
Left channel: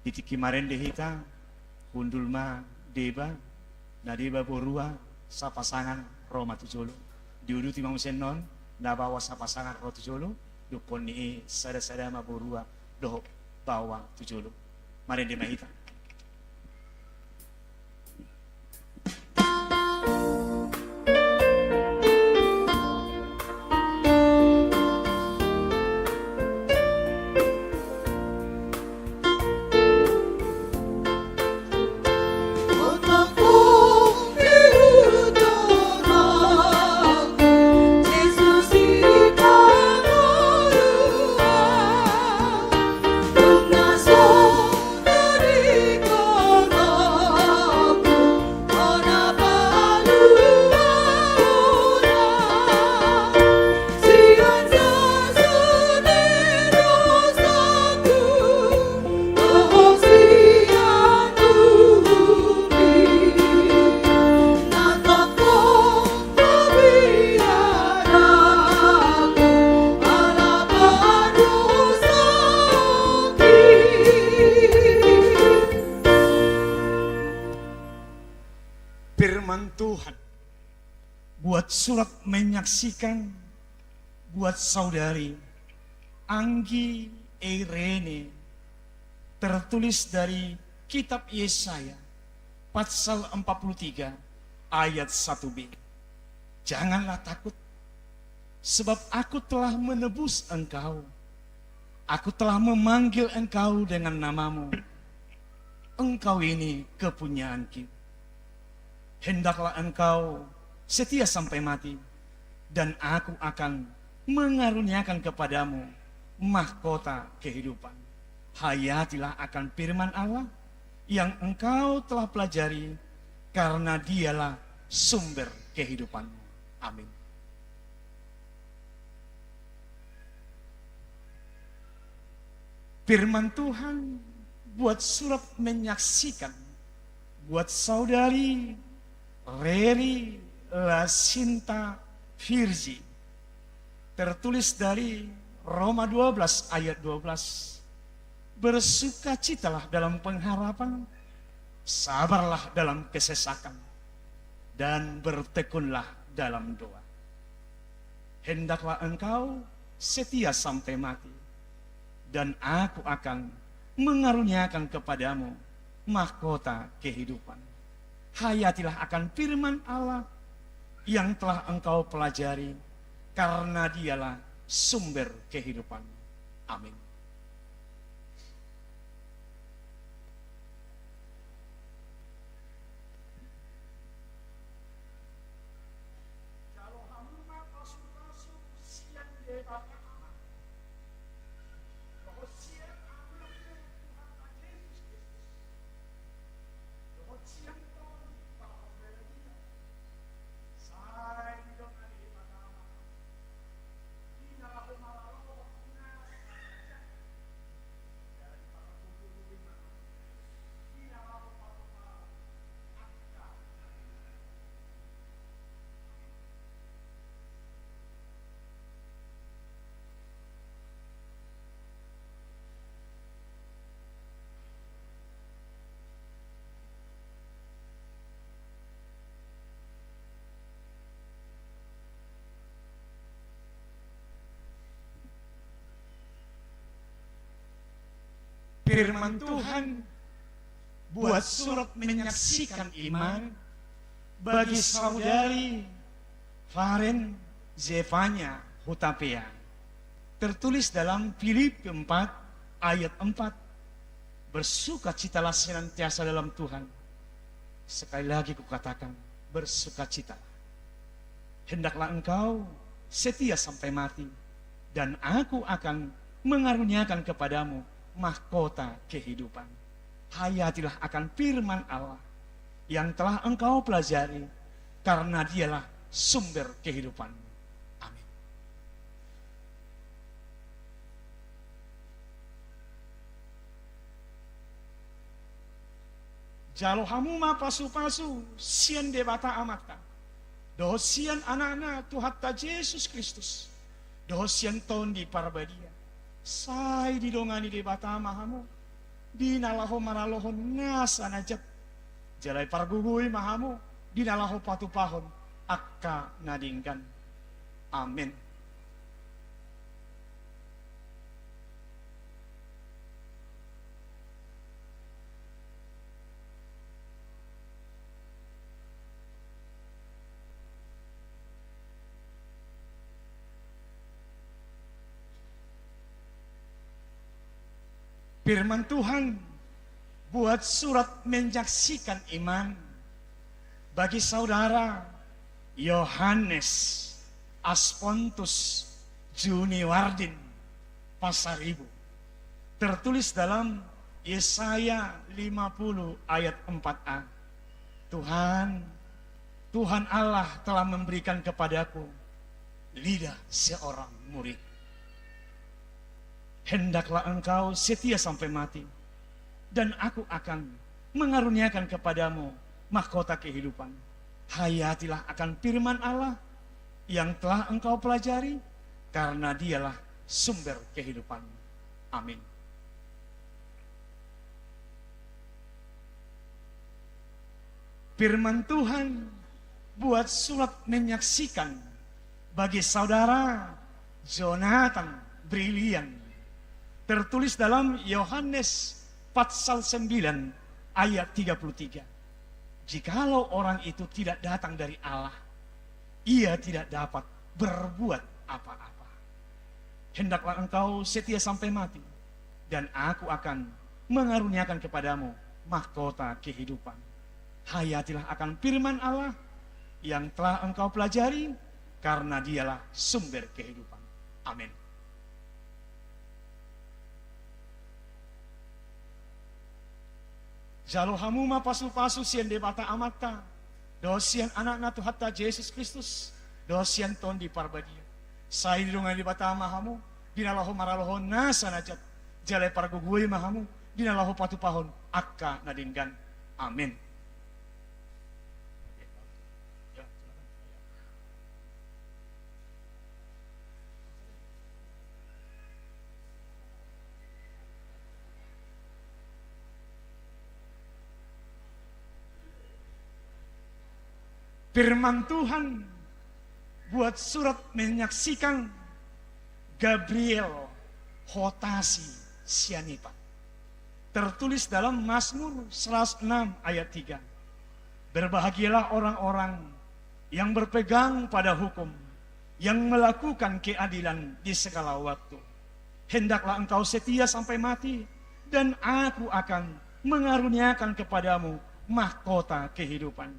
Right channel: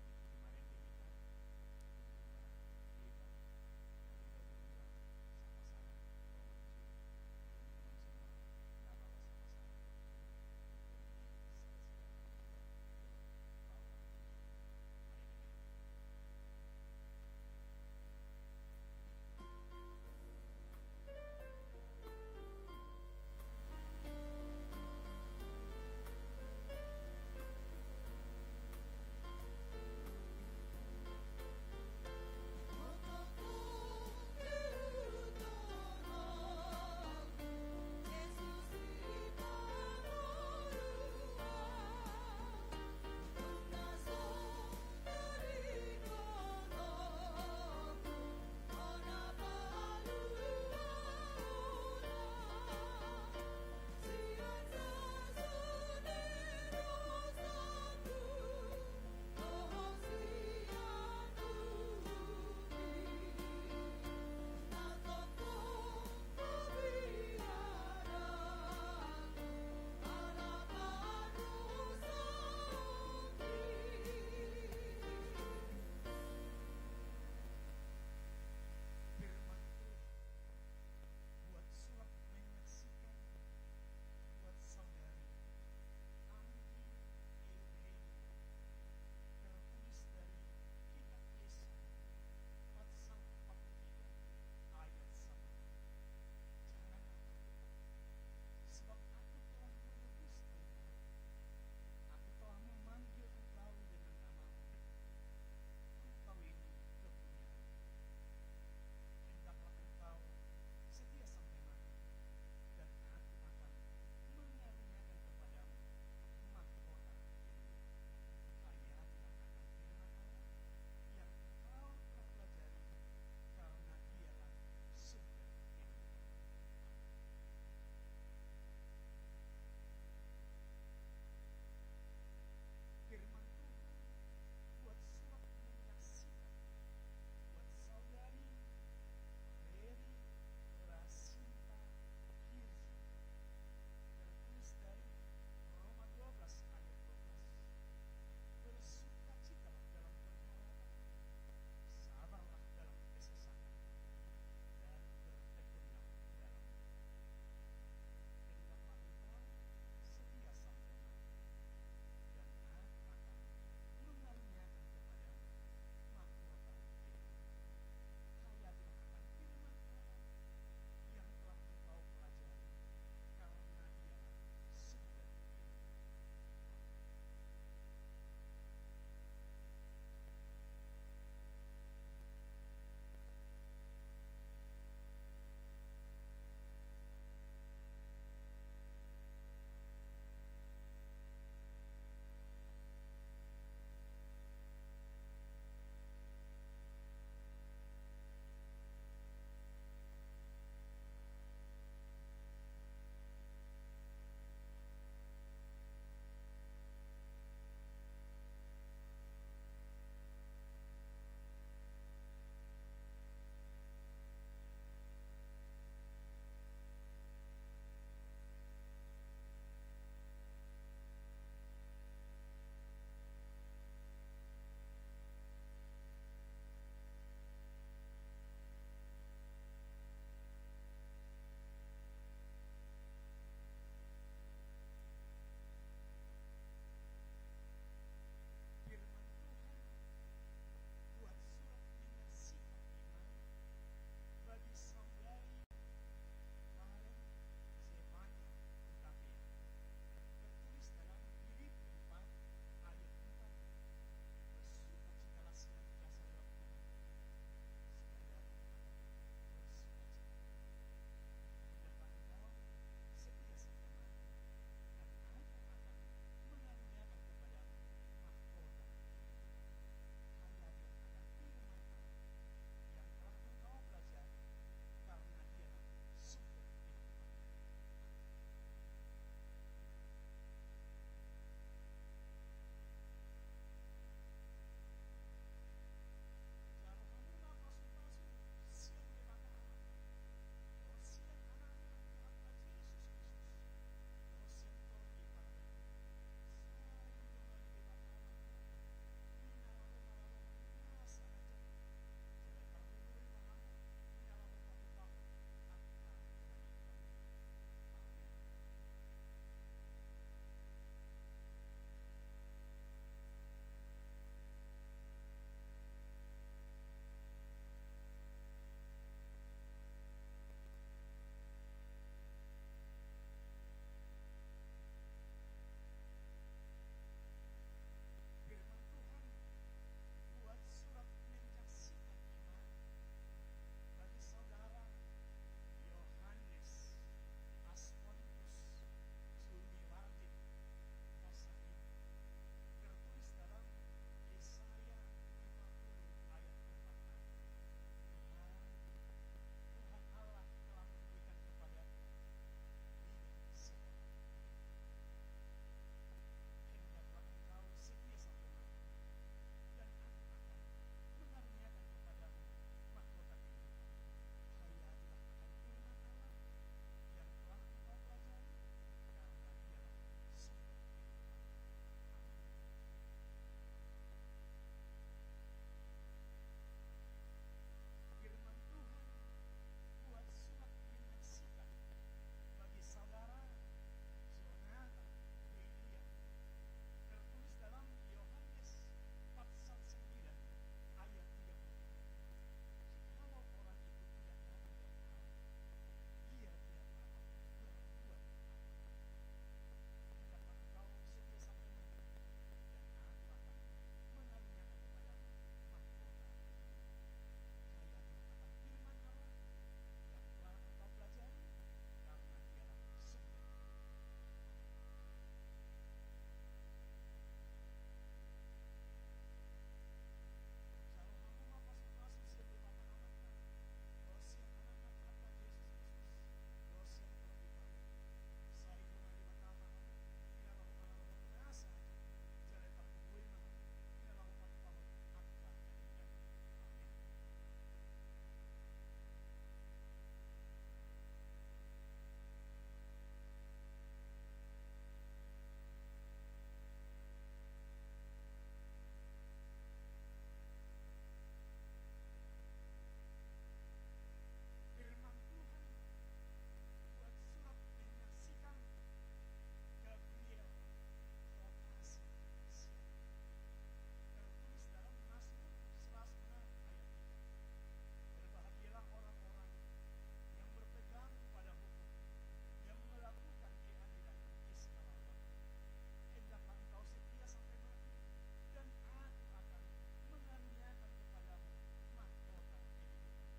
Titiki marende hita. Hundul ma deba. Na deba borua. Sa pasangan Roma tujolo. Diudu timang senon. Na bawa sa pasangan Roma tujolo. Dupon ni sada-sada ma borua. Doho bawa tujolo. Marende mahita. Firman Tuhan buat surat menyaksikan buat saudari Anggi Irene tertulis dari kitab Yesaya pasal 43 ayat 1b. Janganlah takut sebab aku telah menebus engkau. Aku telah memanggil engkau dengan namamu. Engkau ini kepunyaanku. Hendaklah engkau setia sampai mati, dan aku akan mengaruniakan kepadamu mahkota kehidupan. Hayatilah akan firman Allah yang engkau telah pelajari, karena dialah sumber kehidupanmu. Amin. Firman Tuhan buat surat menyaksikan buat saudari Reri Lasinta Virgi, tertulis dari Roma 12 ayat 12. Bersukacitalah dalam pengharapan, sabarlah dalam kesesakan, dan bertekunlah dalam doa. Hendaklah engkau setia sampai mati, dan aku akan mengaruniakan kepadamu mahkota kehidupan. Hayatilah akan firman Allah yang telah engkau pelajari, karena dialah sumber kehidupan. Amin. Firman Tuhan buat surat menyaksikan iman bagi saudari Faren Zefanya Hutapea, tertulis dalam Filipi 4 ayat 4. Bersukacitalah senantiasa dalam Tuhan. Sekali lagi kukatakan, bersukacitalah. Hendaklah engkau setia sampai mati, dan aku akan mengaruniakan kepadamu mahkota kehidupan. Hayatilah akan firman Allah yang telah engkau pelajari, karena dialah sumber kehidupan. Amin. Jalohamu ma pasu-pasu sian debata amata. Doh sian anak-anak Tuhatta Yesus Kristus. Doh sian ton di parbadia. Sai didongani di bata mahamu, dinalaho maralohon ngasa najat, jalai pargugui mahamu, dinalaho patu pahon, akka nadingkan. Amin. Firman Tuhan buat surat menyaksikan iman bagi saudara Yohanes Aspontus Juniwardin Pasaribu, tertulis dalam Yesaya 50 ayat 4a. Tuhan Allah telah memberikan kepadaku lidah seorang murid. Hendaklah engkau setia sampai mati, dan aku akan mengaruniakan kepadamu mahkota kehidupan. Hayatilah akan firman Allah yang telah engkau pelajari, karena dialah sumber kehidupan. Amin. Firman Tuhan buat surat menyaksikan bagi saudara Jonathan Brilian, tertulis dalam Yohanes pasal 9 ayat 33. Jikalau orang itu tidak datang dari Allah, ia tidak dapat berbuat apa-apa. Hendaklah engkau setia sampai mati, dan aku akan mengaruniakan kepadamu mahkota kehidupan. Hayatilah akan firman Allah yang telah engkau pelajari, karena dialah sumber kehidupan. Amin. Jalo hamu ma pasu-pasu sian debata amata. Dosian anak na Tuhatta Yesus Kristus. Dosian ton di parbadia. Sai dirungan debata mahamu. Dinalaho maraloho nasa najat. Jalai pargugui mahamu. Dinalaho patupahon. Akka nadinggan. Amin. Firman Tuhan buat surat menyaksikan Gabriel Hotasi Sianipa. Tertulis dalam Mazmur 106 ayat 3. Berbahagialah orang-orang yang berpegang pada hukum, yang melakukan keadilan di segala waktu. Hendaklah engkau setia sampai mati, dan aku akan mengaruniakan kepadamu mahkota kehidupan.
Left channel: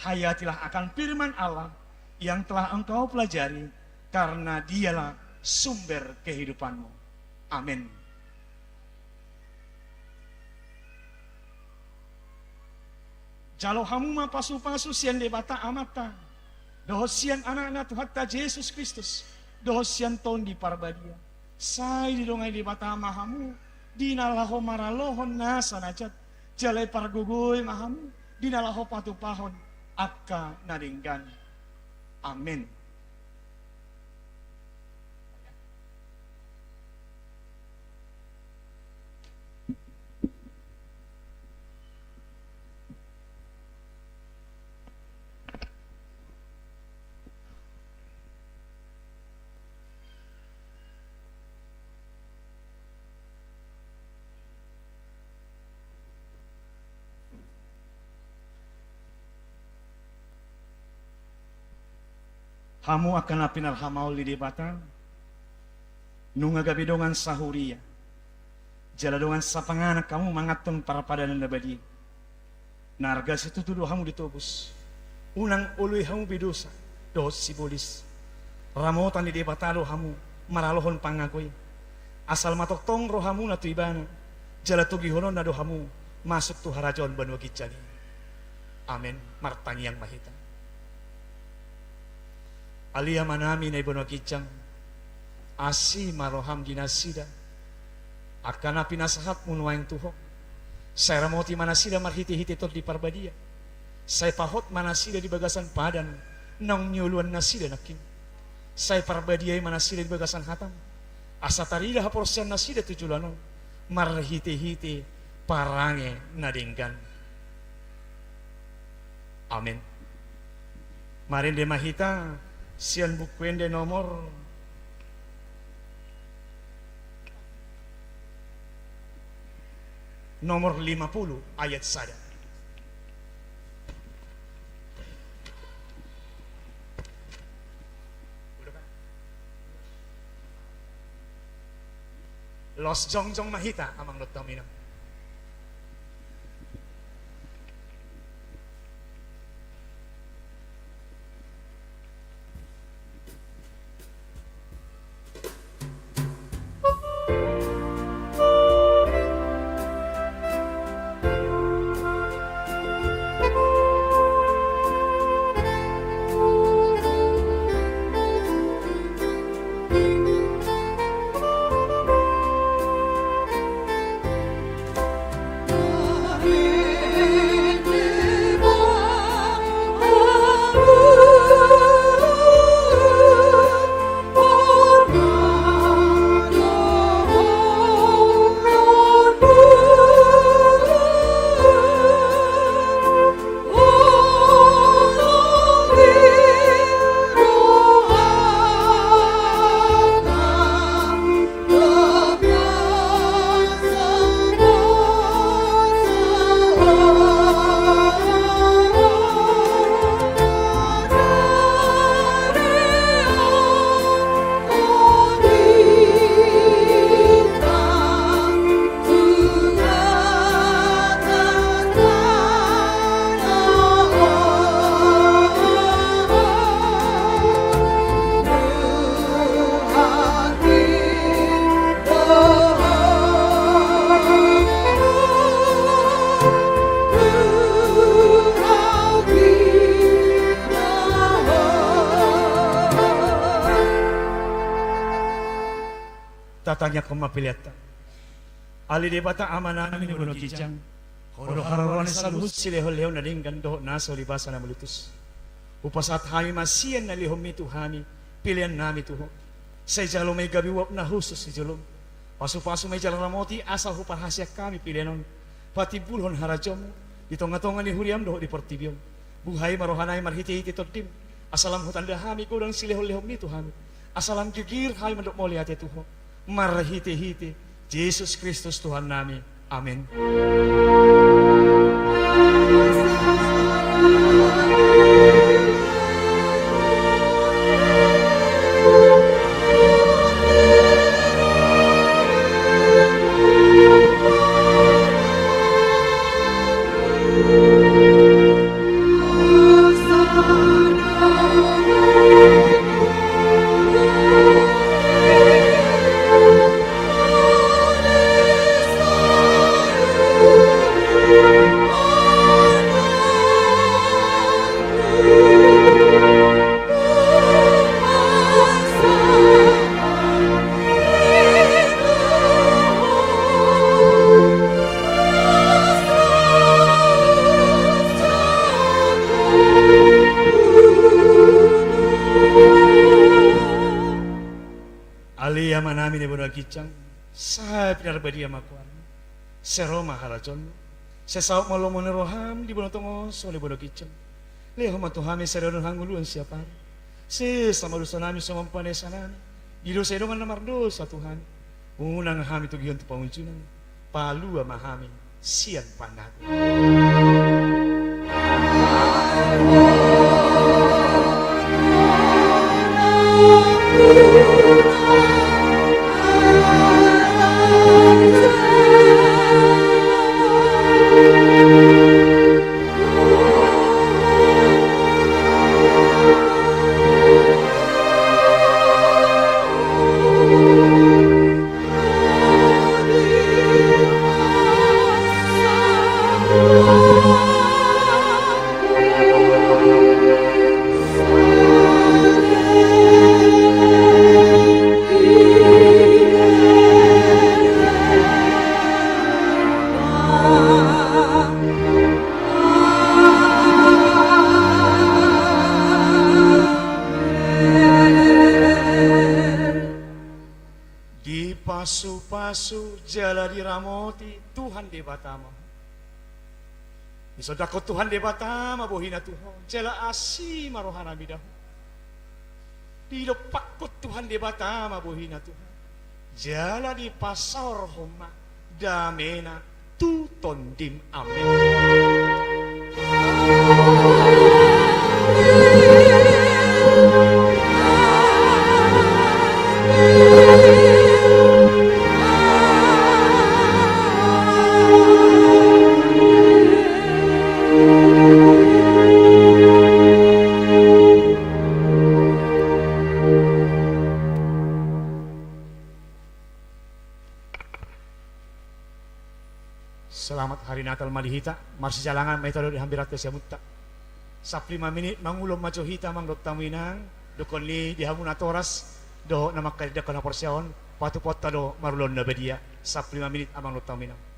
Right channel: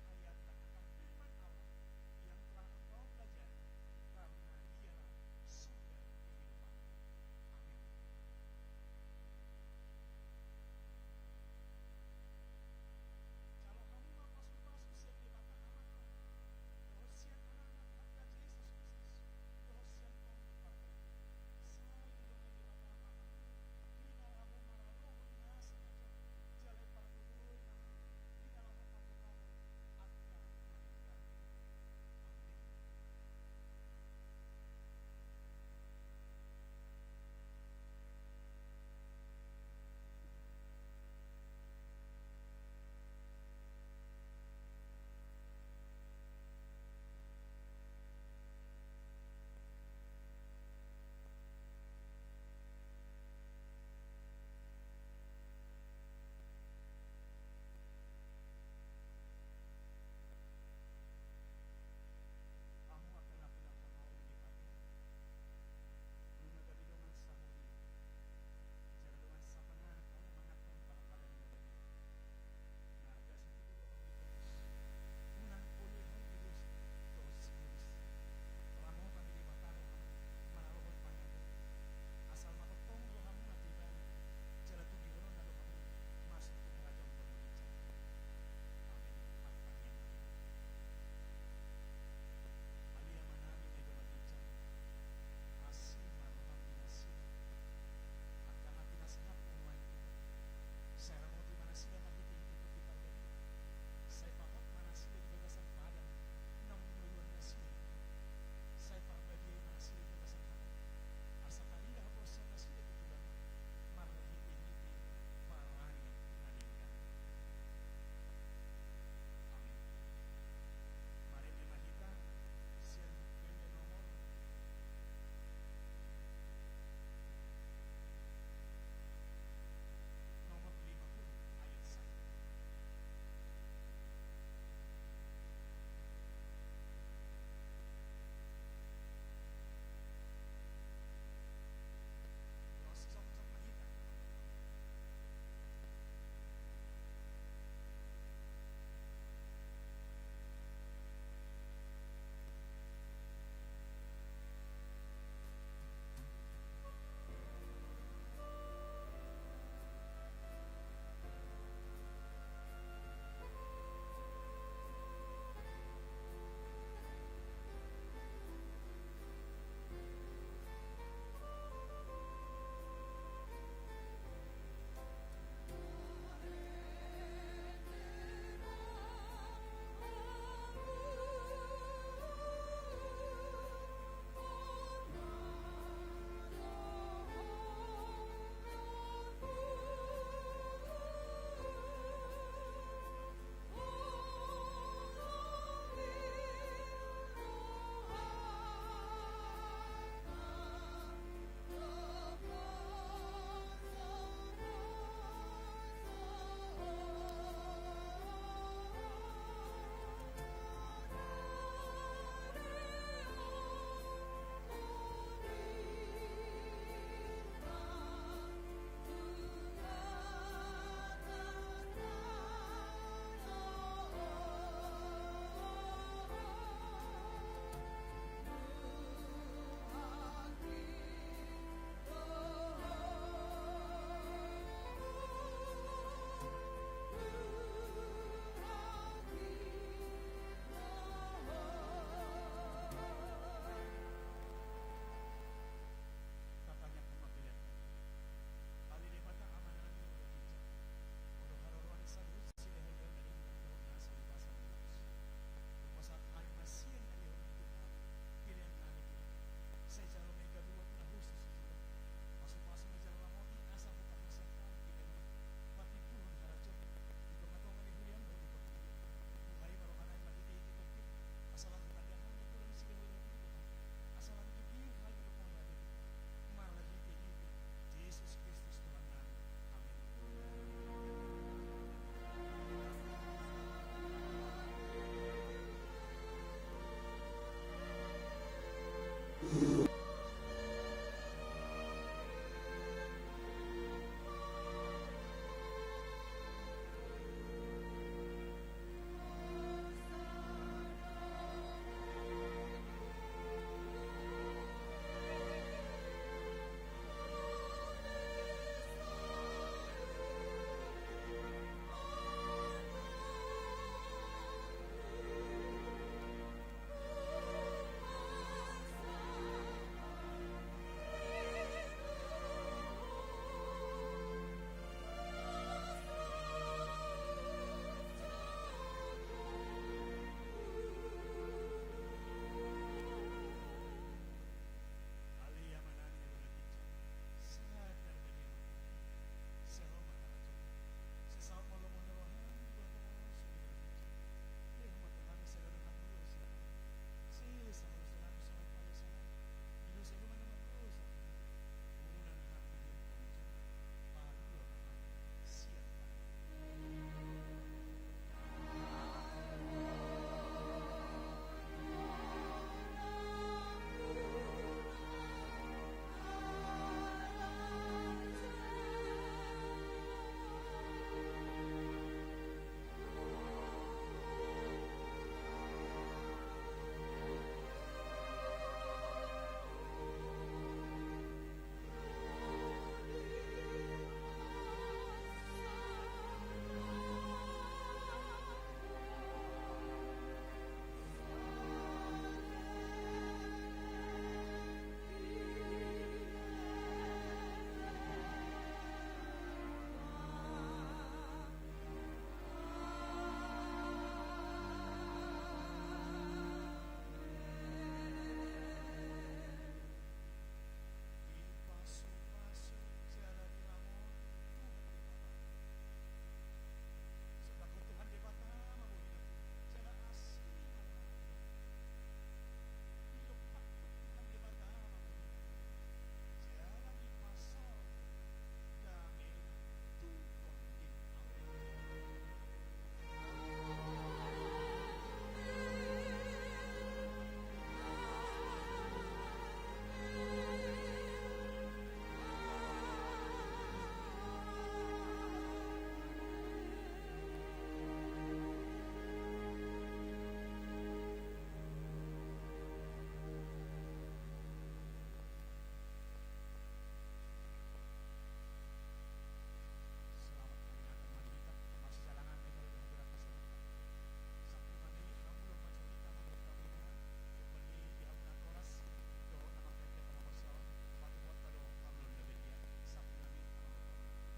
Hayatilah akan firman Allah yang telah engkau pelajari, karena dialah sumber kehidupanmu. Amin. Jalo hamu ma pasu-pasu sian debata amata. Dohosian anak-anak Tuhatta Yesus Kristus. Dohosian ton di parbadia. Sai di dongai debata mahamu. Dinalaho maralohon nasa najat. Jalai pargugui mahamu. Dinalaho patupahon. Akka nadinggan. Amin. Hamu akan apinal hamaul di debatan. Nunga gabidongan sahuria. Jaladongan sapanganak kamu mangatong para padanan nabadi. Narga situ tuduh hamu ditobus. Unang ului hamu bidosa. Dos sibolis. Ramotan di debatalo hamu. Maralohon pangakoy. Asal matok tong rohamu na tuibana. Jalatugihonon na dohamu. Masuk tu harajon banwa gijali. Amin. Martani yang mahita. Alia manami na ibono kijang asi maroham dinasida akana pinasahat munuaing tuhok saya ramoti manasida marhiti-hiti tot di parbadia saya pahot manasida di bagasan padan nang nyuluan nasida nakin saya parbadia manasida di bagasan hatam asa tarida haporsian nasida tujulano marhiti-hiti parange nadinggan. Amin. Marin de mahita sian bukuende nomor nomor 50 ayat 1. Los jongjong mahita amang dotamina. tatanya kumapiliatan. Ali de bata amana namin buno kijang. Horo hararon saluhut silehol-lehol na dinggan doho naso libasa na mulutus. Upasat hami masiyan na lihom mi tuhami, pilihan nami tuho. Sa ijalo may gabiwap na husos si jalom. Pasu-pasu may jalan ramoti asal hupahasya kami pilihanon. Pati bulhon harajom, ditonga-tonga ni huriam doho di portibion. Buhay marohanay marhiti-hiti todim. Asalam hutan dahami kodang silehol-lehom ni tuhami. Asalam gigir hay mandok moli ate tuho. Marhiti-hiti, Yesus Kristus Tuhan nami. Amin. Aliyama namin ibu kicang, saya pinarbadi amakuan, seroma harajon, sesauk malu meneroham di bulan tongo soal ibu kicang, leho matuhami serodon hanguluan siapa, sesama dosa nami sama panesa nami, di dosa edongan namar dosa Tuhan, unang hami tu gion tu pamuncunan, palu amahami sian panaku. Pasu-pasu jala diramoti Tuhan di batama. Isodakot Tuhan di batama bohina Tuhan jala asi marohana bidahu. Didopakot Tuhan di batama bohina Tuhan. Jala di pasar homa damena tuton dim amin. Selamat hari Natal Malihita, marsi jalangan metode dihambirat ke siamutta. Sap 5 menit mangulom maco hita mang dok tamuinang, dokon li dihamuna toras, do namak kali dakon porsion, patu potta do marulon na bedia. Sap 5 menit amang dok tamuinang.